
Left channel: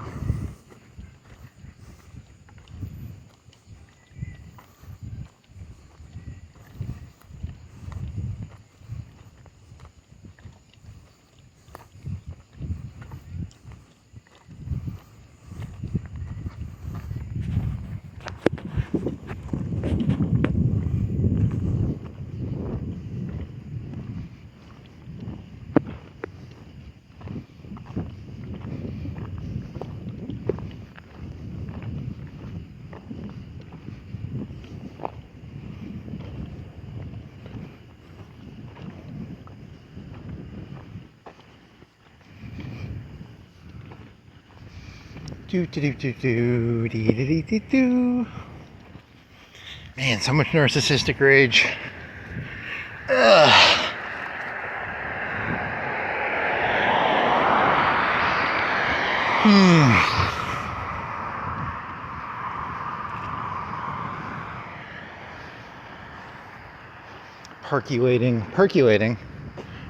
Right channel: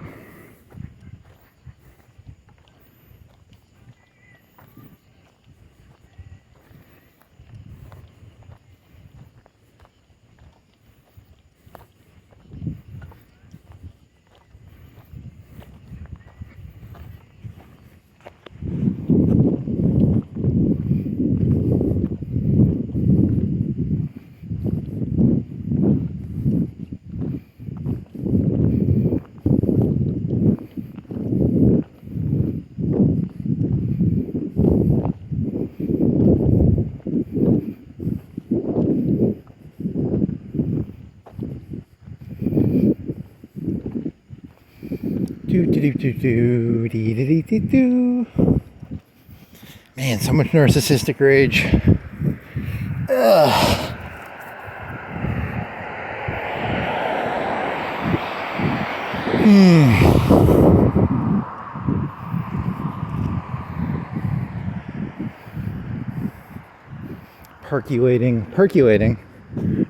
Man, so much narcissistic rage. Ugh.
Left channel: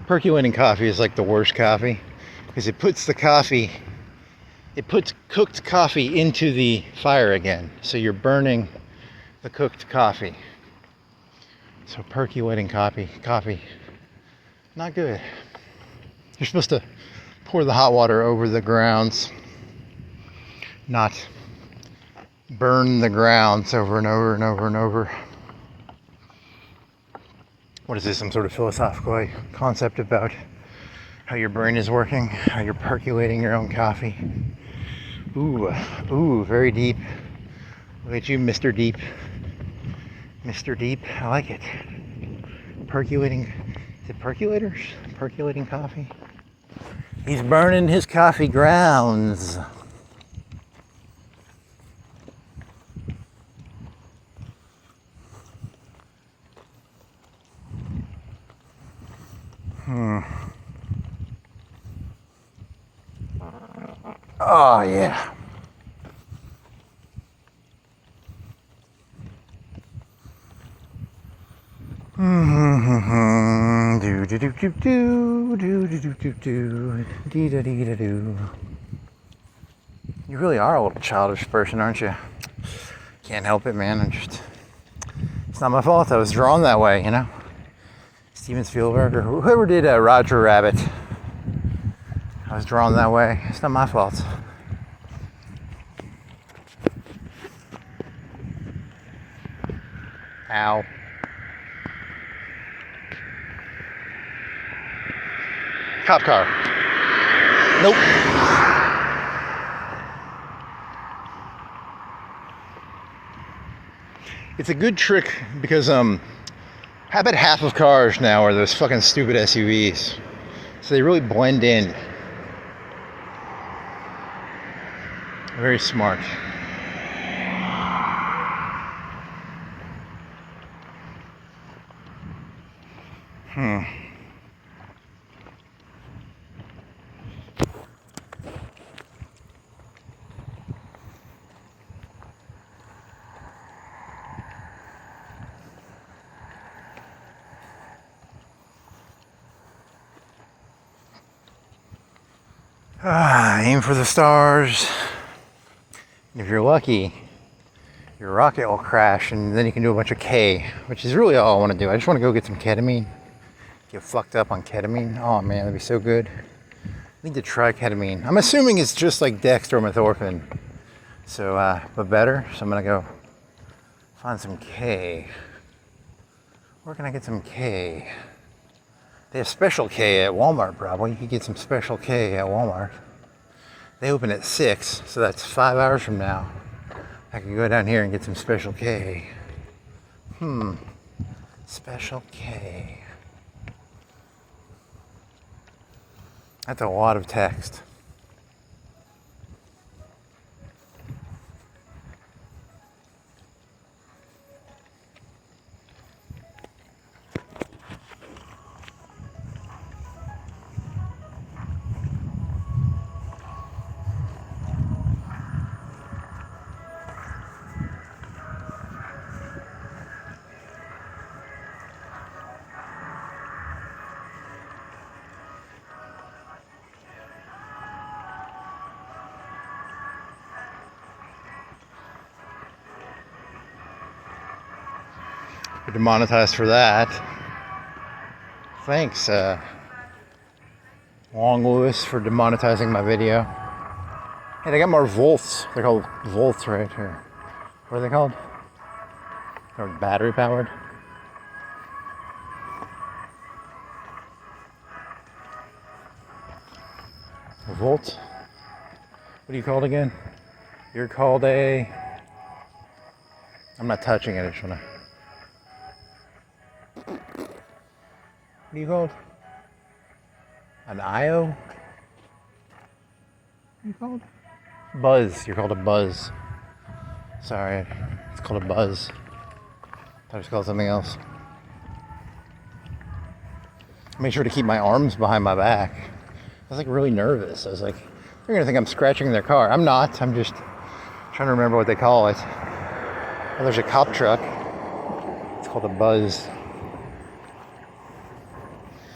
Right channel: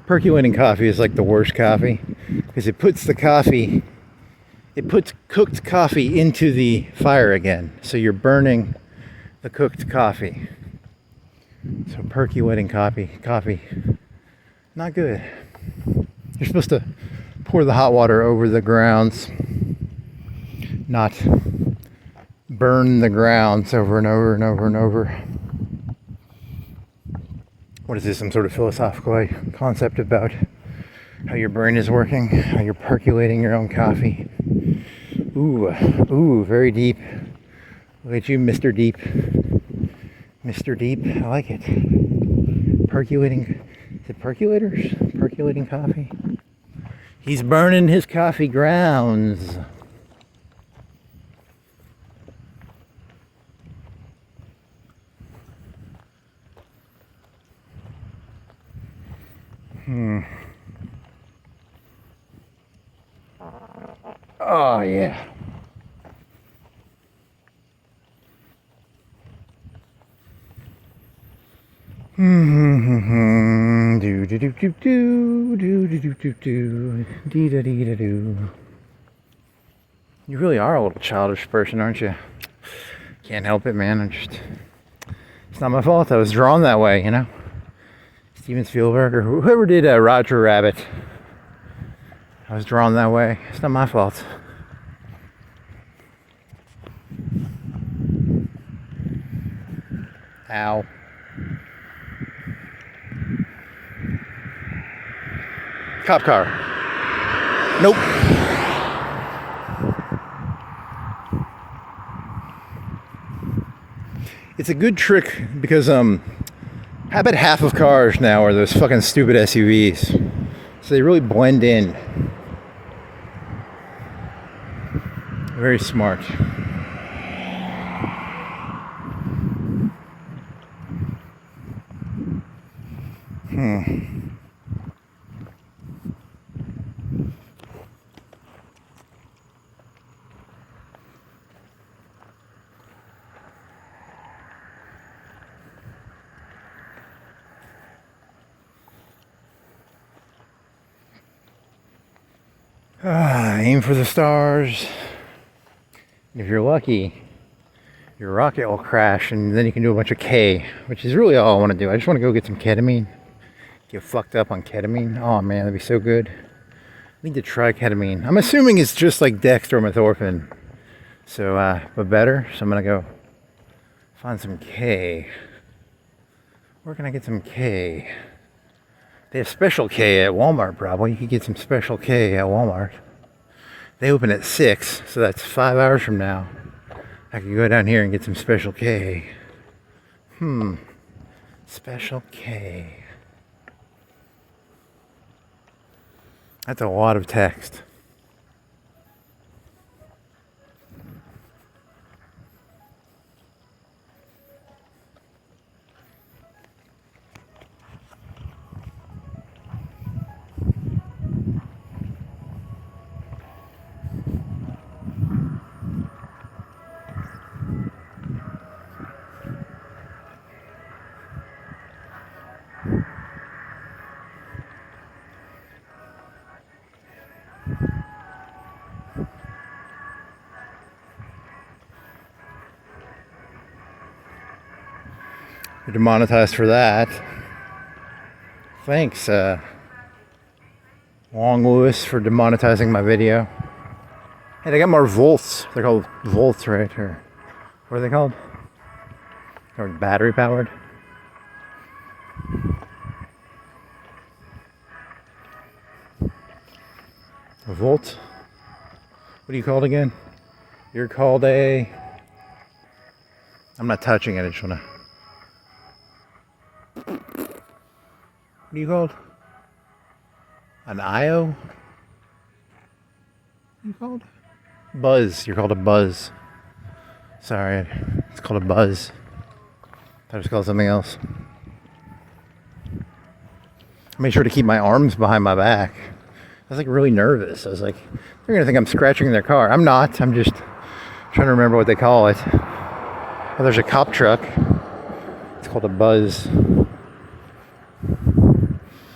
Percolating coffee is like the worst coffee because it puts cooked coffee into the fire again. So you're burning the cooked coffee. So percolating coffee, not good. You're supposed to pour the hot water over the grounds, not burn the grounds over and over and over and over. What is this, some sort of philosophical concept about how your brain is working, how you're percolating your own coffee? Ooh, very deep. Look at you, Mr. Deep. Mr. Deep, I like it. Percolating, is it percolators? Percolating coffee? He's burning his coffee grounds. Oh, yeah. Do do do do do do do do do do dee da dee da do. You really are a little childish person, aren't you? Can't help it, man. It's not my fault. I was drawn that way, you know. Steven Spielberg or whoever did Roger Rabbit. I was drawn that way. It's not my fault. Ow. Cop car. Nope. It's a good trick because I bet half of cars now are those fucking stupid SUVs. So they really blend in. Very smart. Aim for the stars. And if you're lucky, your rocket will crash and then you can do a bunch of K, which is really all I want to do. I just want to go get some ketamine. Get fucked up on ketamine. Oh man, that'd be so good. I need to try ketamine. I'm assuming it's just like dextromethorphan. So, but better. So I'm going to go find some K. Where can I get some K? They have special K at Walmart, probably. You could get some special K at Walmart. They open at 6, so that's 5 hours from now. I could go down here and get some special K. Special K. That's a lot of text. You're demonetized for that. Thanks, Long Lewis, for demonetizing my video. Hey, they got more volts. They're called volts, right? Or what are they called? They're battery powered. A volt? What are you called again? You're called a... I'm not touching it, I just wanna... What are you called? An IO? What are you called? Buzz. You're called a buzz. Sorry, it's called a buzz. I thought it was called something else. I made sure to keep my arms behind my back. I was like really nervous. I was like, they're gonna think I'm scratching their car. I'm not. I'm just trying to remember what they call it. Well, there's a cop truck. It's called a buzz.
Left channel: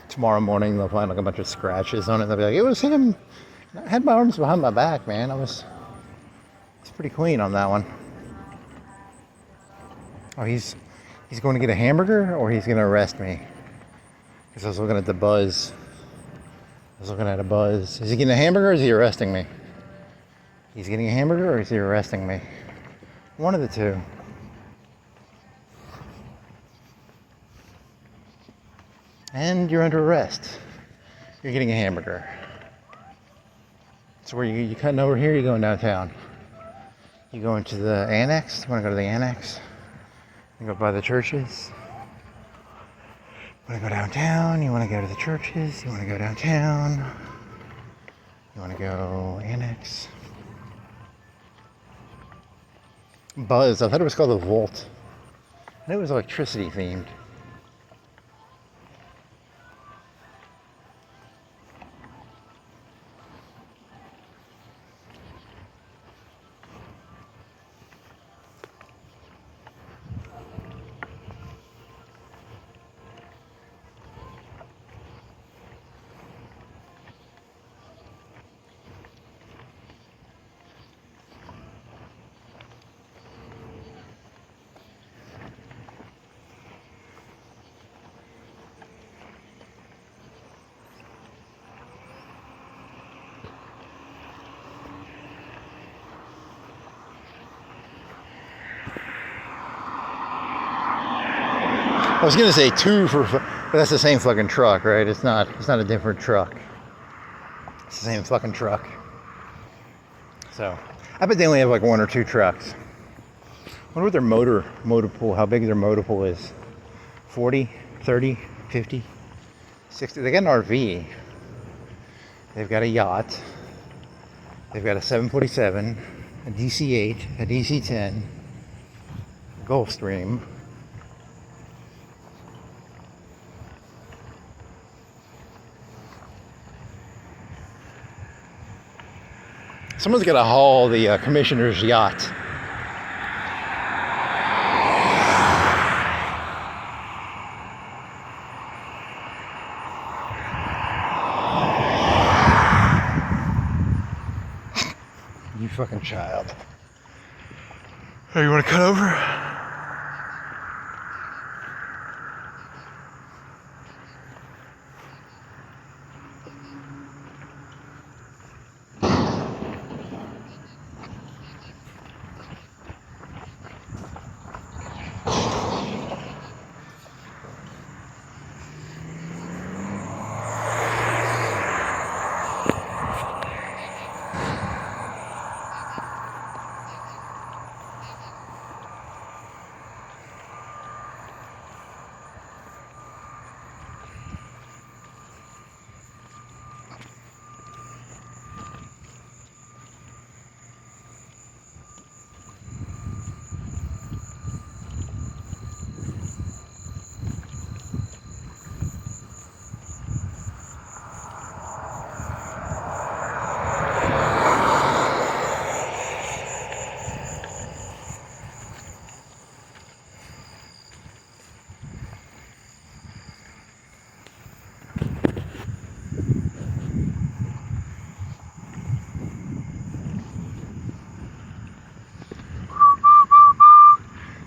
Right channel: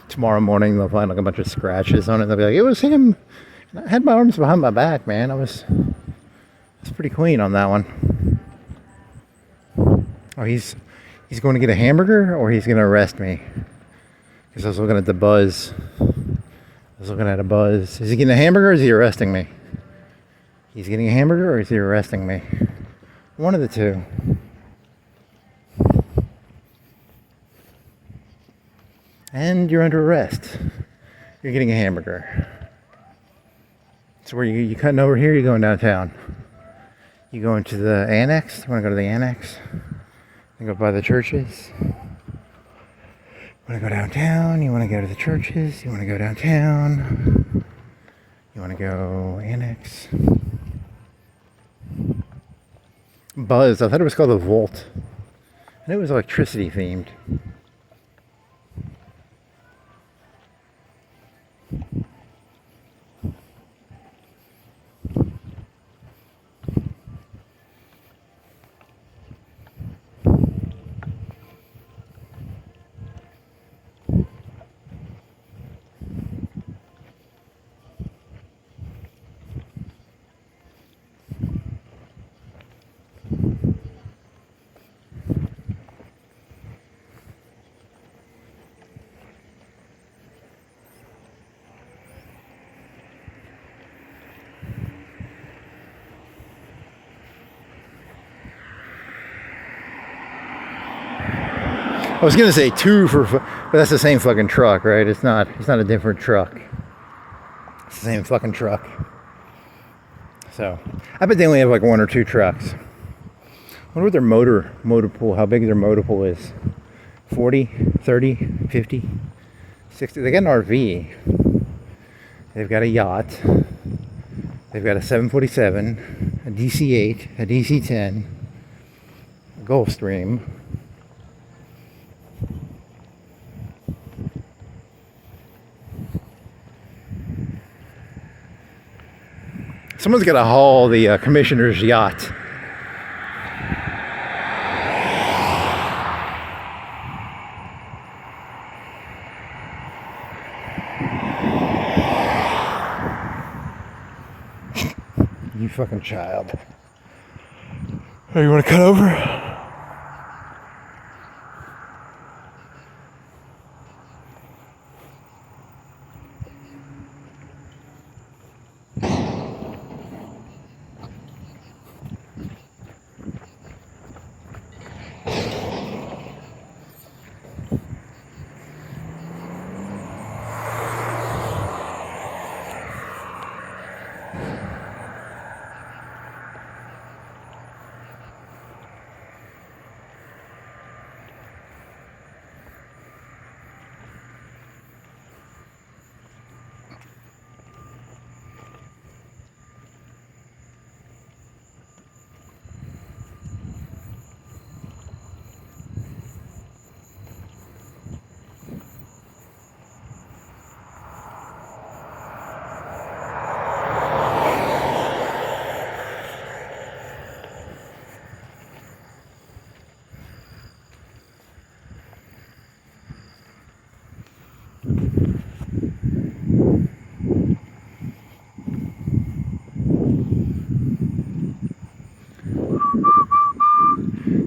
Tomorrow morning they'll find like a bunch of scratches on it. They'll be like, it was him. I had my arms behind my back, man. It's pretty clean on that one. Oh, he's going to get a hamburger, or he's going to arrest me? Because I was looking at the buzz. I was looking at a buzz. Is he getting a hamburger, or is he arresting me? He's getting a hamburger, or is he arresting me? One of the two. And you're under arrest. You're getting a hamburger. So where you cutting over here, you're going downtown. You going to the annex? You want to go to the annex? You go by the churches? You want to go downtown? You want to go to the churches? You want to go downtown? You want to go annex? Buzz. I thought it was called the Vault. And it was electricity themed. I was gonna say but that's the same fucking truck, right? It's not a different truck. It's the same fucking truck. So, I bet they only have like one or two trucks. I wonder what their motor pool, how big their motor pool is. 40, 30, 50, 60. They got an RV. They've got a yacht. They've got a 747, a DC-8, a DC-10, a Gulfstream. Someone's got to haul the commissioner's yacht. You fucking child. Oh, you want to cut over?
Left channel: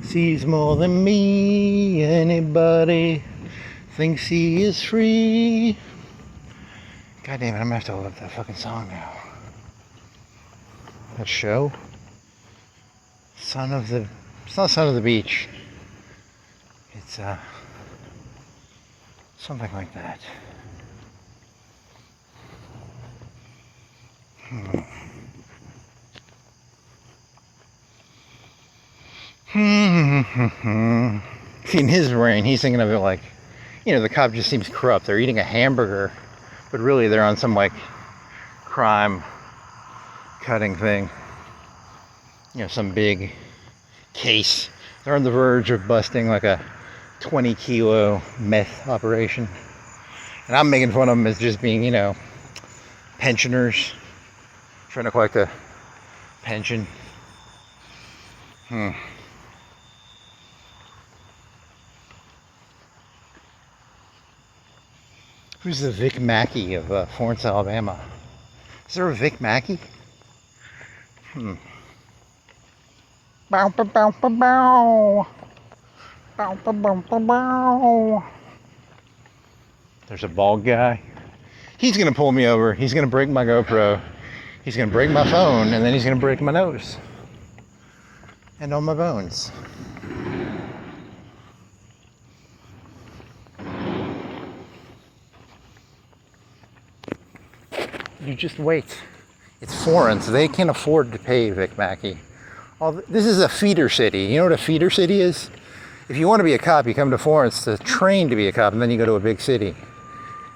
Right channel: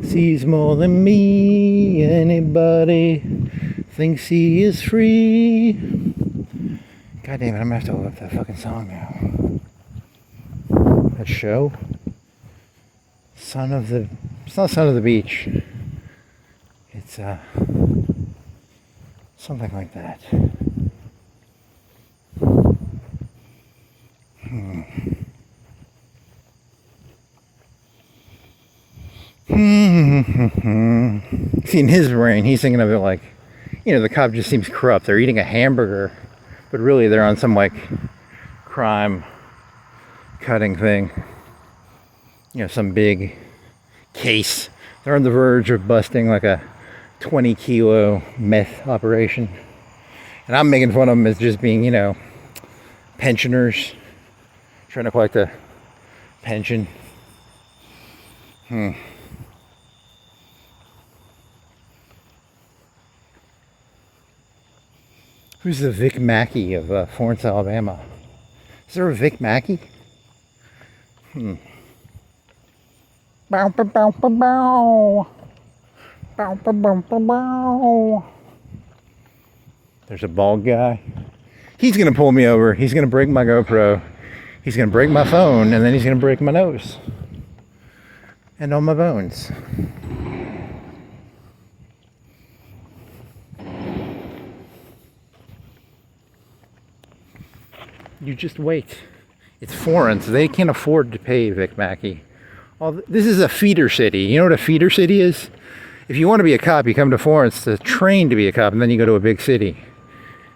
Sees more than me. Anybody thinks he is free. God damn it, I'm gonna have to look up that fucking song now. That show? It's not Son of the Beach. It's something like that. See, in his brain, he's thinking of it like, you know, the cop just seems corrupt. They're eating a hamburger, but really they're on some like crime cutting thing. You know, some big case. They're on the verge of busting like a 20-kilo meth operation. And I'm making fun of them as just being, you know, pensioners trying to collect a pension. Who's the Vic Mackey of Florence, Alabama? Is there a Vic Mackey? Bow, bow, bow, bow, bow. Bow, bow, bow, bow, bow. There's a bald guy. He's gonna pull me over. He's gonna break my GoPro. He's gonna break my phone, and then he's gonna break my nose and all my bones. You just wait. It's Florence. They can't afford to pay Vic Mackey. This is a feeder city. You know what a feeder city is? If you want to be a cop, you come to Florence to train to be a cop, and then you go to a big city.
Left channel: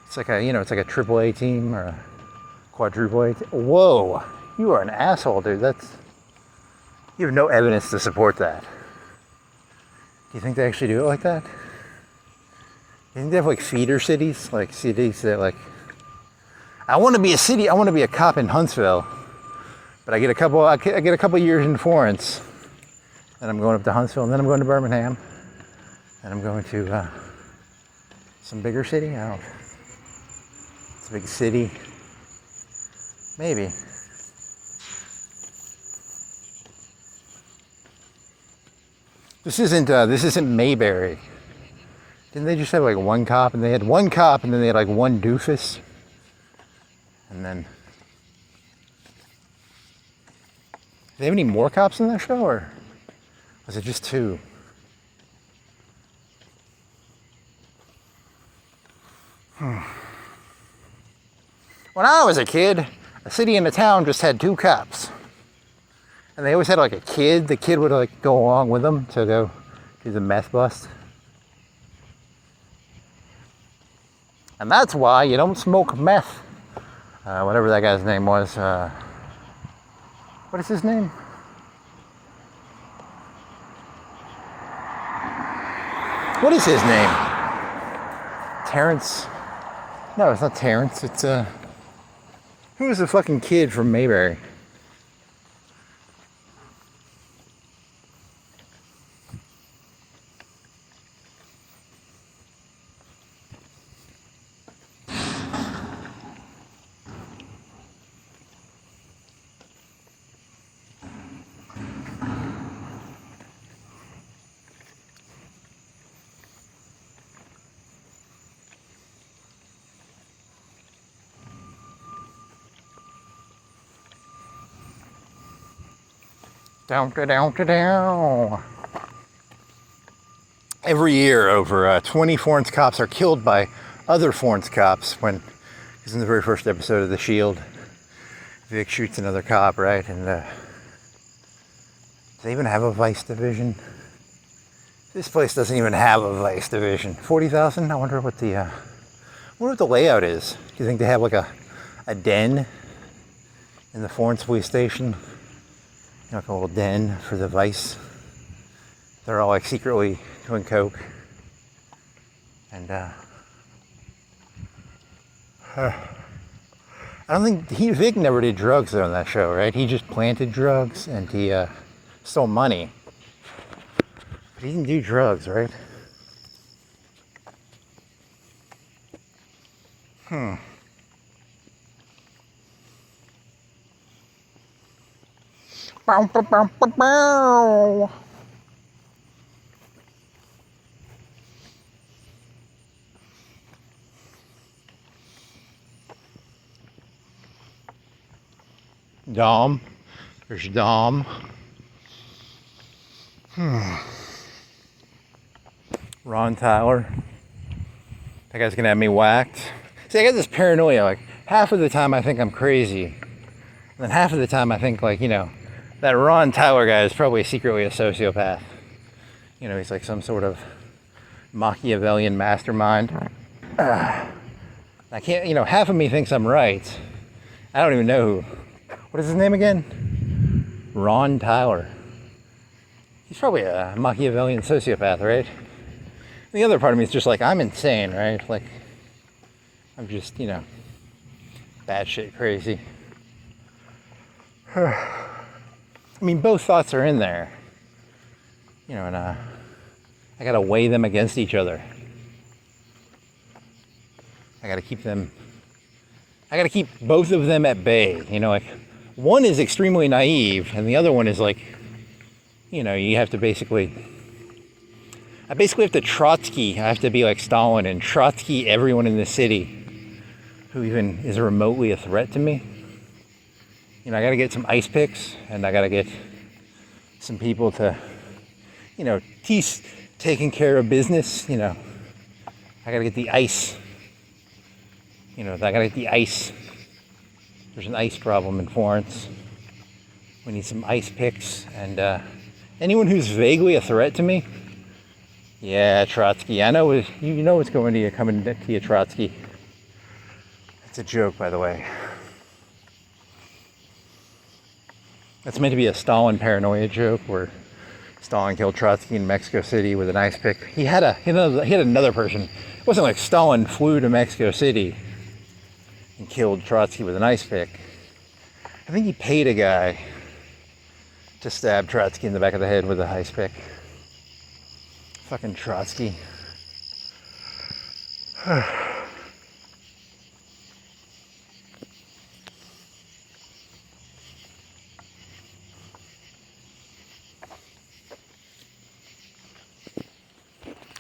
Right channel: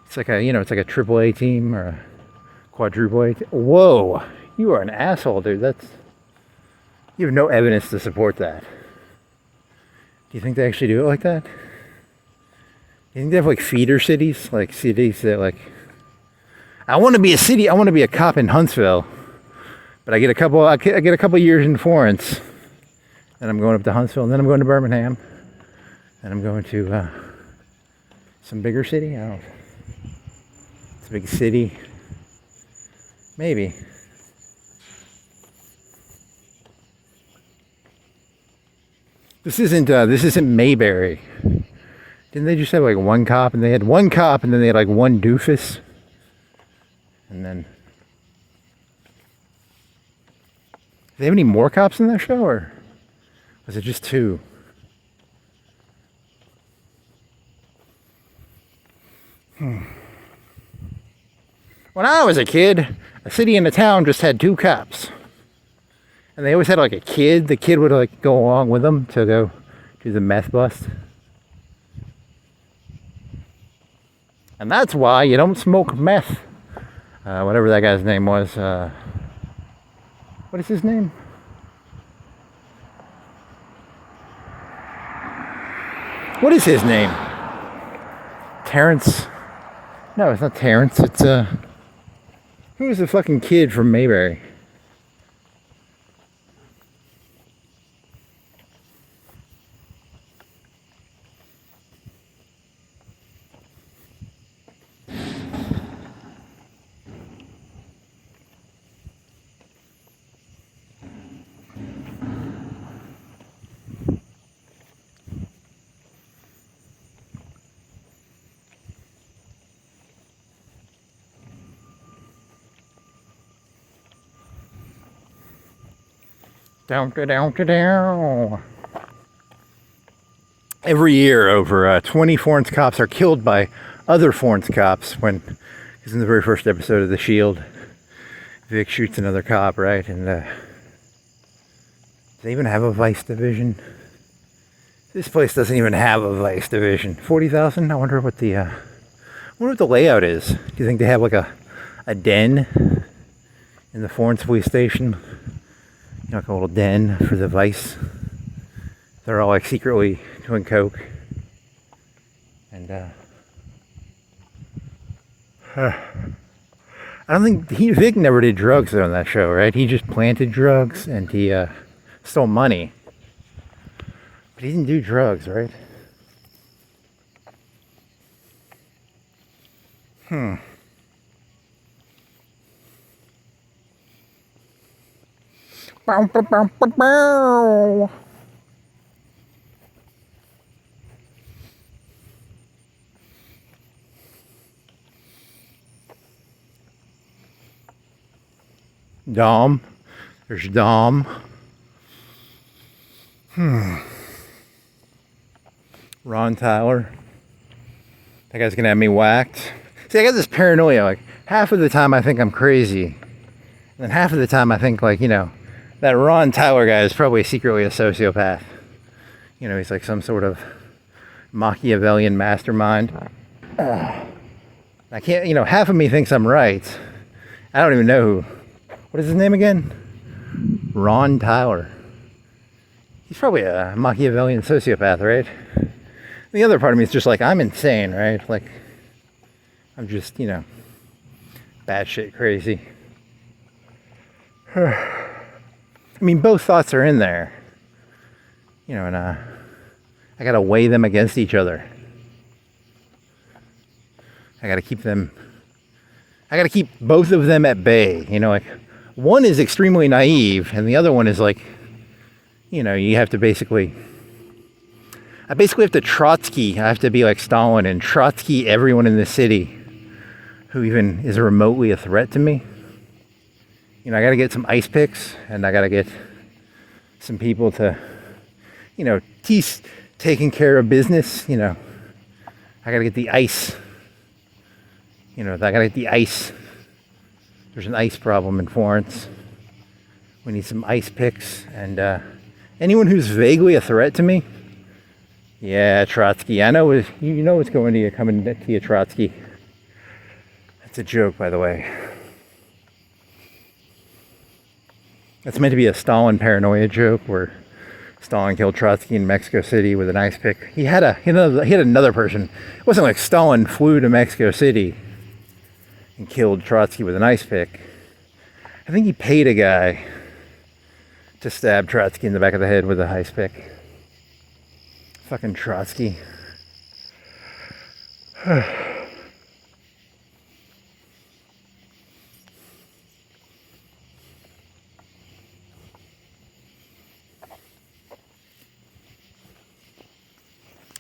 It's like a, you know, it's like a AAA team or a quadruple A team. Whoa, you are an asshole, dude. You have no evidence to support that. Do you think they actually do it like that? You think they have like feeder cities, like cities that like, I want to be a cop in Huntsville, but I get a couple years in Florence, and I'm going up to Huntsville, and then I'm going to Birmingham, and I'm going to some bigger city. I don't know. It's a big city, maybe. This isn't Mayberry. Didn't they just have like one cop, and they had one cop, and then they had like one doofus? And then, do they have any more cops in that show, or was it just two? When I was a kid, a city and a town just had two cops. And they always had like a kid. The kid would like go along with them to go do the meth bust. And that's why you don't smoke meth. Whatever that guy's name was. What is his name? What is his name? Terrence? No, it's not Terrence. It's who was the fucking kid from Mayberry? Down, down, down. Every year, over 20 Florence cops are killed by other Florence cops when, because in the very first episode of The Shield, Vic shoots another cop, right? And do they even have a vice division? This place doesn't even have a vice division. 40,000? I wonder what the layout is. Do you think they have like a den in the Florence police station? You know, like a little den for the vice. They're all like secretly doing coke. And I don't think Vic never did drugs on that show, right? He just planted drugs and he stole money. But he didn't do drugs, right? Bow, bow, bow, bow, bow. Dom. There's Dom. Ron Tyler. That guy's gonna have me whacked. See, I got this paranoia. Like, half of the time I think I'm crazy. And then half of the time I think, like, you know, that Ron Tyler guy is probably secretly a sociopath. You know, he's like some sort of Machiavellian mastermind. I can't, you know, half of me thinks I'm right. I don't even know what is his name again? Ron Tyler. He's probably a Machiavellian sociopath, right? The other part of me is just like, I'm insane, right? Like, I'm just, you know, batshit crazy. I mean, both thoughts are in there. You know, and I gotta weigh them against each other. I gotta keep both of them at bay. You know, like, one is extremely naive, and the other one is like, you know, you have to I basically have to Trotsky. I have to be like Stalin and Trotsky everyone in the city who even is remotely a threat to me. You know, I gotta get some ice picks, and I gotta get some people to, you know, taking care of business. You know, I gotta get the ice. You know, I gotta get the ice. There's an ice problem in Florence. We need some ice picks, and anyone who's vaguely a threat to me. Yeah, Trotsky. I know you know what's coming to you, Trotsky. That's a joke, by the way. That's meant to be a Stalin paranoia joke where Stalin killed Trotsky in Mexico City with an ice pick. He had another person. It wasn't like Stalin flew to Mexico City and killed Trotsky with an ice pick. I think he paid a guy to stab Trotsky in the back of the head with an ice pick. Fucking Trotsky.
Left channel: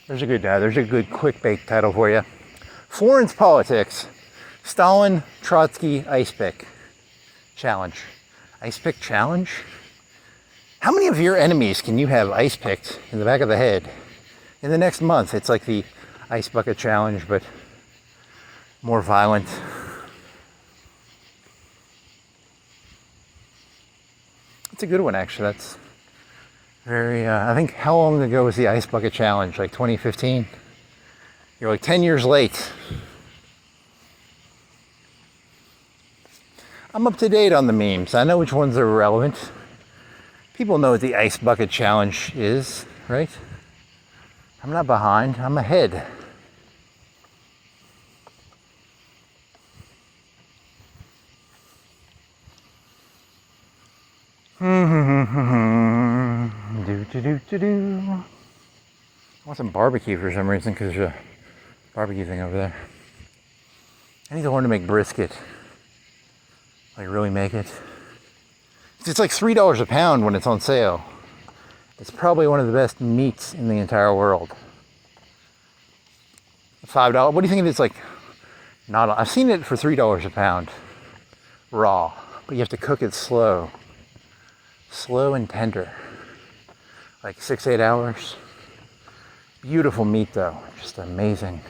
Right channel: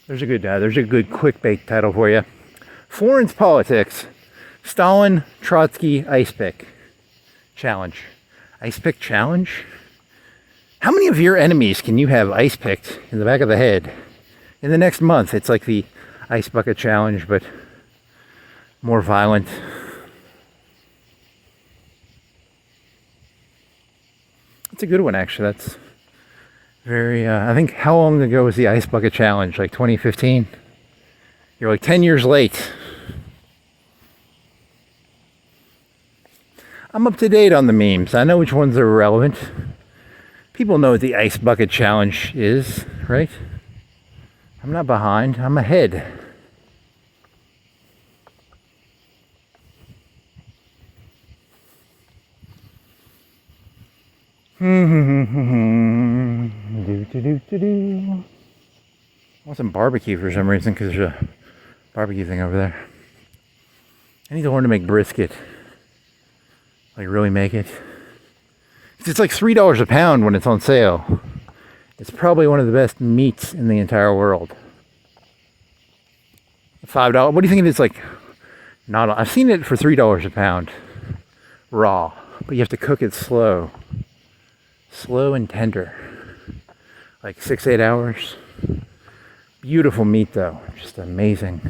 There's a good clickbait title for you. Florence politics. Stalin, Trotsky, ice pick challenge. Ice pick challenge? How many of your enemies can you have ice picked in the back of the head? In the next month, it's like the ice bucket challenge, but more violent. It's a good one, actually. That's very, I think, how long ago was the ice bucket challenge? Like 2015? You're like 10 years late. I'm up to date on the memes. I know which ones are relevant. People know what the ice bucket challenge is, right? I'm not behind, I'm ahead. I want some barbecue for some reason because there's a barbecue thing over there. I need to learn to make brisket. Like, really make it. It's like $3 a pound when it's on sale. It's probably one of the best meats in the entire world. $5. What do you think it is? Like, not. I've seen it for $3 a pound, raw. But you have to cook it slow and tender, like 6-8 hours. Beautiful meat, though, just amazing.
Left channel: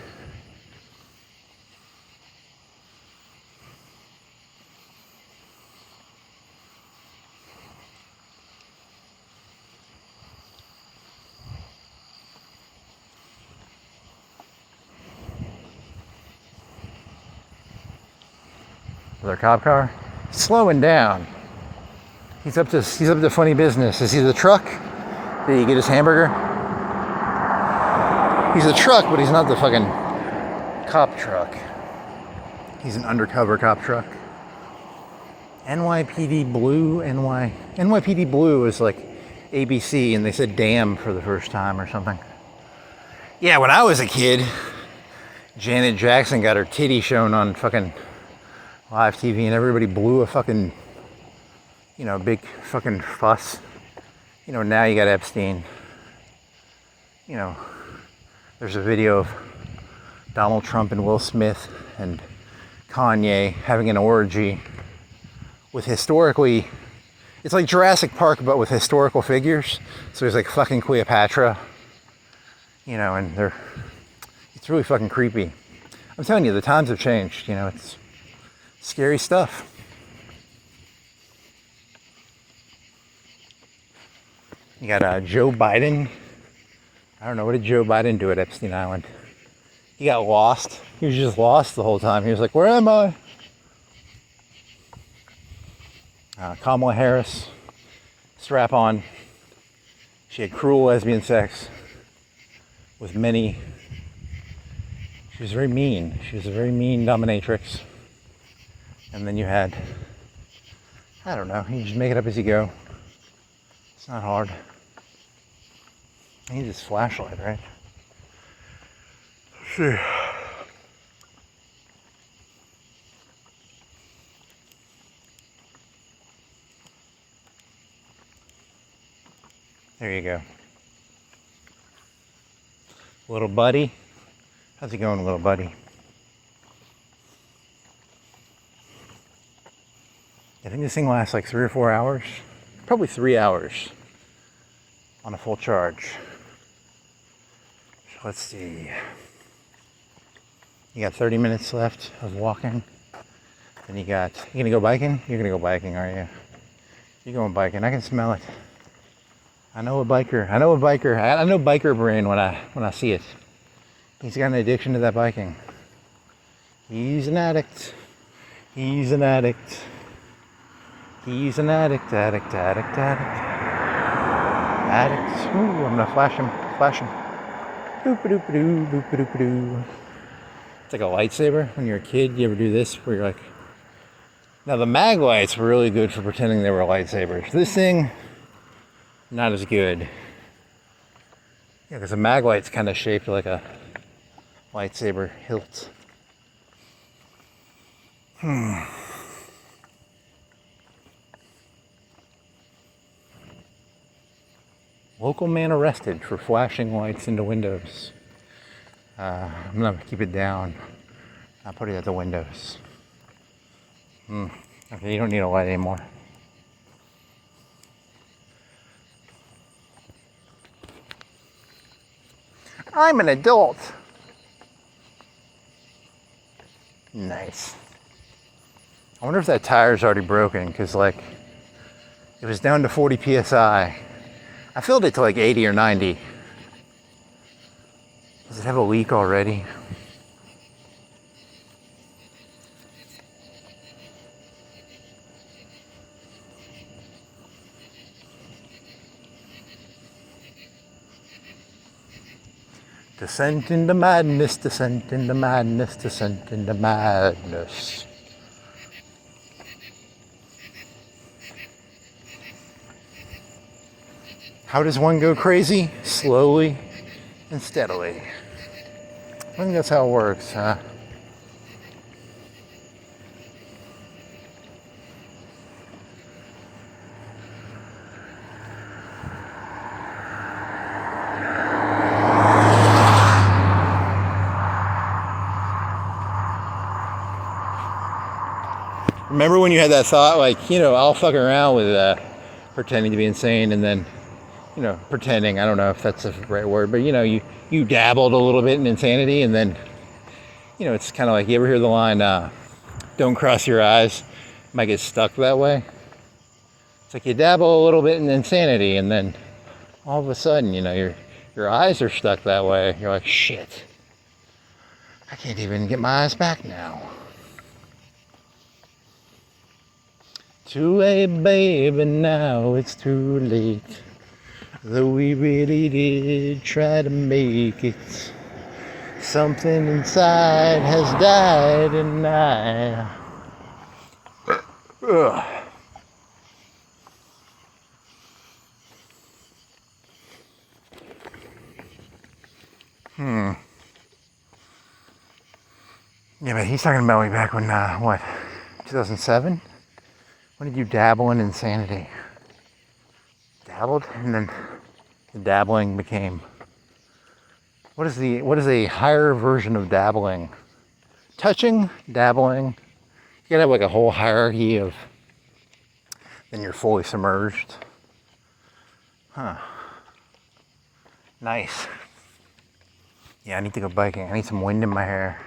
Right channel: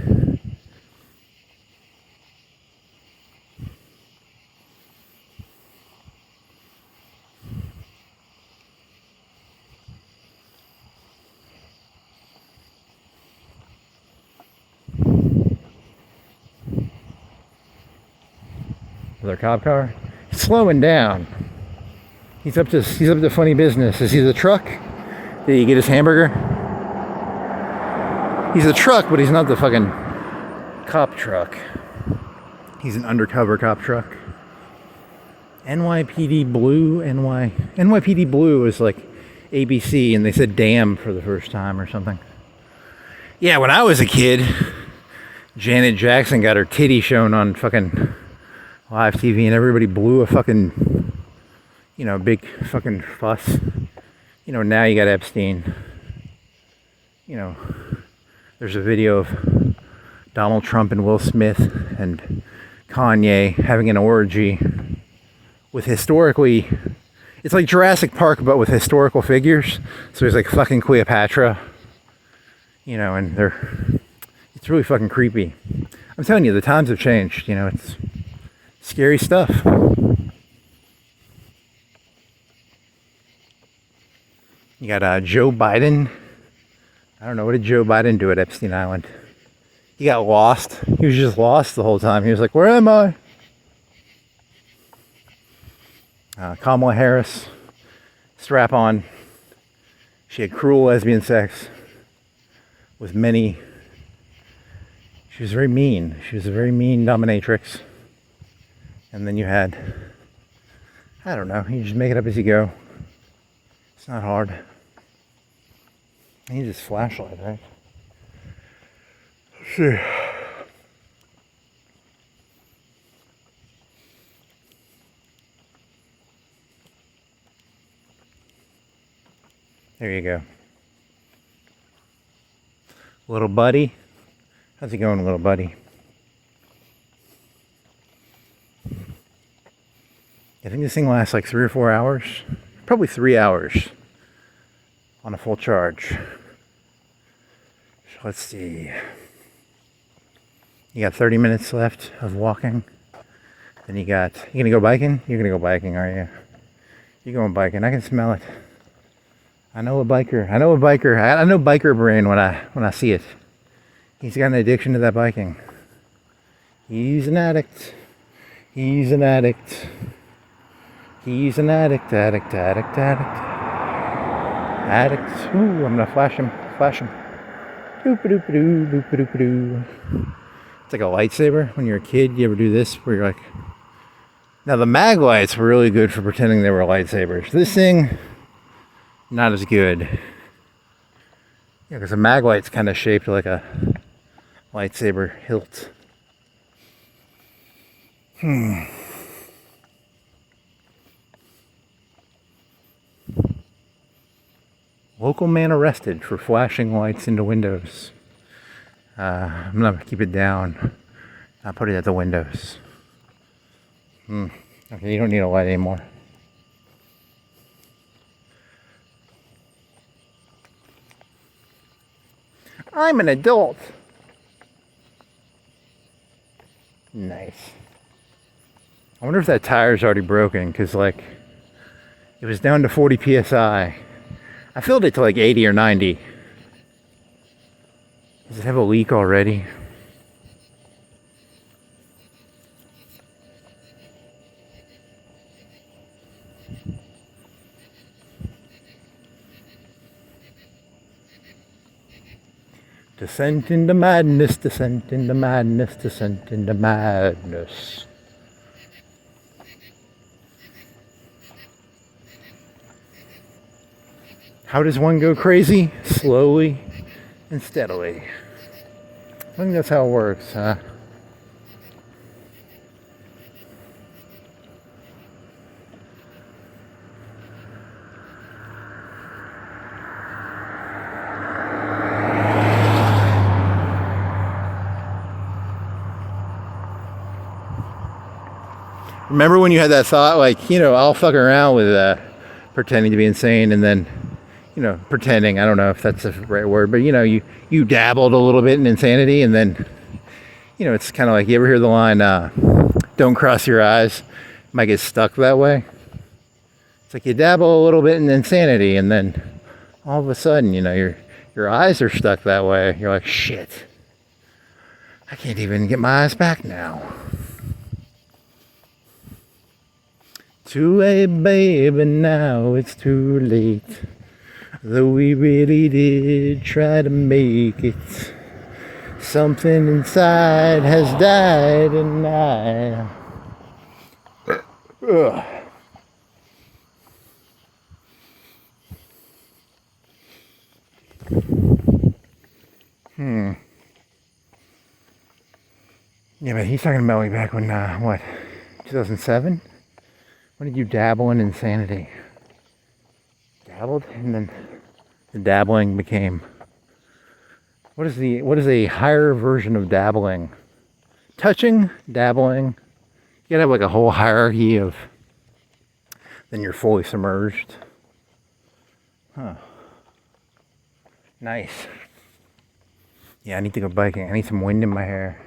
With our cop car, he's slowing down. He's up to funny business. Is he the truck? Did he get his hamburger? He's a truck, but he's not the fucking cop truck. He's an undercover cop truck. NYPD Blue, NYPD Blue is like ABC, and they said damn for the first time or something. Yeah, when I was a kid, Janet Jackson got her titty shown on fucking live TV, and everybody blew a fucking, big fucking fuss. Now you got Epstein. There's a video of Donald Trump and Will Smith and Kanye having an orgy with it's like Jurassic Park, but with historical figures. So there's like fucking Cleopatra, and it's really fucking creepy. I'm telling you, the times have changed, it's scary stuff. You got Joe Biden. I don't know, what did Joe Biden do at Epstein Island? He got lost. He was just lost the whole time. He was like, where am I? Kamala Harris, strap on. She had cruel lesbian sex with many. She was very mean. She was a very mean dominatrix. And then you had, I don't know, you just make it up as you go. It's not hard. I need this flashlight, right? Let's see. There you go. Little buddy. How's it going, little buddy? I think this thing lasts like 3 or 4 hours. Probably 3 hours on a full charge. So let's see. You got 30 minutes left of walking. Then you gonna go biking? You're gonna go biking, are you? You're going biking. I can smell it. I know biker brain when I see it. He's got an addiction to that biking. He's an addict. He's an addict. He's an addict. Addict. Ooh, I'm gonna flash him. Doop-a-doop-a-doo, doop-a-doop-a-doo. It's like a lightsaber. When you're a kid, you ever do this where you're like... Now the mag lights were really good for pretending they were lightsabers. This thing, not as good. Yeah, because a mag light's kind of shaped like a lightsaber hilt. Local man arrested for flashing lights into windows. I'm gonna keep it down. I'll put it at the windows. Okay, you don't need a light anymore. I'm an adult. Nice. I wonder if that tire's already broken, because like it was down to 40 psi. I filled it to like 80 or 90. Does it have a leak already? Descent into madness, descent into madness, descent into madness. How does one go crazy? Slowly and steadily. I think that's how it works, huh? Remember when you had that thought, like, you know, I'll fuck around with pretending to be insane, and then, you know, pretending, I don't know if that's the right word, but, you know, you dabbled a little bit in insanity, and then, you know, it's kind of like, you ever hear the line, don't cross your eyes, you might get stuck that way? It's like you dabble a little bit in insanity, and then all of a sudden, you know, your eyes are stuck that way. You're like, shit, I can't even get my eyes back now. Too late, baby, now it's too late. Though we really did try to make it, something inside has died, and Ugh. Yeah, but he's talking about way back when, what, 2007? When did you dabble in insanity? Dabbled, and then the dabbling became... What is a higher version of dabbling? Touching, dabbling. You gotta have like a whole hierarchy of... Then you're fully submerged. Huh. Nice. Yeah, I need to go biking. I need some wind in my hair.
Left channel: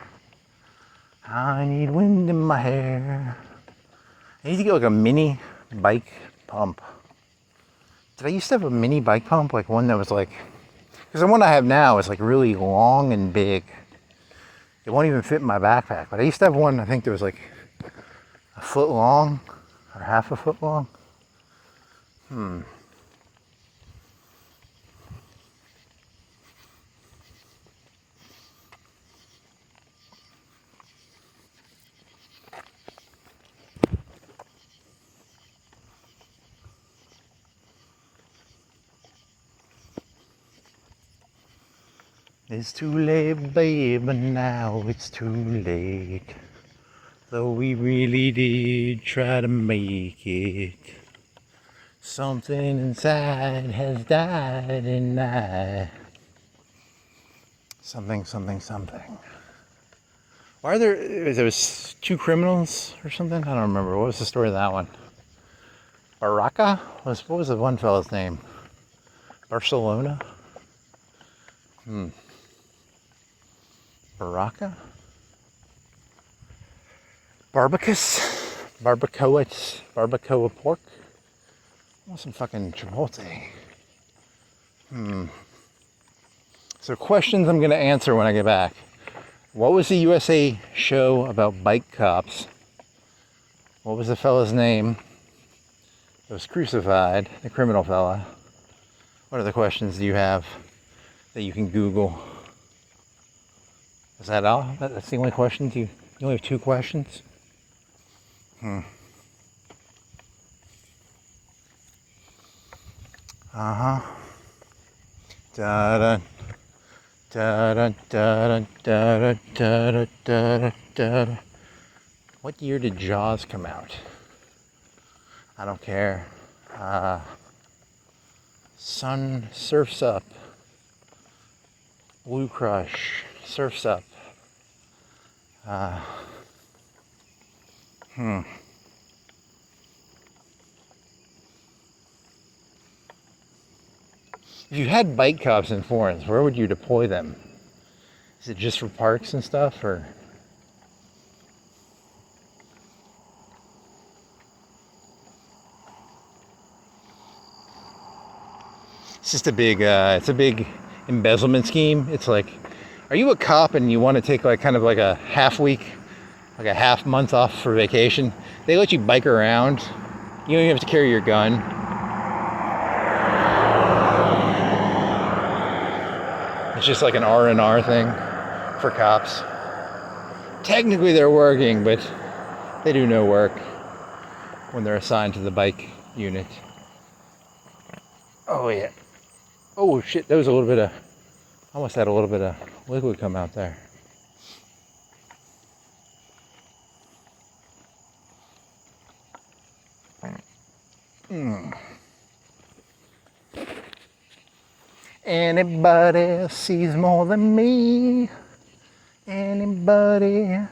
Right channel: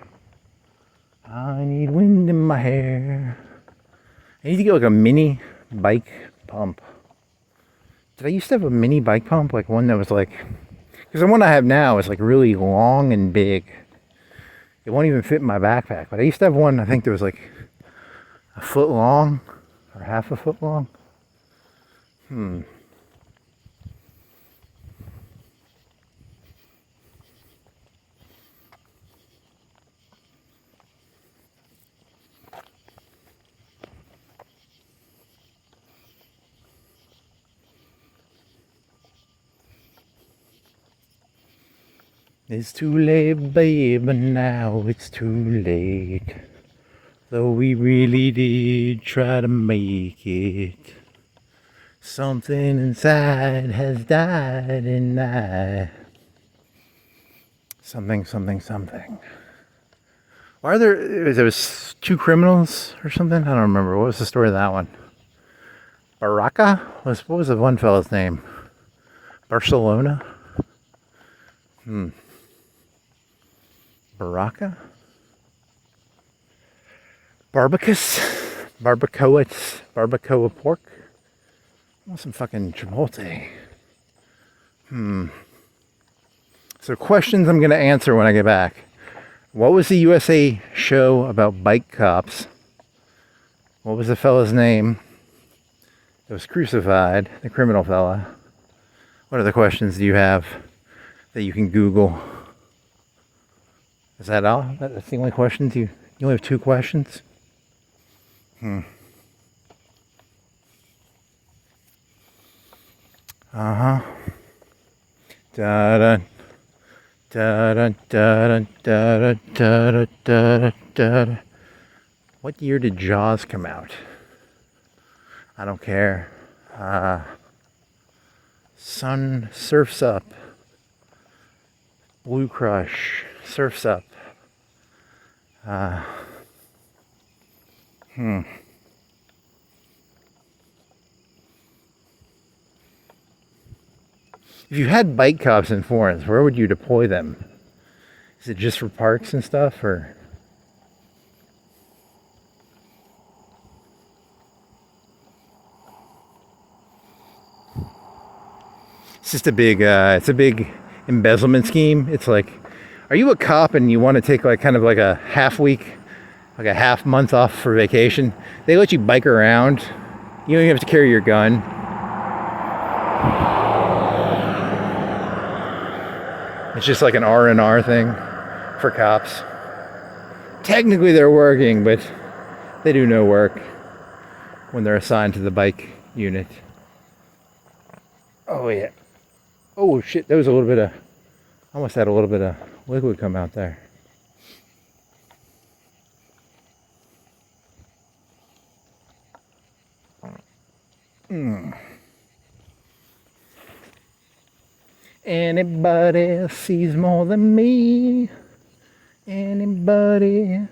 I need wind in my hair. I need to get like a mini bike pump. Did I used to have a mini bike pump? Like one that was like... Because the one I have now is like really long and big. It won't even fit in my backpack. But I used to have one, I think that was like a foot long. Or half a foot long? It's too late, babe, and now it's too late. Though we really did try to make it. Something inside has died and I... Something. Why are there was two criminals or something? I don't remember. What was the story of that one? Baraka? What was the one fellow's name? Barcelona? Baraka? Barbicus? Barbacoa pork? I want some fucking Chipotle. So questions I'm going to answer when I get back. What was the USA show about bike cops? What was the fella's name that was crucified, the criminal fella? What other questions do you have that you can Google? Is that all? That's the only questions? You only have 2 questions? Da da da da da da da da da. What year did Jaws come out? I don't care. Sun Surfs Up. Blue Crush Surfs Up. If you had bike cops in Florence, where would you deploy them? Is it just for parks and stuff, or? It's just a big, embezzlement scheme. It's like, are you a cop and you want to take like kind of like a half week, like a half month off for vacation? They let you bike around. You don't even have to carry your gun. It's just like an R&R thing for cops. Technically they're working, but they do no work when they're assigned to the bike unit. Oh yeah. Oh shit, there was a little bit of, almost had a little bit of liquid come out there. Anybody sees more than me? Anybody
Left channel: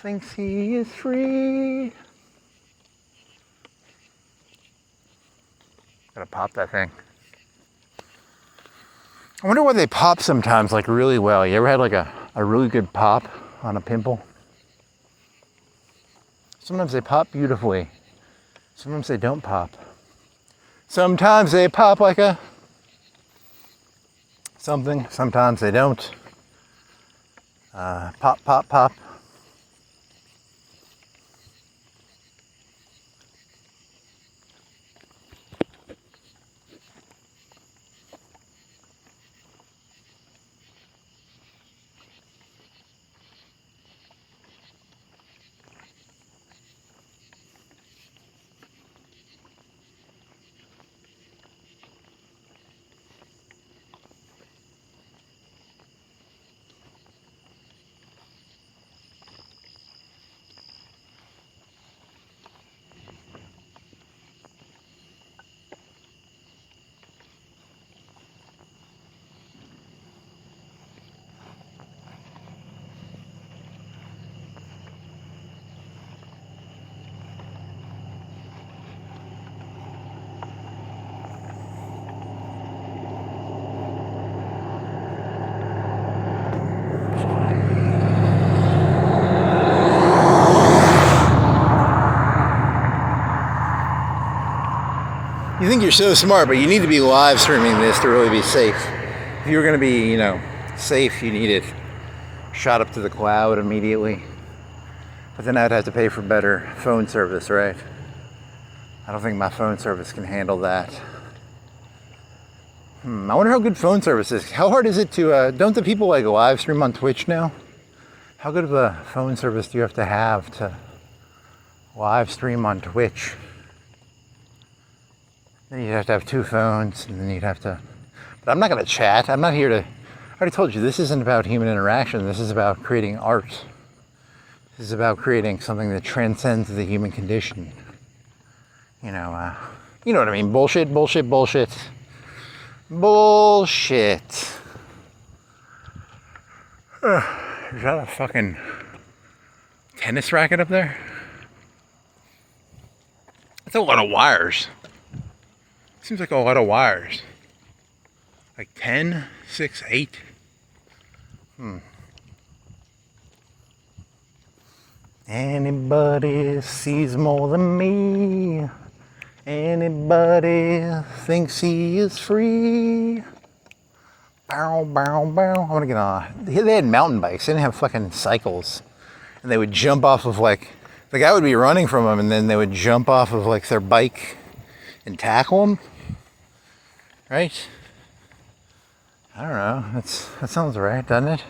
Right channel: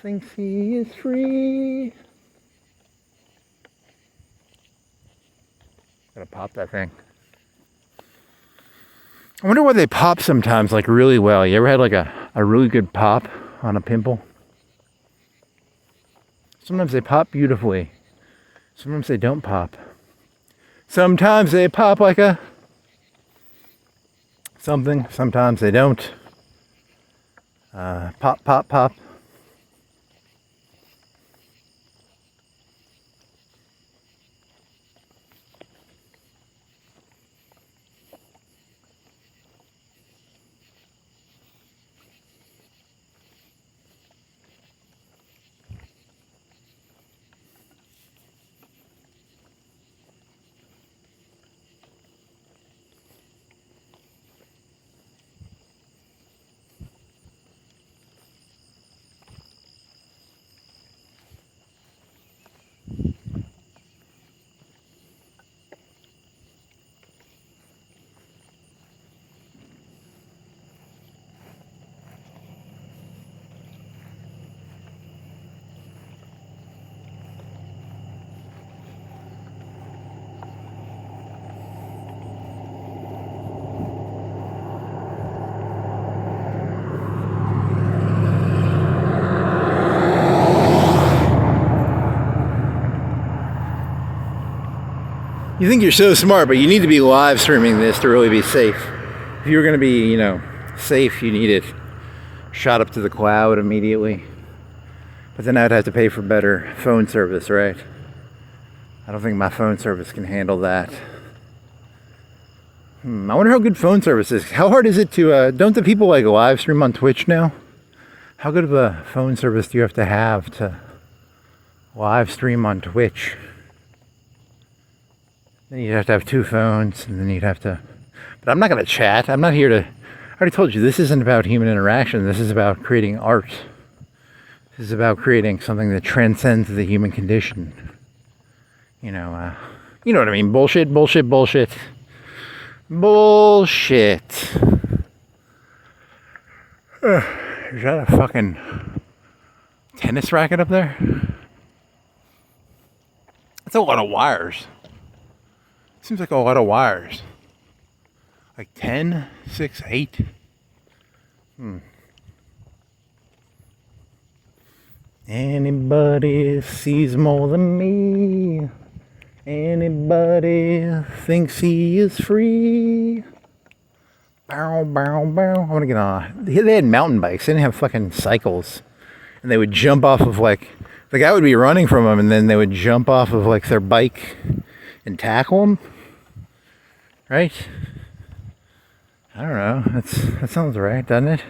thinks he is free? Gotta pop that thing. I wonder why they pop sometimes like really well. You ever had like a really good pop on a pimple? Sometimes they pop beautifully. Sometimes they don't pop. Sometimes they pop like a something. Sometimes they don't. Pop, pop, pop. You think you're so smart, but you need to be live streaming this to really be safe. If you're going to be, safe, you need it shot up to the cloud immediately. But then I'd have to pay for better phone service, right? I don't think my phone service can handle that. I wonder how good phone service is. How hard is it to, don't the people like live stream on Twitch now? How good of a phone service do you have to live stream on Twitch? Then you'd have to have two phones, and then you'd have to... But I'm not going to chat. I'm not here to... I already told you, this isn't about human interaction. This is about creating art. This is about creating something that transcends the human condition. You know what I mean. Bullshit, bullshit, bullshit. Bullshit. Is that a fucking tennis racket up there? That's a lot of wires. Seems like a lot of wires. Like 10, 6, 8. Anybody sees more than me. Anybody thinks he is free. Bow, bow, bow. I want to get on. They had mountain bikes. They didn't have fucking cycles. And they would jump off of like, the guy would be running from them, and then they would jump off of like their bike and tackle him. Right? I don't know. That sounds right, doesn't it?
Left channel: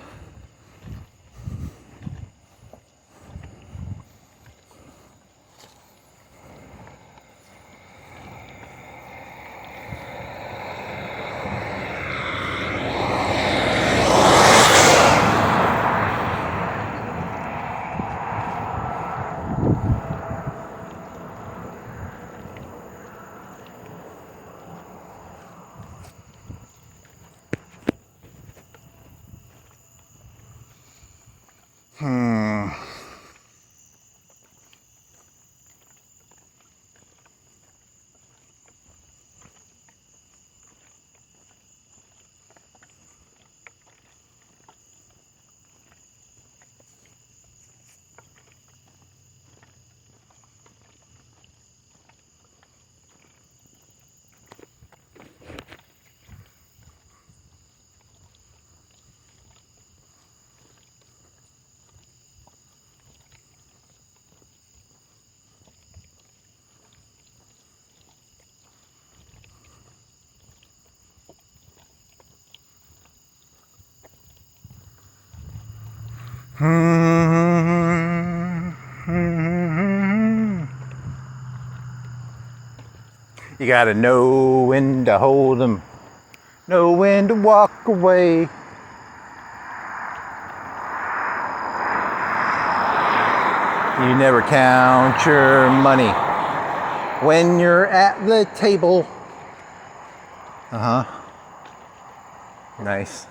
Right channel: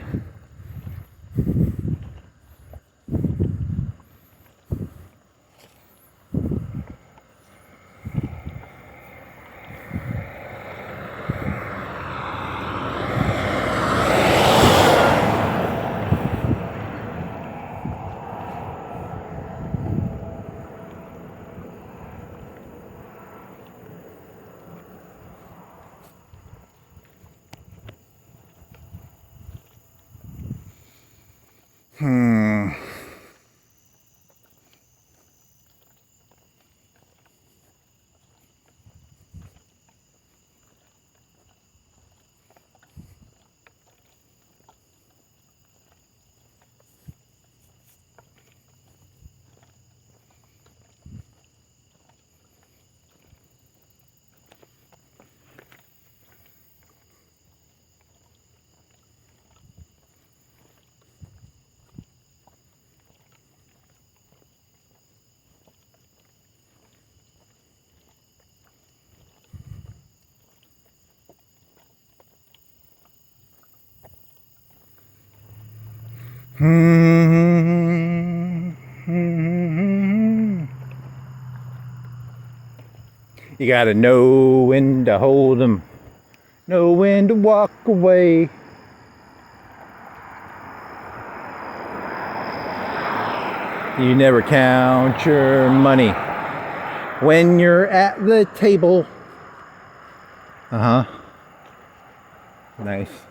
You gotta know when to hold them, know when to walk away. You never count your money when you're at the table. Nice.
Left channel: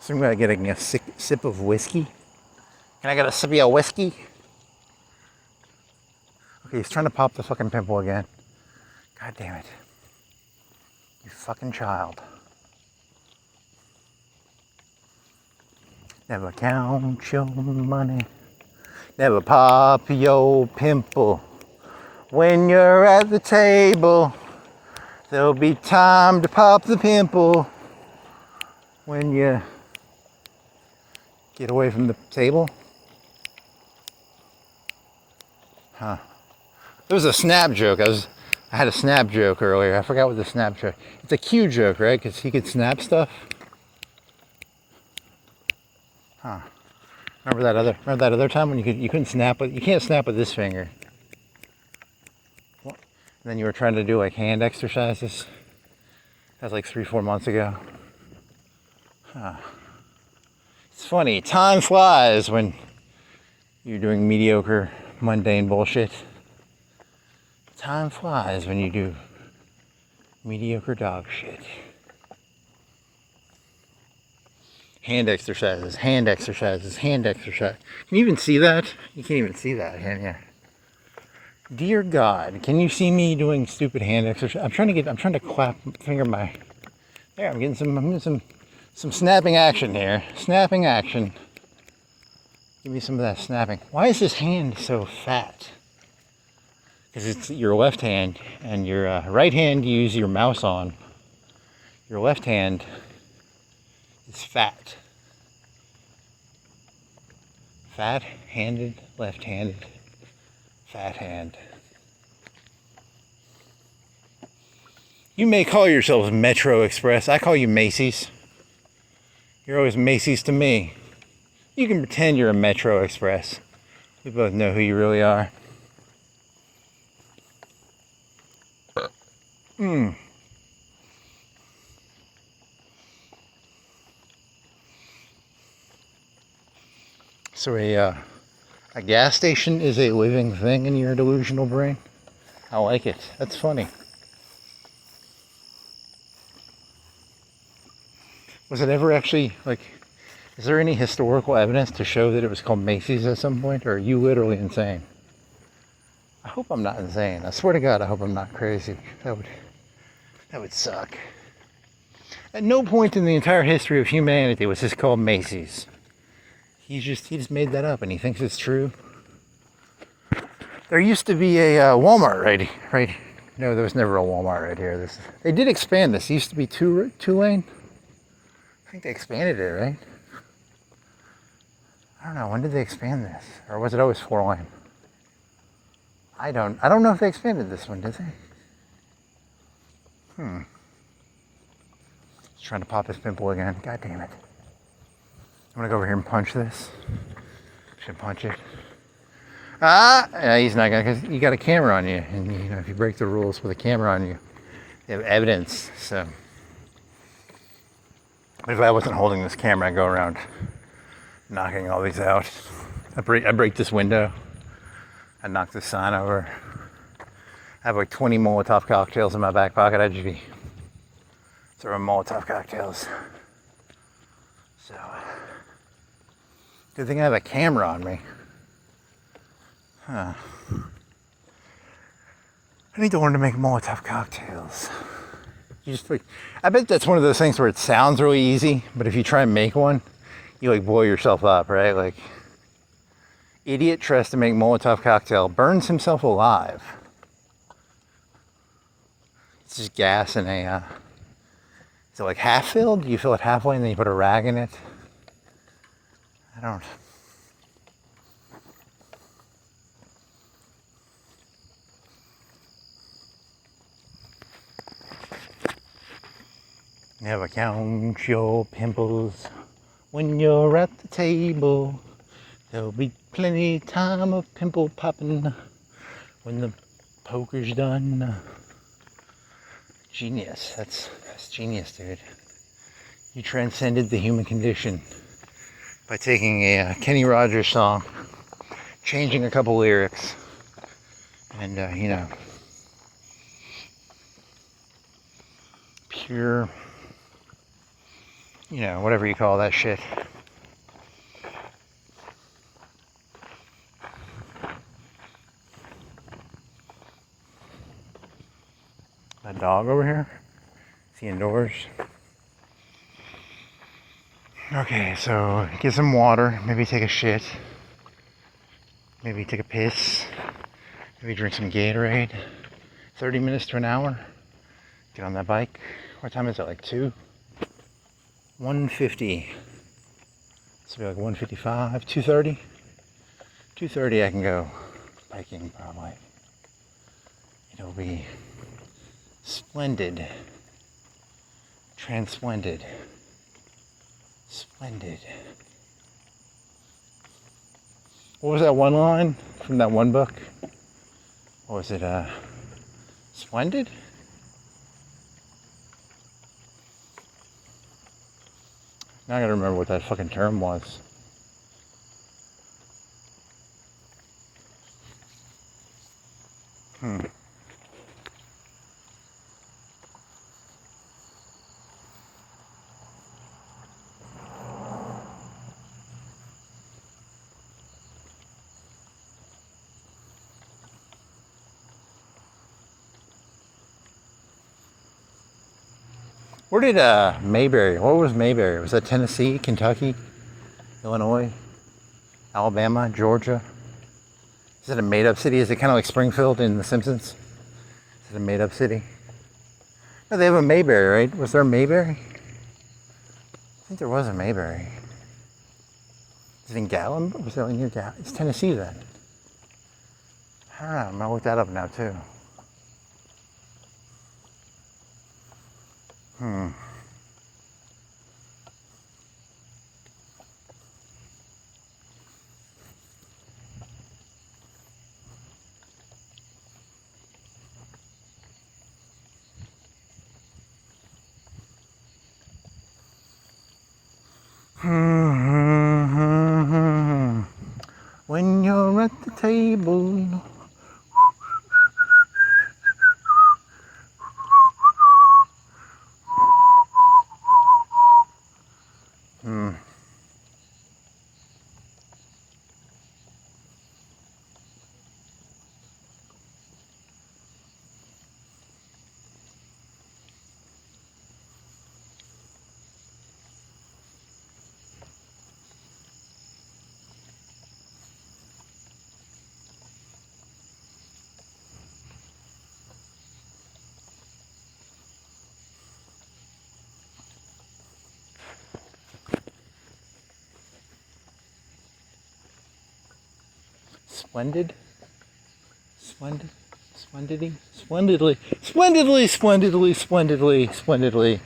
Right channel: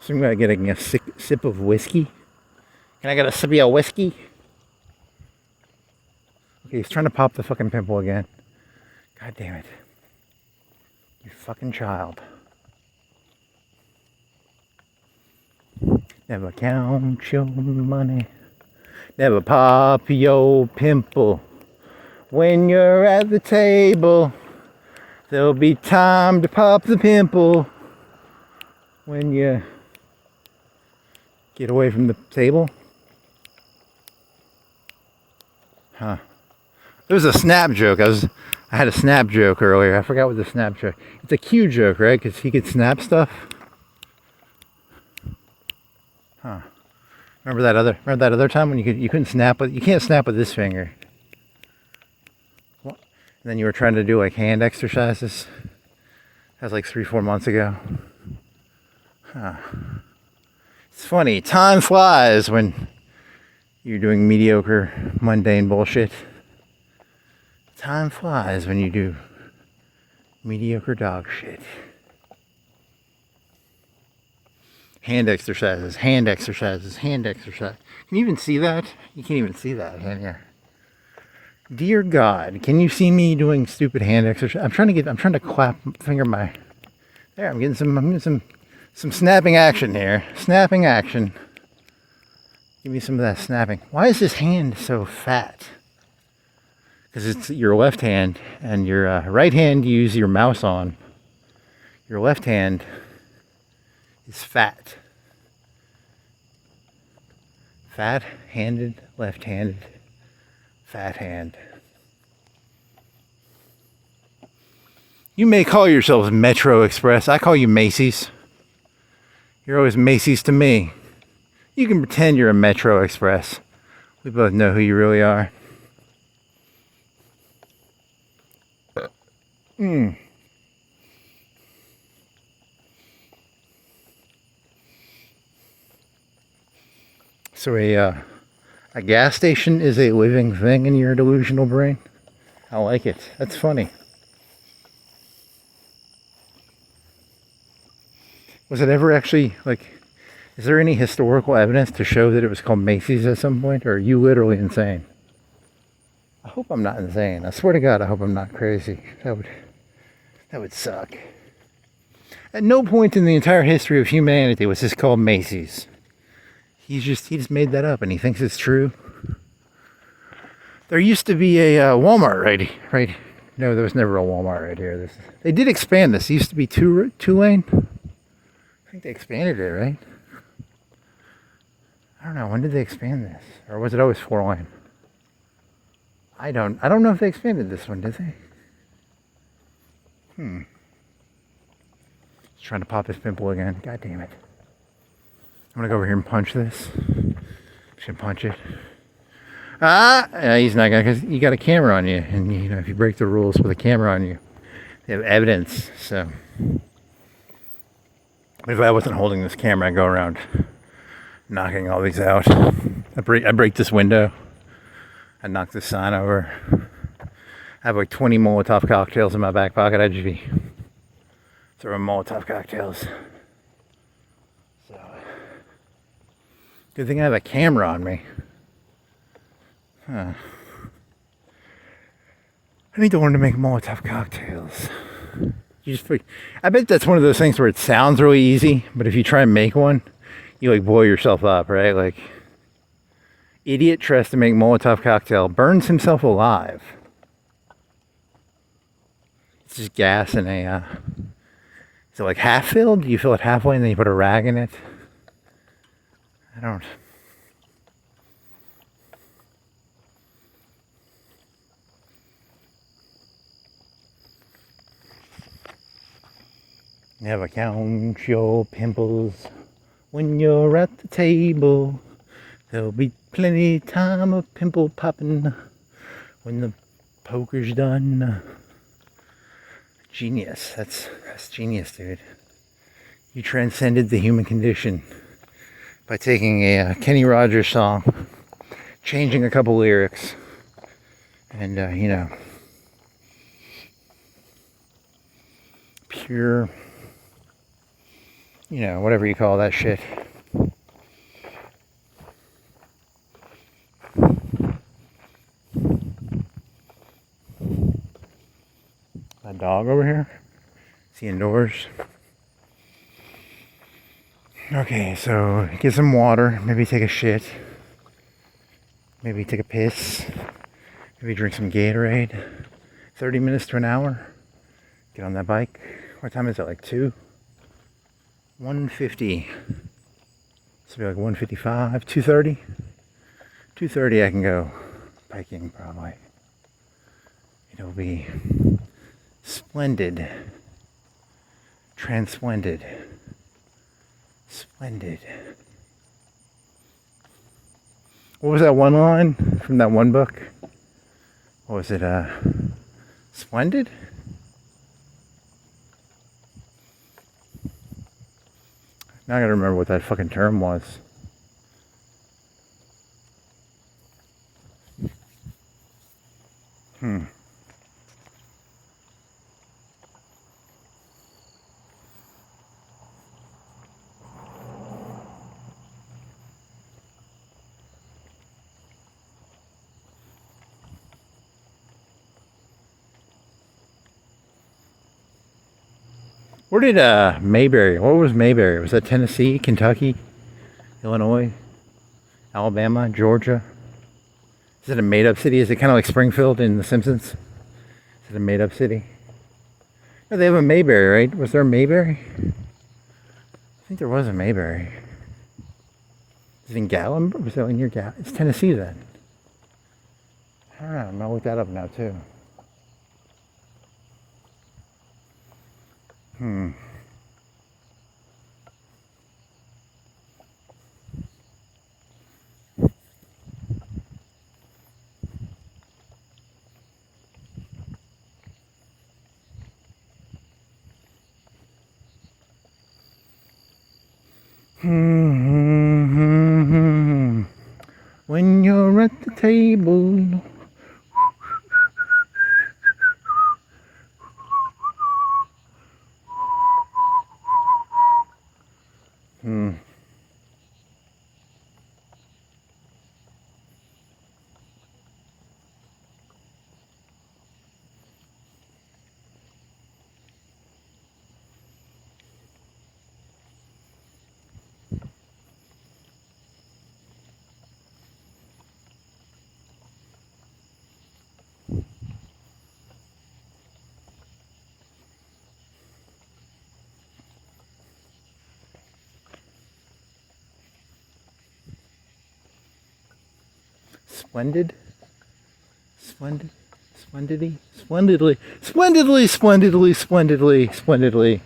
So I'm gonna getting a sip of whiskey. Can I get a sip of whiskey? Okay, he's trying to pop the fucking pimple again. God damn it. You fucking child. Never count your money. Never pop your pimple. When you're at the table, there'll be time to pop the pimple. When you get away from the table. There was a snap joke. I had a snap joke earlier. I forgot what the snap joke. It's a Q joke, right? Because he could snap stuff. Remember that other time when you couldn't snap with, you can't snap with this finger. And then you were trying to do like hand exercises. That was like 3-4 months ago. It's funny. Time flies when you're doing mediocre, mundane bullshit. Time flies when you do mediocre dog shit. Hand exercises, hand exercises, hand exercise. Can you even see that? You can't even see that, can you? Dear God, can you see me doing stupid hand exercise? I'm trying to clap finger my... There, I'm getting some snapping action here. Snapping action. Give me some of that snapping. Why is this hand so fat? Because it's your left hand, and your right hand you use your mouse on. Your left hand is fat. Fat-handed, left-handed, fat hand. You may call yourselves Metro Express. I call you Macy's. You're always Macy's to me. You can pretend you're a Metro Express. We both know who you really are. So a gas station is a living thing in your delusional brain? I like it. That's funny. Was it ever actually, like, is there any historical evidence to show that it was called Macy's at some point? Or are you literally insane? I hope I'm not insane. I swear to God, I hope I'm not crazy. That would suck. At no point in the entire history of humanity was this called Macy's. He just made that up and he thinks it's true. There used to be a Walmart right. No, there was never a Walmart right here. They did expand this. It used to be two lane. I think they expanded it, right? I don't know. When did they expand this? Or was it always 4 lane? I don't know if they expanded this one, did they? He's trying to pop his pimple again. God damn it. I'm gonna go over here and punch this. Should punch it. Yeah, he's not gonna, because you got a camera on you, and you know, if you break the rules with a camera on you, you have evidence. So if I wasn't holding this camera, I'd go around knocking all these out. I break this window. I knock this sign over. I have like 20 Molotov cocktails in my back pocket. I'd just be throwing Molotov cocktails. So good thing I have a camera on me. I need to learn to make Molotov cocktails. I bet that's one of those things where it sounds really easy, but if you try and make one, you like blow yourself up, right? Like, idiot tries to make Molotov cocktail, burns himself alive. It's just gas in a, is it like half filled? Do you fill it halfway and then you put a rag in it? I don't. Never count your pimples when you're at the table. There'll be plenty time of pimple popping when the poker's done. Genius. That's genius, dude. You transcended the human condition by taking a Kenny Rogers song, changing a couple lyrics, and you know, pure, you know, whatever you call that shit. That dog over here? Is he indoors? Okay, so get some water, maybe take a shit, maybe take a piss, maybe drink some Gatorade. 30 minutes to an hour. Get on that bike. What time is it? Like 2? 1:50. This will be like 1:55. 2:30. 2:30 I can go biking probably. It'll be splendid. Transplendid. Splendid. What was that one line from that one book? What was it? Splendid? Now I gotta remember what that fucking term was. Where did Mayberry, what was Mayberry? Was that Tennessee, Kentucky, Illinois, Alabama, Georgia? Is it a made-up city? Is it kind of like Springfield in The Simpsons? Is it a made-up city? No, they have a Mayberry, right? Was there a Mayberry? I think there was a Mayberry. Is it in Gatlinburg? Is that near Gatlinburg? It's Tennessee then. I don't know. I'm gonna look that up now too. When you're at the table. Splendid? Splendid? Splendidly? Splendidly? Splendidly, splendidly, splendidly, splendidly.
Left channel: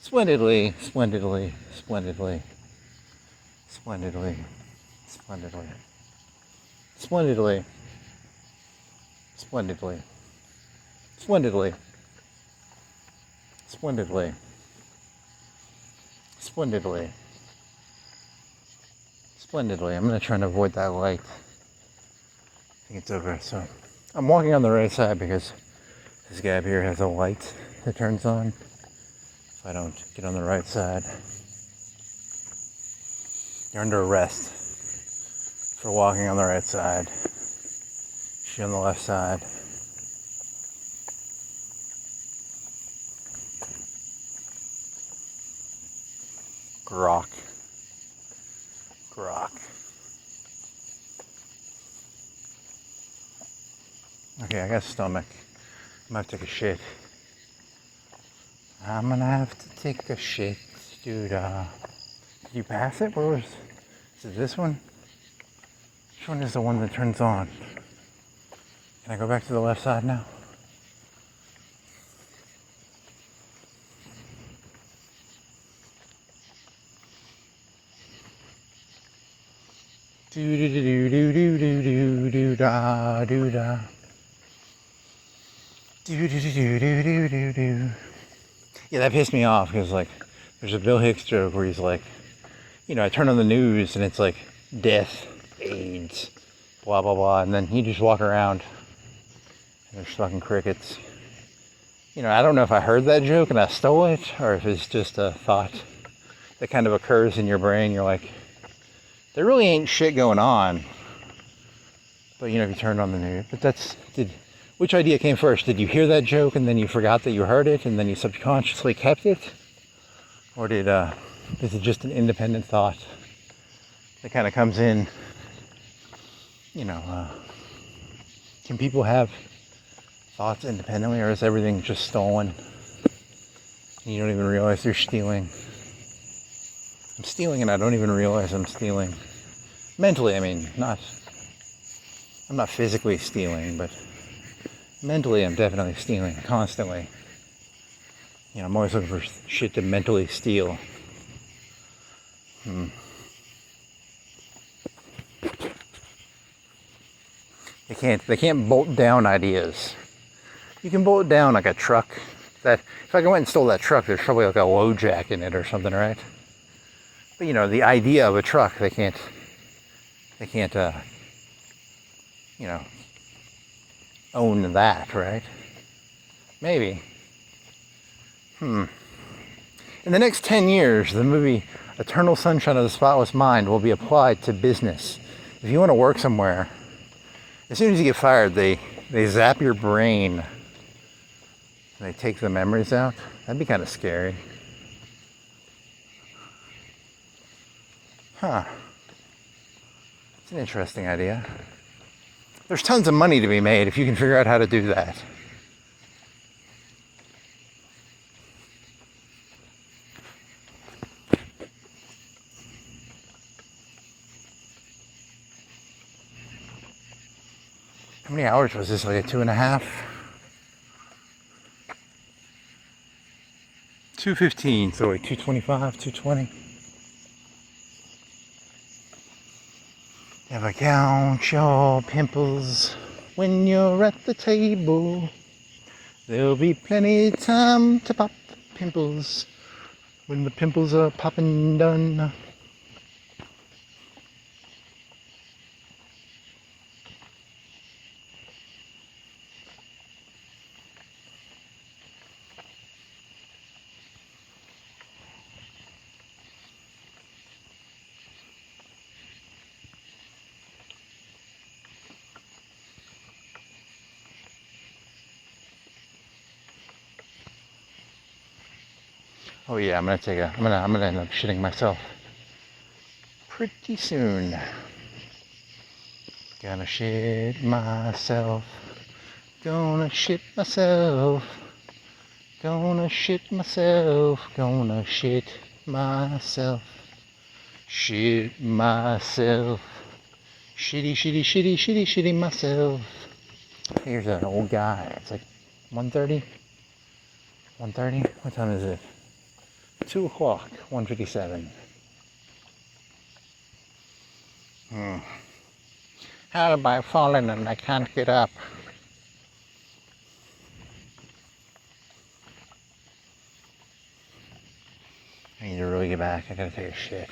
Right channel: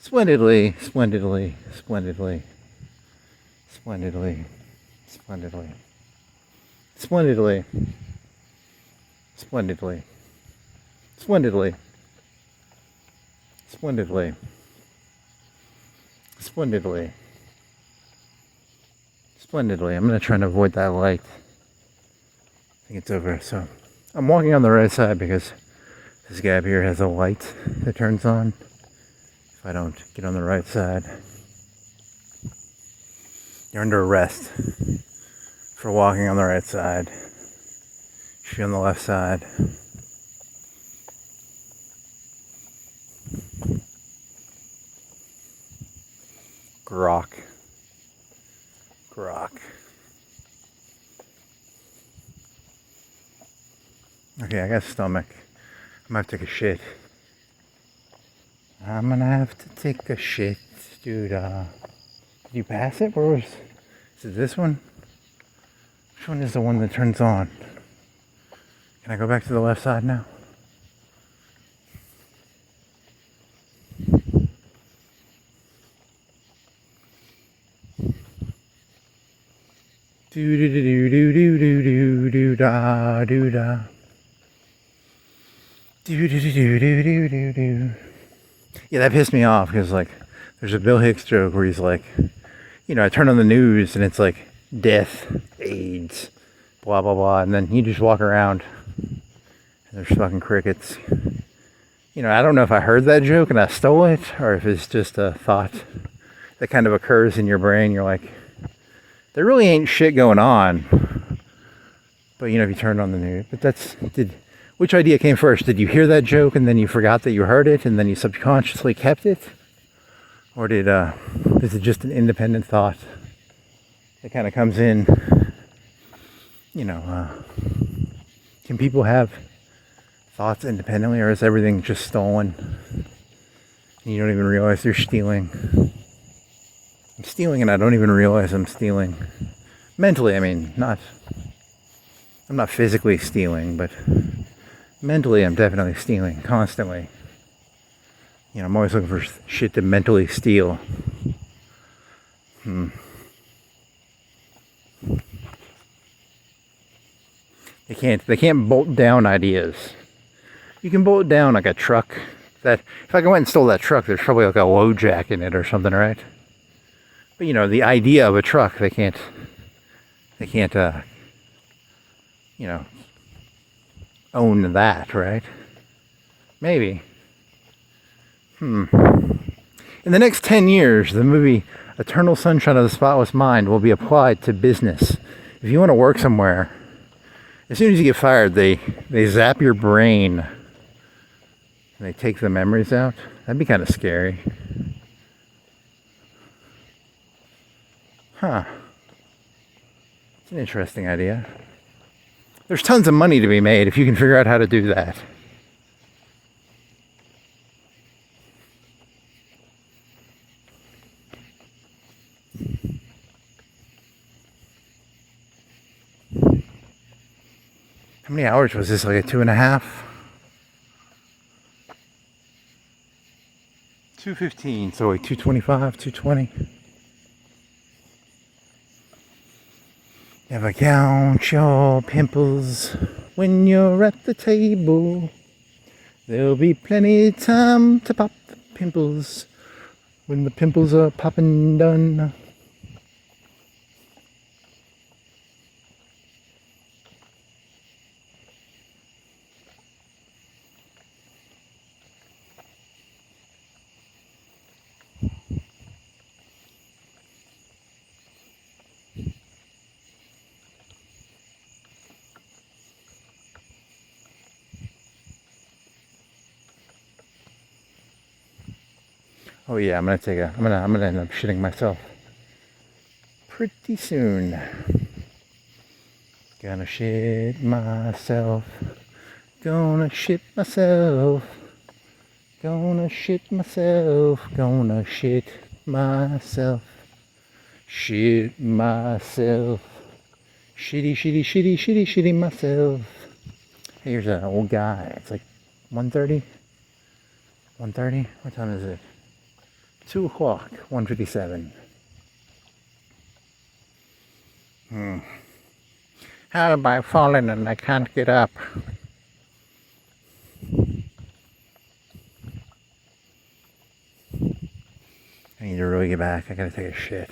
Splendidly, splendidly, splendidly. Splendidly. Splendidly. Splendidly. Splendidly. Splendidly. Splendidly. Splendidly. Splendidly. I'm going to try and avoid that light. I think it's over. So I'm walking on the right side because this guy up here has a light that turns on if I don't get on the right side. You're under arrest for walking on the right side. You should be on the left side. Grok. Grok. Okay, I got a stomach. I'm gonna have to take a shit. I'm gonna have to take a shit, dude. Did you pass it? Where was? Is it this one? Which one is the one that turns on? Can I go back to the left side now? Do do do do do do do do da do da. Do do do do do do do. Yeah, that pissed me off because like there's a Bill Hicks joke where he's like, you know, I turn on the news and it's like death, AIDS, blah blah blah, and then you just walk around and there's fucking crickets. You know, I don't know if I heard that joke and I stole it or if it's just a thought that kind of occurs in your brain. You're like, there really ain't shit going on. But you know, if you turned on the news, but which idea came first? Did you hear that joke and then you forgot that you heard it and then you subconsciously kept it? Or is it just an independent thought that kind of comes in? You know, can people have thoughts independently, or is everything just stolen? And you don't even realize you're stealing. I'm stealing and I don't even realize I'm stealing. Mentally, I mean, I'm not physically stealing, but mentally I'm definitely stealing, constantly. You know, I'm always looking for shit to mentally steal. They can't bolt down ideas. You can bolt down like a truck. That if I went and stole that truck, there's probably like a low jack in it or something, right? But you know, the idea of a truck, they can't you know, own that, right? Maybe. In the next 10 years, the movie Eternal Sunshine of the Spotless Mind will be applied to business. If you want to work somewhere, as soon as you get fired, they zap your brain. And they take the memories out. That'd be kind of scary. Huh. It's an interesting idea. There's tons of money to be made if you can figure out how to do that. How many hours was this? Like a 2.5? 2:15, so like 2:25, 2:20. Never count your pimples when you're at the table. There'll be plenty of time to pop the pimples when the pimples are popping done. Oh yeah, I'm gonna end up shitting myself pretty soon. Gonna shit myself. Gonna shit myself. Gonna shit myself. Gonna shit myself. Shit myself. Shitty myself. Here's an old guy. It's like 1:30. 1:30? What time is it? 2 o'clock, 1:57. How have I fallen and I can't get up? I need to really get back. I gotta take a shit.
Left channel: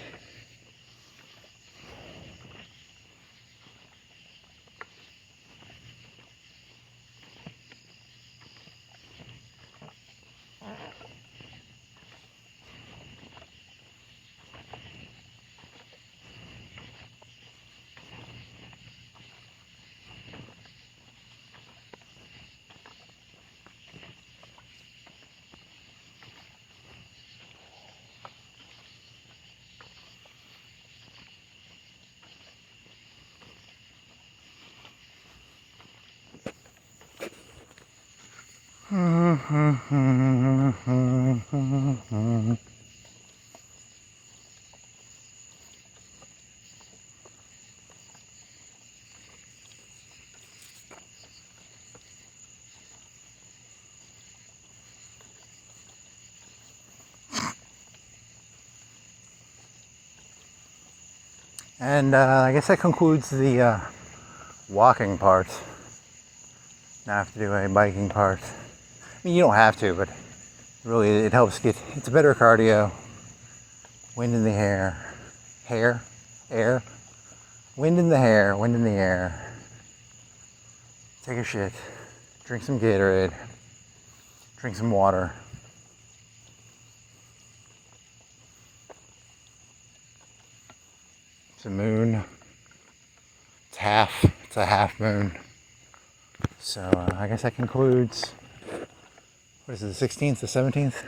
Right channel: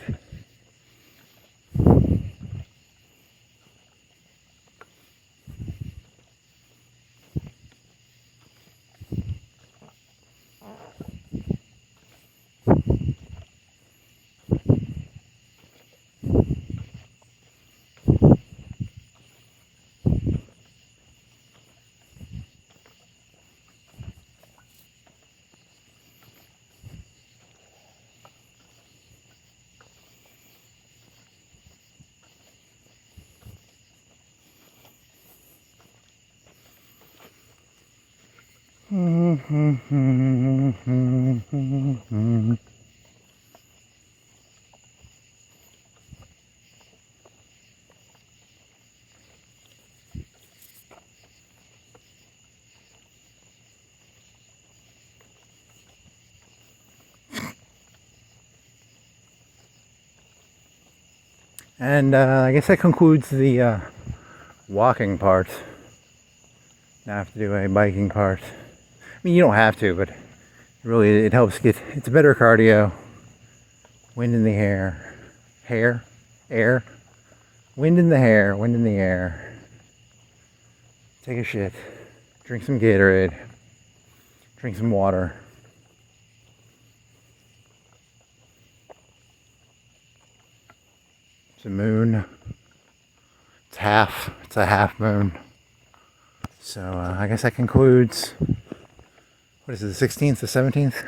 And I guess that concludes the walking part. Now I have to do a biking part. I mean, you don't have to, but really it helps get, it's a better cardio. Wind in the hair. Air. Wind in the hair, wind in the air. Take a shit. Drink some Gatorade. Drink some water. It's a moon. It's a half moon. So I guess that concludes, what is it, the 16th, the 17th?